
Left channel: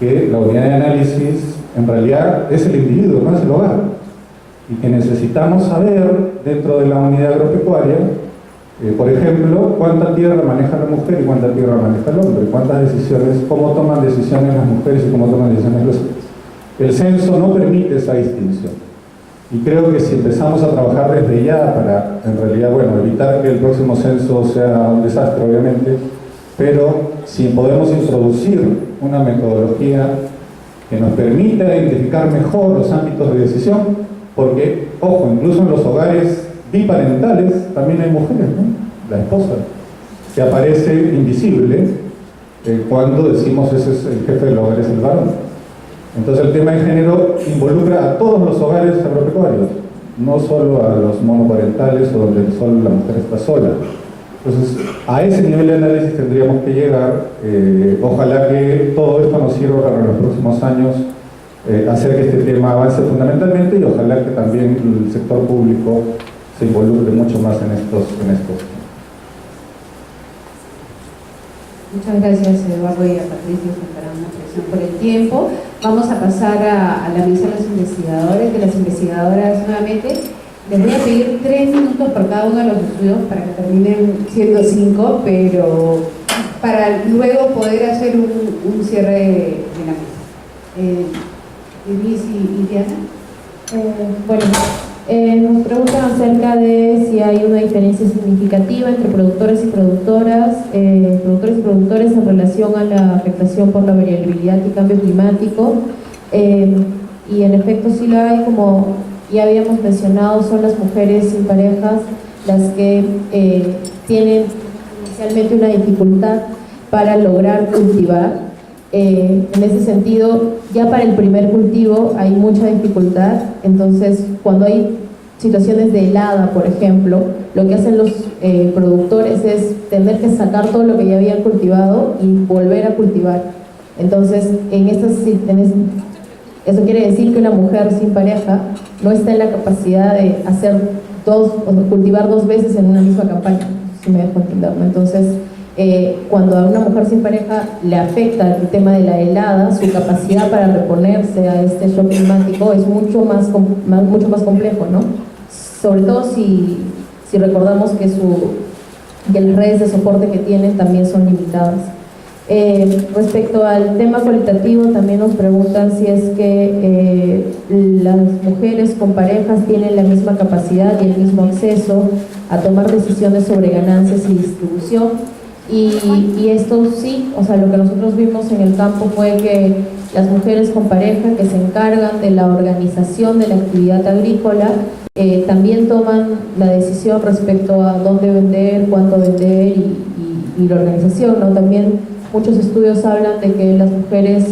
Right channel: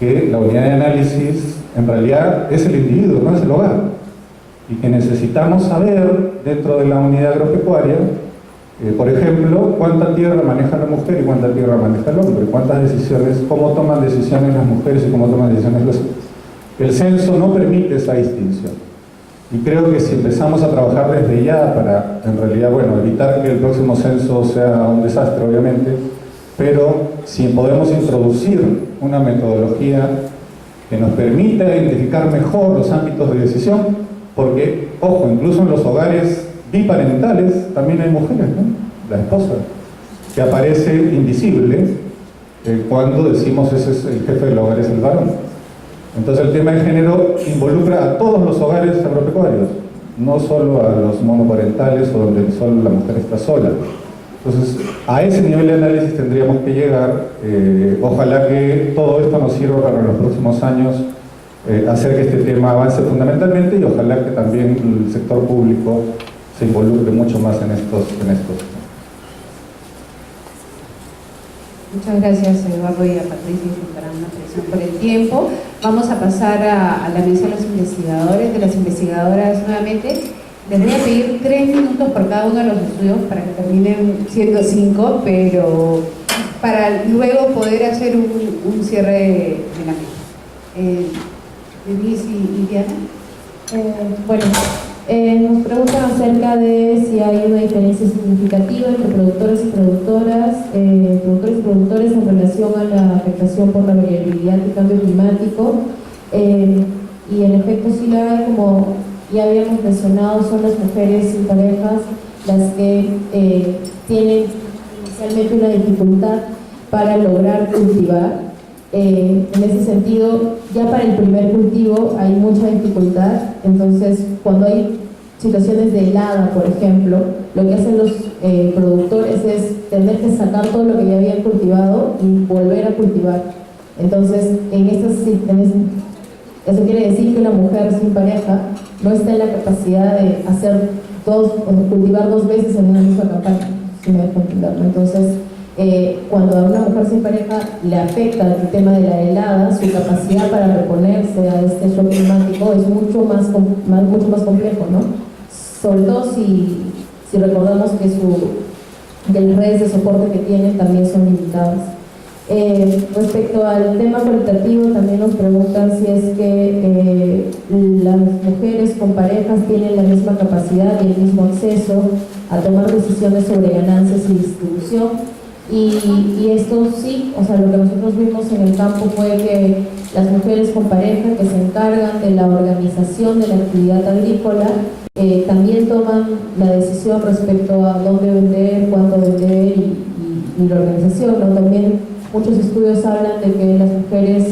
que la unidad de análisis en realidad es el individuo, no es el hogar. Y que necesitamos saber, dentro de la unidad agropecuaria, por ejemplo, cuánta tierra maneja la mujer y cuánta tierra maneja el hombre, cuántas decisiones, cómo toman decisiones las mujeres y cómo toman decisiones los hombres. El censo no permite esa distinción. Y creo que si empezamos a trabajar desde ya para, en realidad, bueno, evitar que el próximo censo sea un desastre, obviamente, pero si podemos introducir una metodología que nos permita identificar mejor los ámbitos de decisión, porque, ojo, incluso en los hogares biparentales también hay mujeres, ¿no? La esposa, que aparece invisible cuando decimos ese es el jefe del hogar, es el varón. Entonces el tema de género involucra a todos los hogares agropecuarios, no solo a los monoparentales o donde solo la mujer está sola. Entonces, a ese nivel de análisis tendríamos que llegar. Ojalá que todo esto nos sirva para los próximos años hacer que este tema avance fundamentalmente y ojalá que también el sector público se involucre mucho más en estos temas. Muchas gracias, Eduardo, y a Patricia para una presión por el tiempo. Vamos a pasar a la mesa de los investigadores, de las investigadoras nuevamente. Les voy a pedir 3 minutos por cada uno de los estudios para que terminen siendo 5, pero para luego poder hacer un cierre de la mesa. Denise y Diana. Bueno, nos preguntan acerca de si hay una diferencia significativa entre productores y productores en relación a la afectación por la variabilidad y cambio climático. Y en efecto sí la hay, como ya habíamos mencionado, son las mujeres sin parejas las que tienen inicialmente una dificultad para lograr cultivar. En ese sentido, ya para el primer cultivo hay mucha dificultad, entonces cuando hay situaciones de helada, por ejemplo, lo que hacen los productores es tener que sacar todo lo que ya habían cultivado y volver a cultivar. Entonces, eso quiere decir que una mujer sin pareja no está en la capacidad de cultivar 2 veces en una misma campaña, si me dejo entender, ¿no? Entonces, cuando a una mujer sin pareja le afecta el tema de la helada, su capacidad para reponerse a este shock climático es mucho más complejo, ¿no? Sobre todo si recordamos que las redes de soporte que tienen también son limitadas. Respecto al tema cualitativo, también nos preguntan si es que las mujeres con parejas tienen la misma capacidad y el mismo acceso a tomar decisiones sobre ganancias y distribución. Y esto sí, o sea, lo que nosotros vimos en el campo fue que las mujeres con pareja que se encargan de la organización de la actividad agrícola también toman la decisión respecto a dónde vender, cuánto vender y la organización, ¿no? También muchos estudios hablan de que las mujeres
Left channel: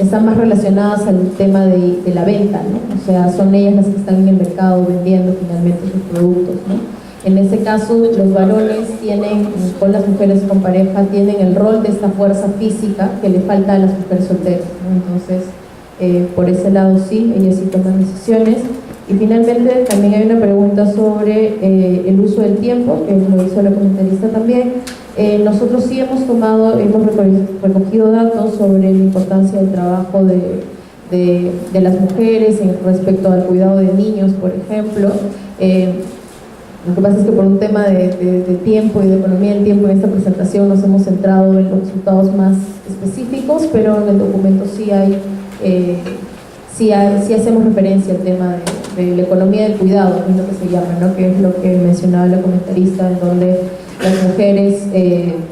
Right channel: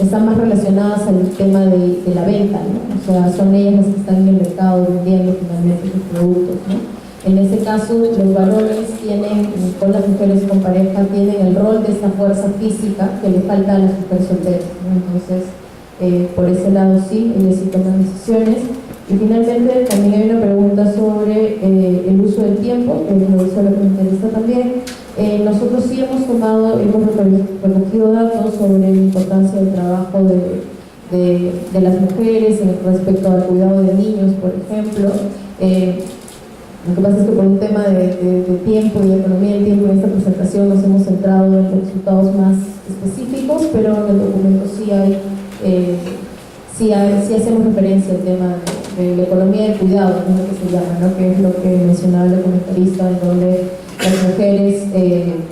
están más relacionadas al tema de la venta, ¿no? O sea, son ellas las que están en el mercado vendiendo finalmente sus productos, ¿no? En ese caso, los varones con las mujeres con pareja, tienen el rol de esta fuerza física que le falta a las mujeres solteras, ¿no? Entonces, por ese lado sí, ellas sí toman decisiones. Y finalmente también hay una pregunta sobre el uso del tiempo, que lo hizo la comentarista también. Nosotros sí hemos recogido datos sobre la importancia del trabajo de las mujeres respecto al cuidado de niños, por ejemplo. Lo que pasa es que por un tema de tiempo y de economía del tiempo en esta presentación nos hemos centrado en los resultados más específicos, pero en el documento sí hacemos referencia al tema de la economía del cuidado, que es lo que se llama, ¿no? Que es lo que mencionaba la comentarista, en donde las mujeres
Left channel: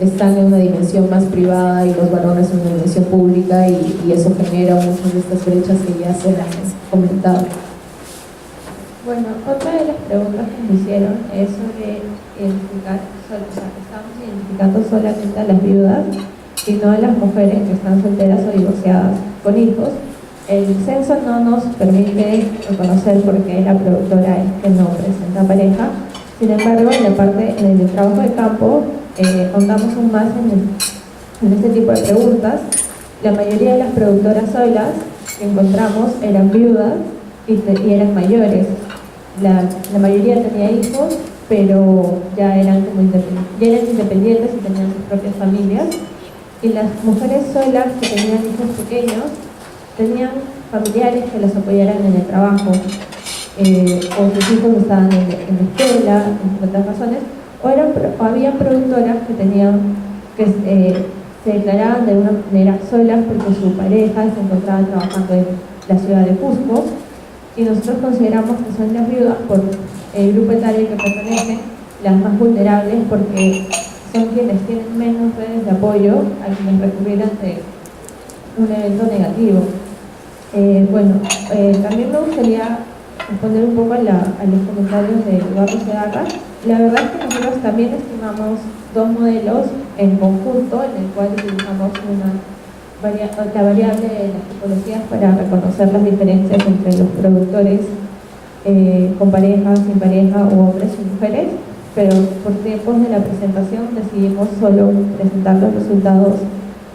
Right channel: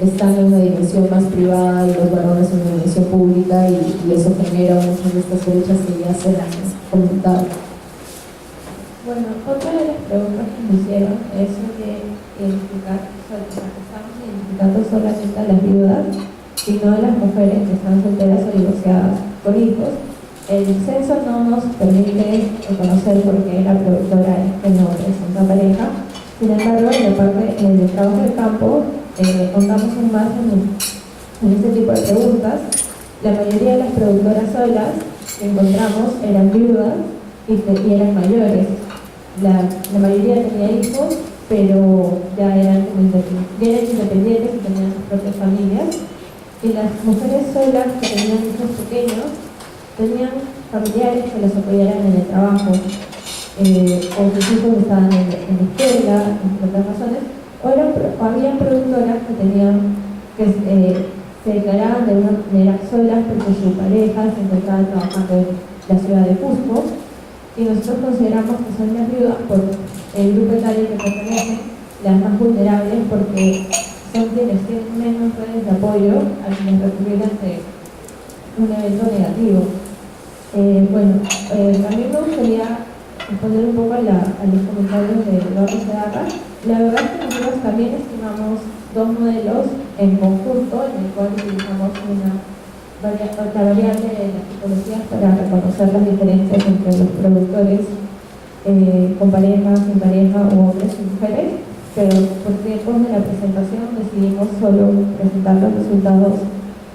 están en una dimensión más privada y los varones en una dimensión pública, y eso genera muchas de estas brechas que ya se las comentado. Bueno, otra de las preguntas que me hicieron es sobre identificar, estamos identificando solamente a las viudas y no a las mujeres que están solteras o divorciadas con hijos. El censo no nos permite reconocer porque la productora es que no presenta pareja. Sin embargo, en el trabajo de campo, ahondamos aún más en este tipo de preguntas. La mayoría de las productoras solas que encontramos eran viudas y eran mayores. La mayoría tenía hijos, pero ya eran independientes y tenían sus propias familias. Y las mujeres solas que tenían hijos pequeños tenían familiares que les apoyaran en el trabajo, o sus hijos estaban en la escuela, entre otras razones, o había productoras que se declaraban de una manera solas porque su pareja se encontraba trabajando en la ciudad de Cusco, y nosotros consideramos que son las viudas por el grupo etario que pertenecen las más vulnerables, porque son quienes tienen menos redes de apoyo a quienes recurrir ante un evento negativo. También me gustaría responder un poco a los comentarios de Eduardo Segarra. La verdad es que nosotros también estimamos dos modelos en conjunto, en el cual utilizamos la variable de las tipologías para reconocer las diferencias entre los productores con pareja, sin pareja, o hombres y mujeres, pero por tiempos de la presentación decidimos solo presentar los resultados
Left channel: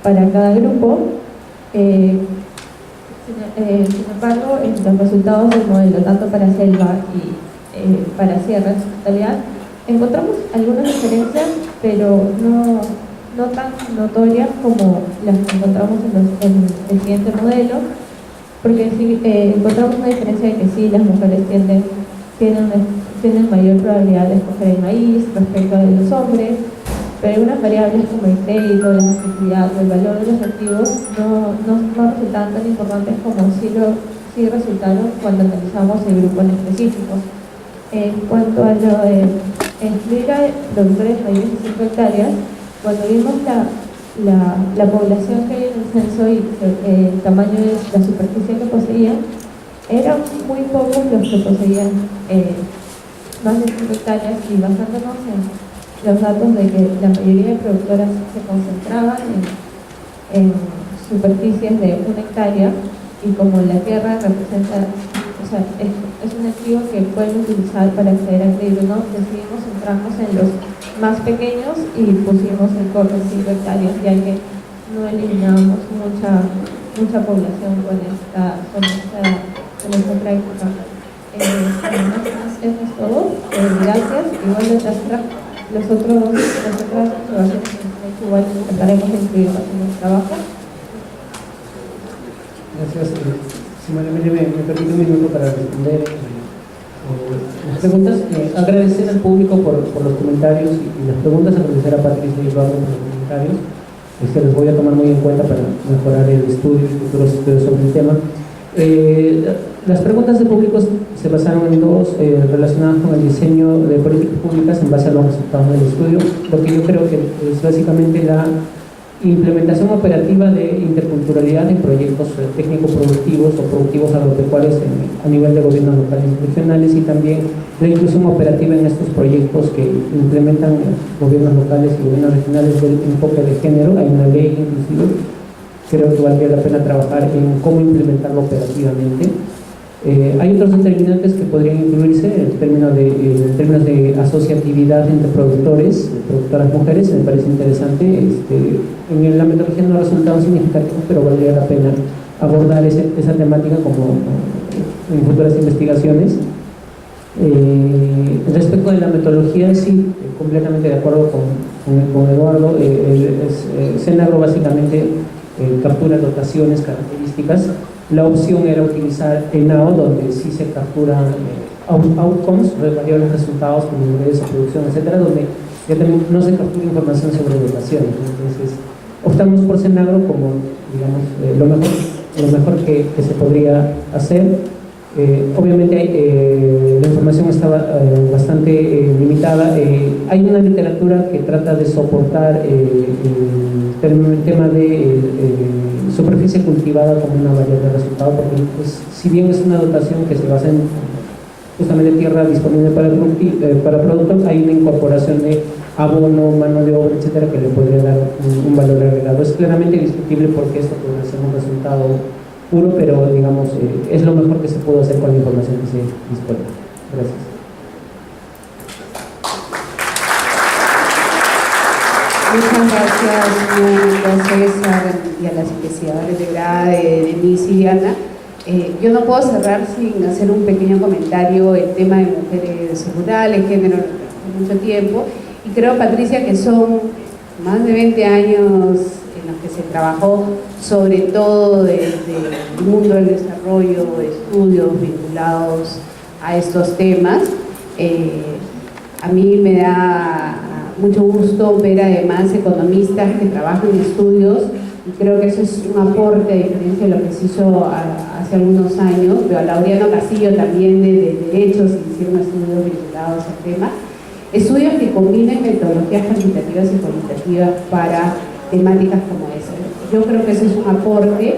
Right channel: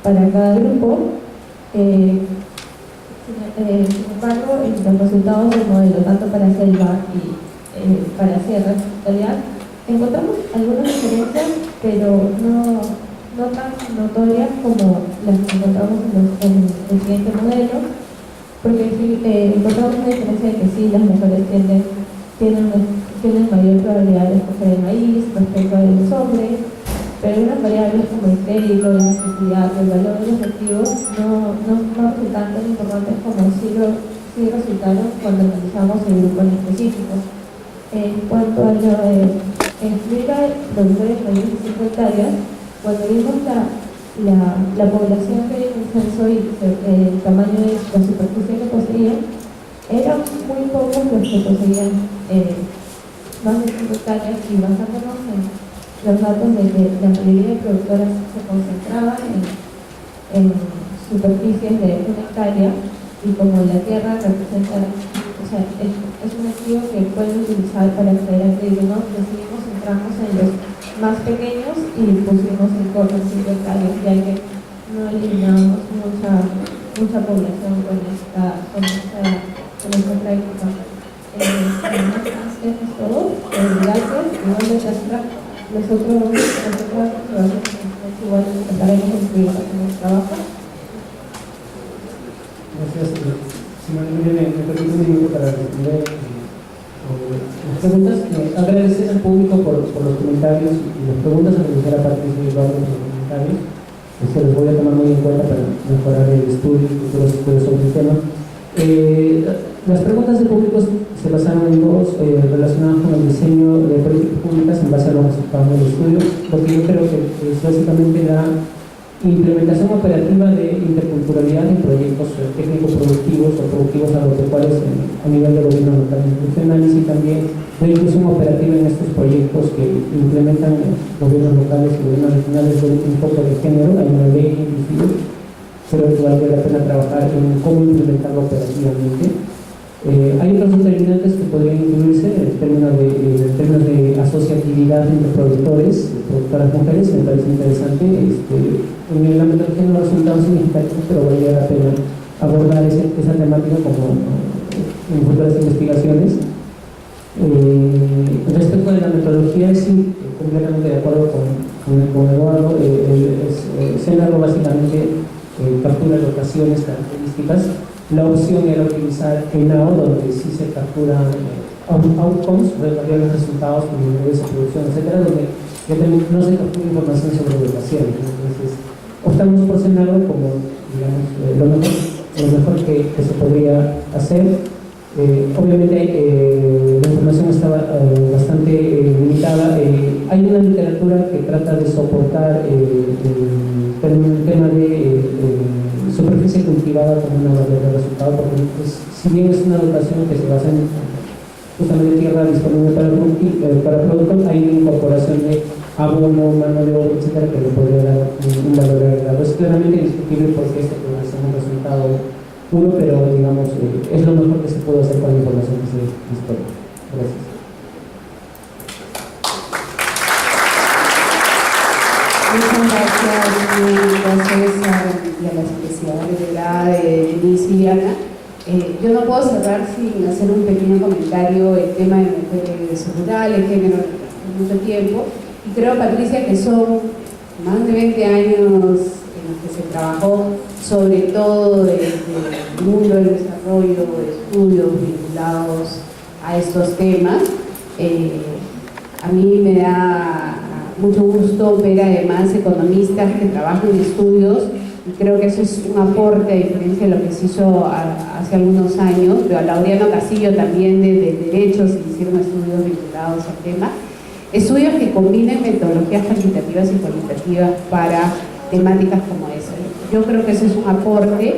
para cada grupo. Sin embargo, los resultados del modelo, tanto para selva y para sierra en su totalidad, encontramos algunas diferencias, pero no tan notorias como las que encontramos en el siguiente modelo, porque sí, encontramos una diferencia de que sí, las mujeres tienen mayor probabilidad de escoger el maíz respecto a los hombres, pero algunas variables como el crédito, la necesidad o el valor de los activos no resultan tan importantes como sí resultaron cuando analizamos el grupo en específico. En cuanto a lo de incluir a productores mayores de 5 hectáreas, cuando vimos la población que hay en el censo y el tamaño de la superficie que poseían, eran muy pocos los que poseían más de 5 hectáreas, y basándonos en los datos de que la mayoría de productoras se concentraban en superficies de 1 hectárea, y como la tierra representa, es un activo que pueden utilizar para acceder al crédito, ¿no? Decidimos centrarnos en los más pequeños y pusimos el corte 5 hectáreas, ya que no eliminamos mucha población con esta práctica. Eso es todo. Gracias. Igual los otros igual trataremos de incluir en el trabajo. Gracias. Simona, me permite un minuto para responder las preguntas. Agradecer al público por los comentarios y las preguntas, agradecer a Patricia y Eduardo por los comentarios. Se los voy a tomar muy en cuenta para mejorar el estudio y futuros estudios sobre el tema. Las preguntas del público se basaron en dos relacionadas con el diseño de políticas públicas en base a los resultados del estudio, lo que yo creo que es básicamente la implementación operativa de interculturalidad en proyectos técnico-productivos o productivos agropecuarios a nivel de gobiernos locales y regionales, y también la inclusión operativa en estos proyectos que implementan gobiernos locales y gobiernos regionales del enfoque de género. Hay una ley inclusive, creo que valdría la pena trabajar en cómo implementarlo operativamente. Hay otros determinantes que podrían incluirse en términos de asociatividad entre productoras mujeres. Me parece interesante. En la metodología no ha resultado significativo, pero valdría la pena abordar esa temática como en futuras investigaciones. Respecto de la metodología, sí, completamente de acuerdo con Eduardo. Cenagro básicamente captura locaciones, características. La opción era utilizar ENAO, donde sí se capturan outcomes, variables resultados, como ingresos, producción, etcétera, donde no se captura información sobre locaciones. Entonces, optamos por Cenagro como, digamos, lo mejor que se podría hacer. Obviamente la información estaba bastante limitada. Hay una literatura que trata de soportar el tema de superficie cultivada como una variable de resultado, porque pues, si bien es una dotación que se basa en justamente tierra disponible para productos, hay una incorporación de abono, mano de obra, etcétera, que le podría dar un valor agregado. Es claramente discutible porque esto puede ser un resultado puro, pero digamos, es lo mejor que se pudo hacer con la información que se dispone. Gracias. Muchas gracias, César, y a las investigadoras de grado de Denise y Diana. Yo no puedo cerrar sin hacer un pequeño comentario. El tema de mujeres rurales, género, mucho tiempo, y creo, Patricia, que son más de 20 años en los que se trabajó sobre todo desde el mundo del desarrollo, estudios vinculados a estos temas. A mí me da mucho gusto ver además economistas que trabajan en estudios, y creo que eso es un aporte a diferencia de lo que se hizo hace algunos años. Veo a Laureano Castillo también de Derechos, que hicieron estudios vinculados al tema. Estudios que combinen metodologías cuantitativas y cualitativas para temáticas como esa. Yo creo que ese es un aporte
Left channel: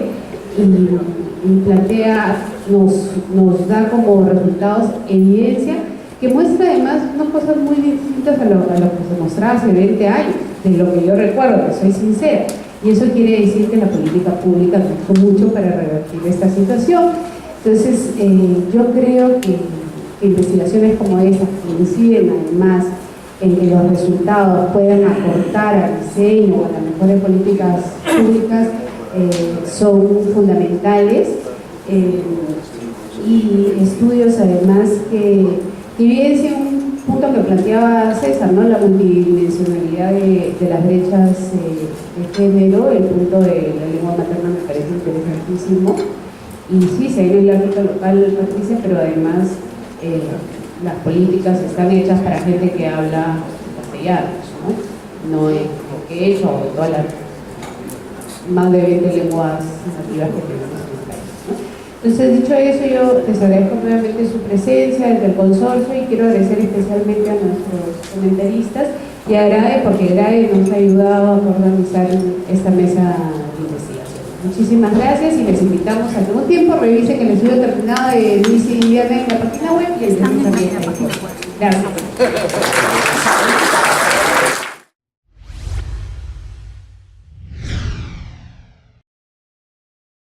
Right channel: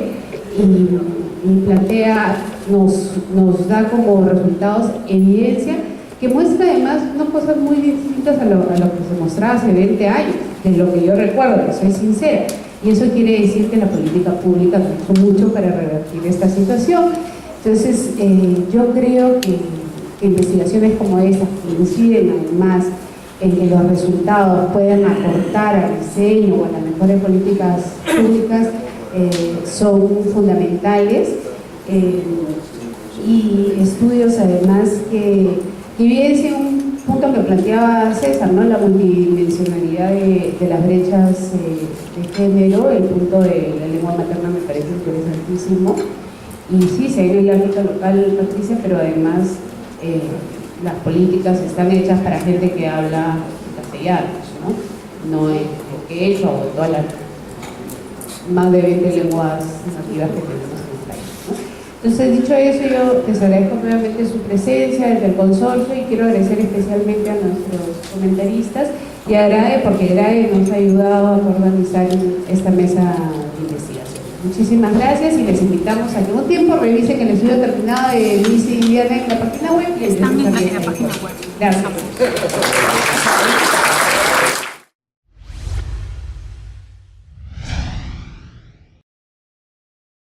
y plantea, nos da como resultados evidencia que muestra además unas cosas muy distintas a lo que se mostraba hace 20 años, de lo que yo recuerdo, que soy sincera. Y eso quiere decir que la política pública ha hecho mucho para revertir esta situación. Entonces, yo creo que investigaciones como esas, que inciden además en que los resultados puedan aportar al diseño o a las mejores políticas públicas, son fundamentales. Y estudios además que evidencian un punto que planteaba César, ¿no? La multidimensionalidad de las brechas de género. El punto de la lengua materna me parece interesantísimo. Y sí, se ve en el ámbito local, Patricia, pero además las políticas están hechas para gente que habla castellano, no en quechua o en todas las más de 20 lenguas nativas que tenemos en el país, ¿no? Entonces, dicho eso, yo les agradezco nuevamente su presencia desde el consorcio y quiero agradecer especialmente a nuestros comentaristas y a GRADE, porque GRADE nos ha ayudado a organizar esta mesa de investigación. Muchísimas gracias y les invitamos a que un tiempo revisen el estudio terminado de Denise y Diana en la página web y están en la página web. Gracias.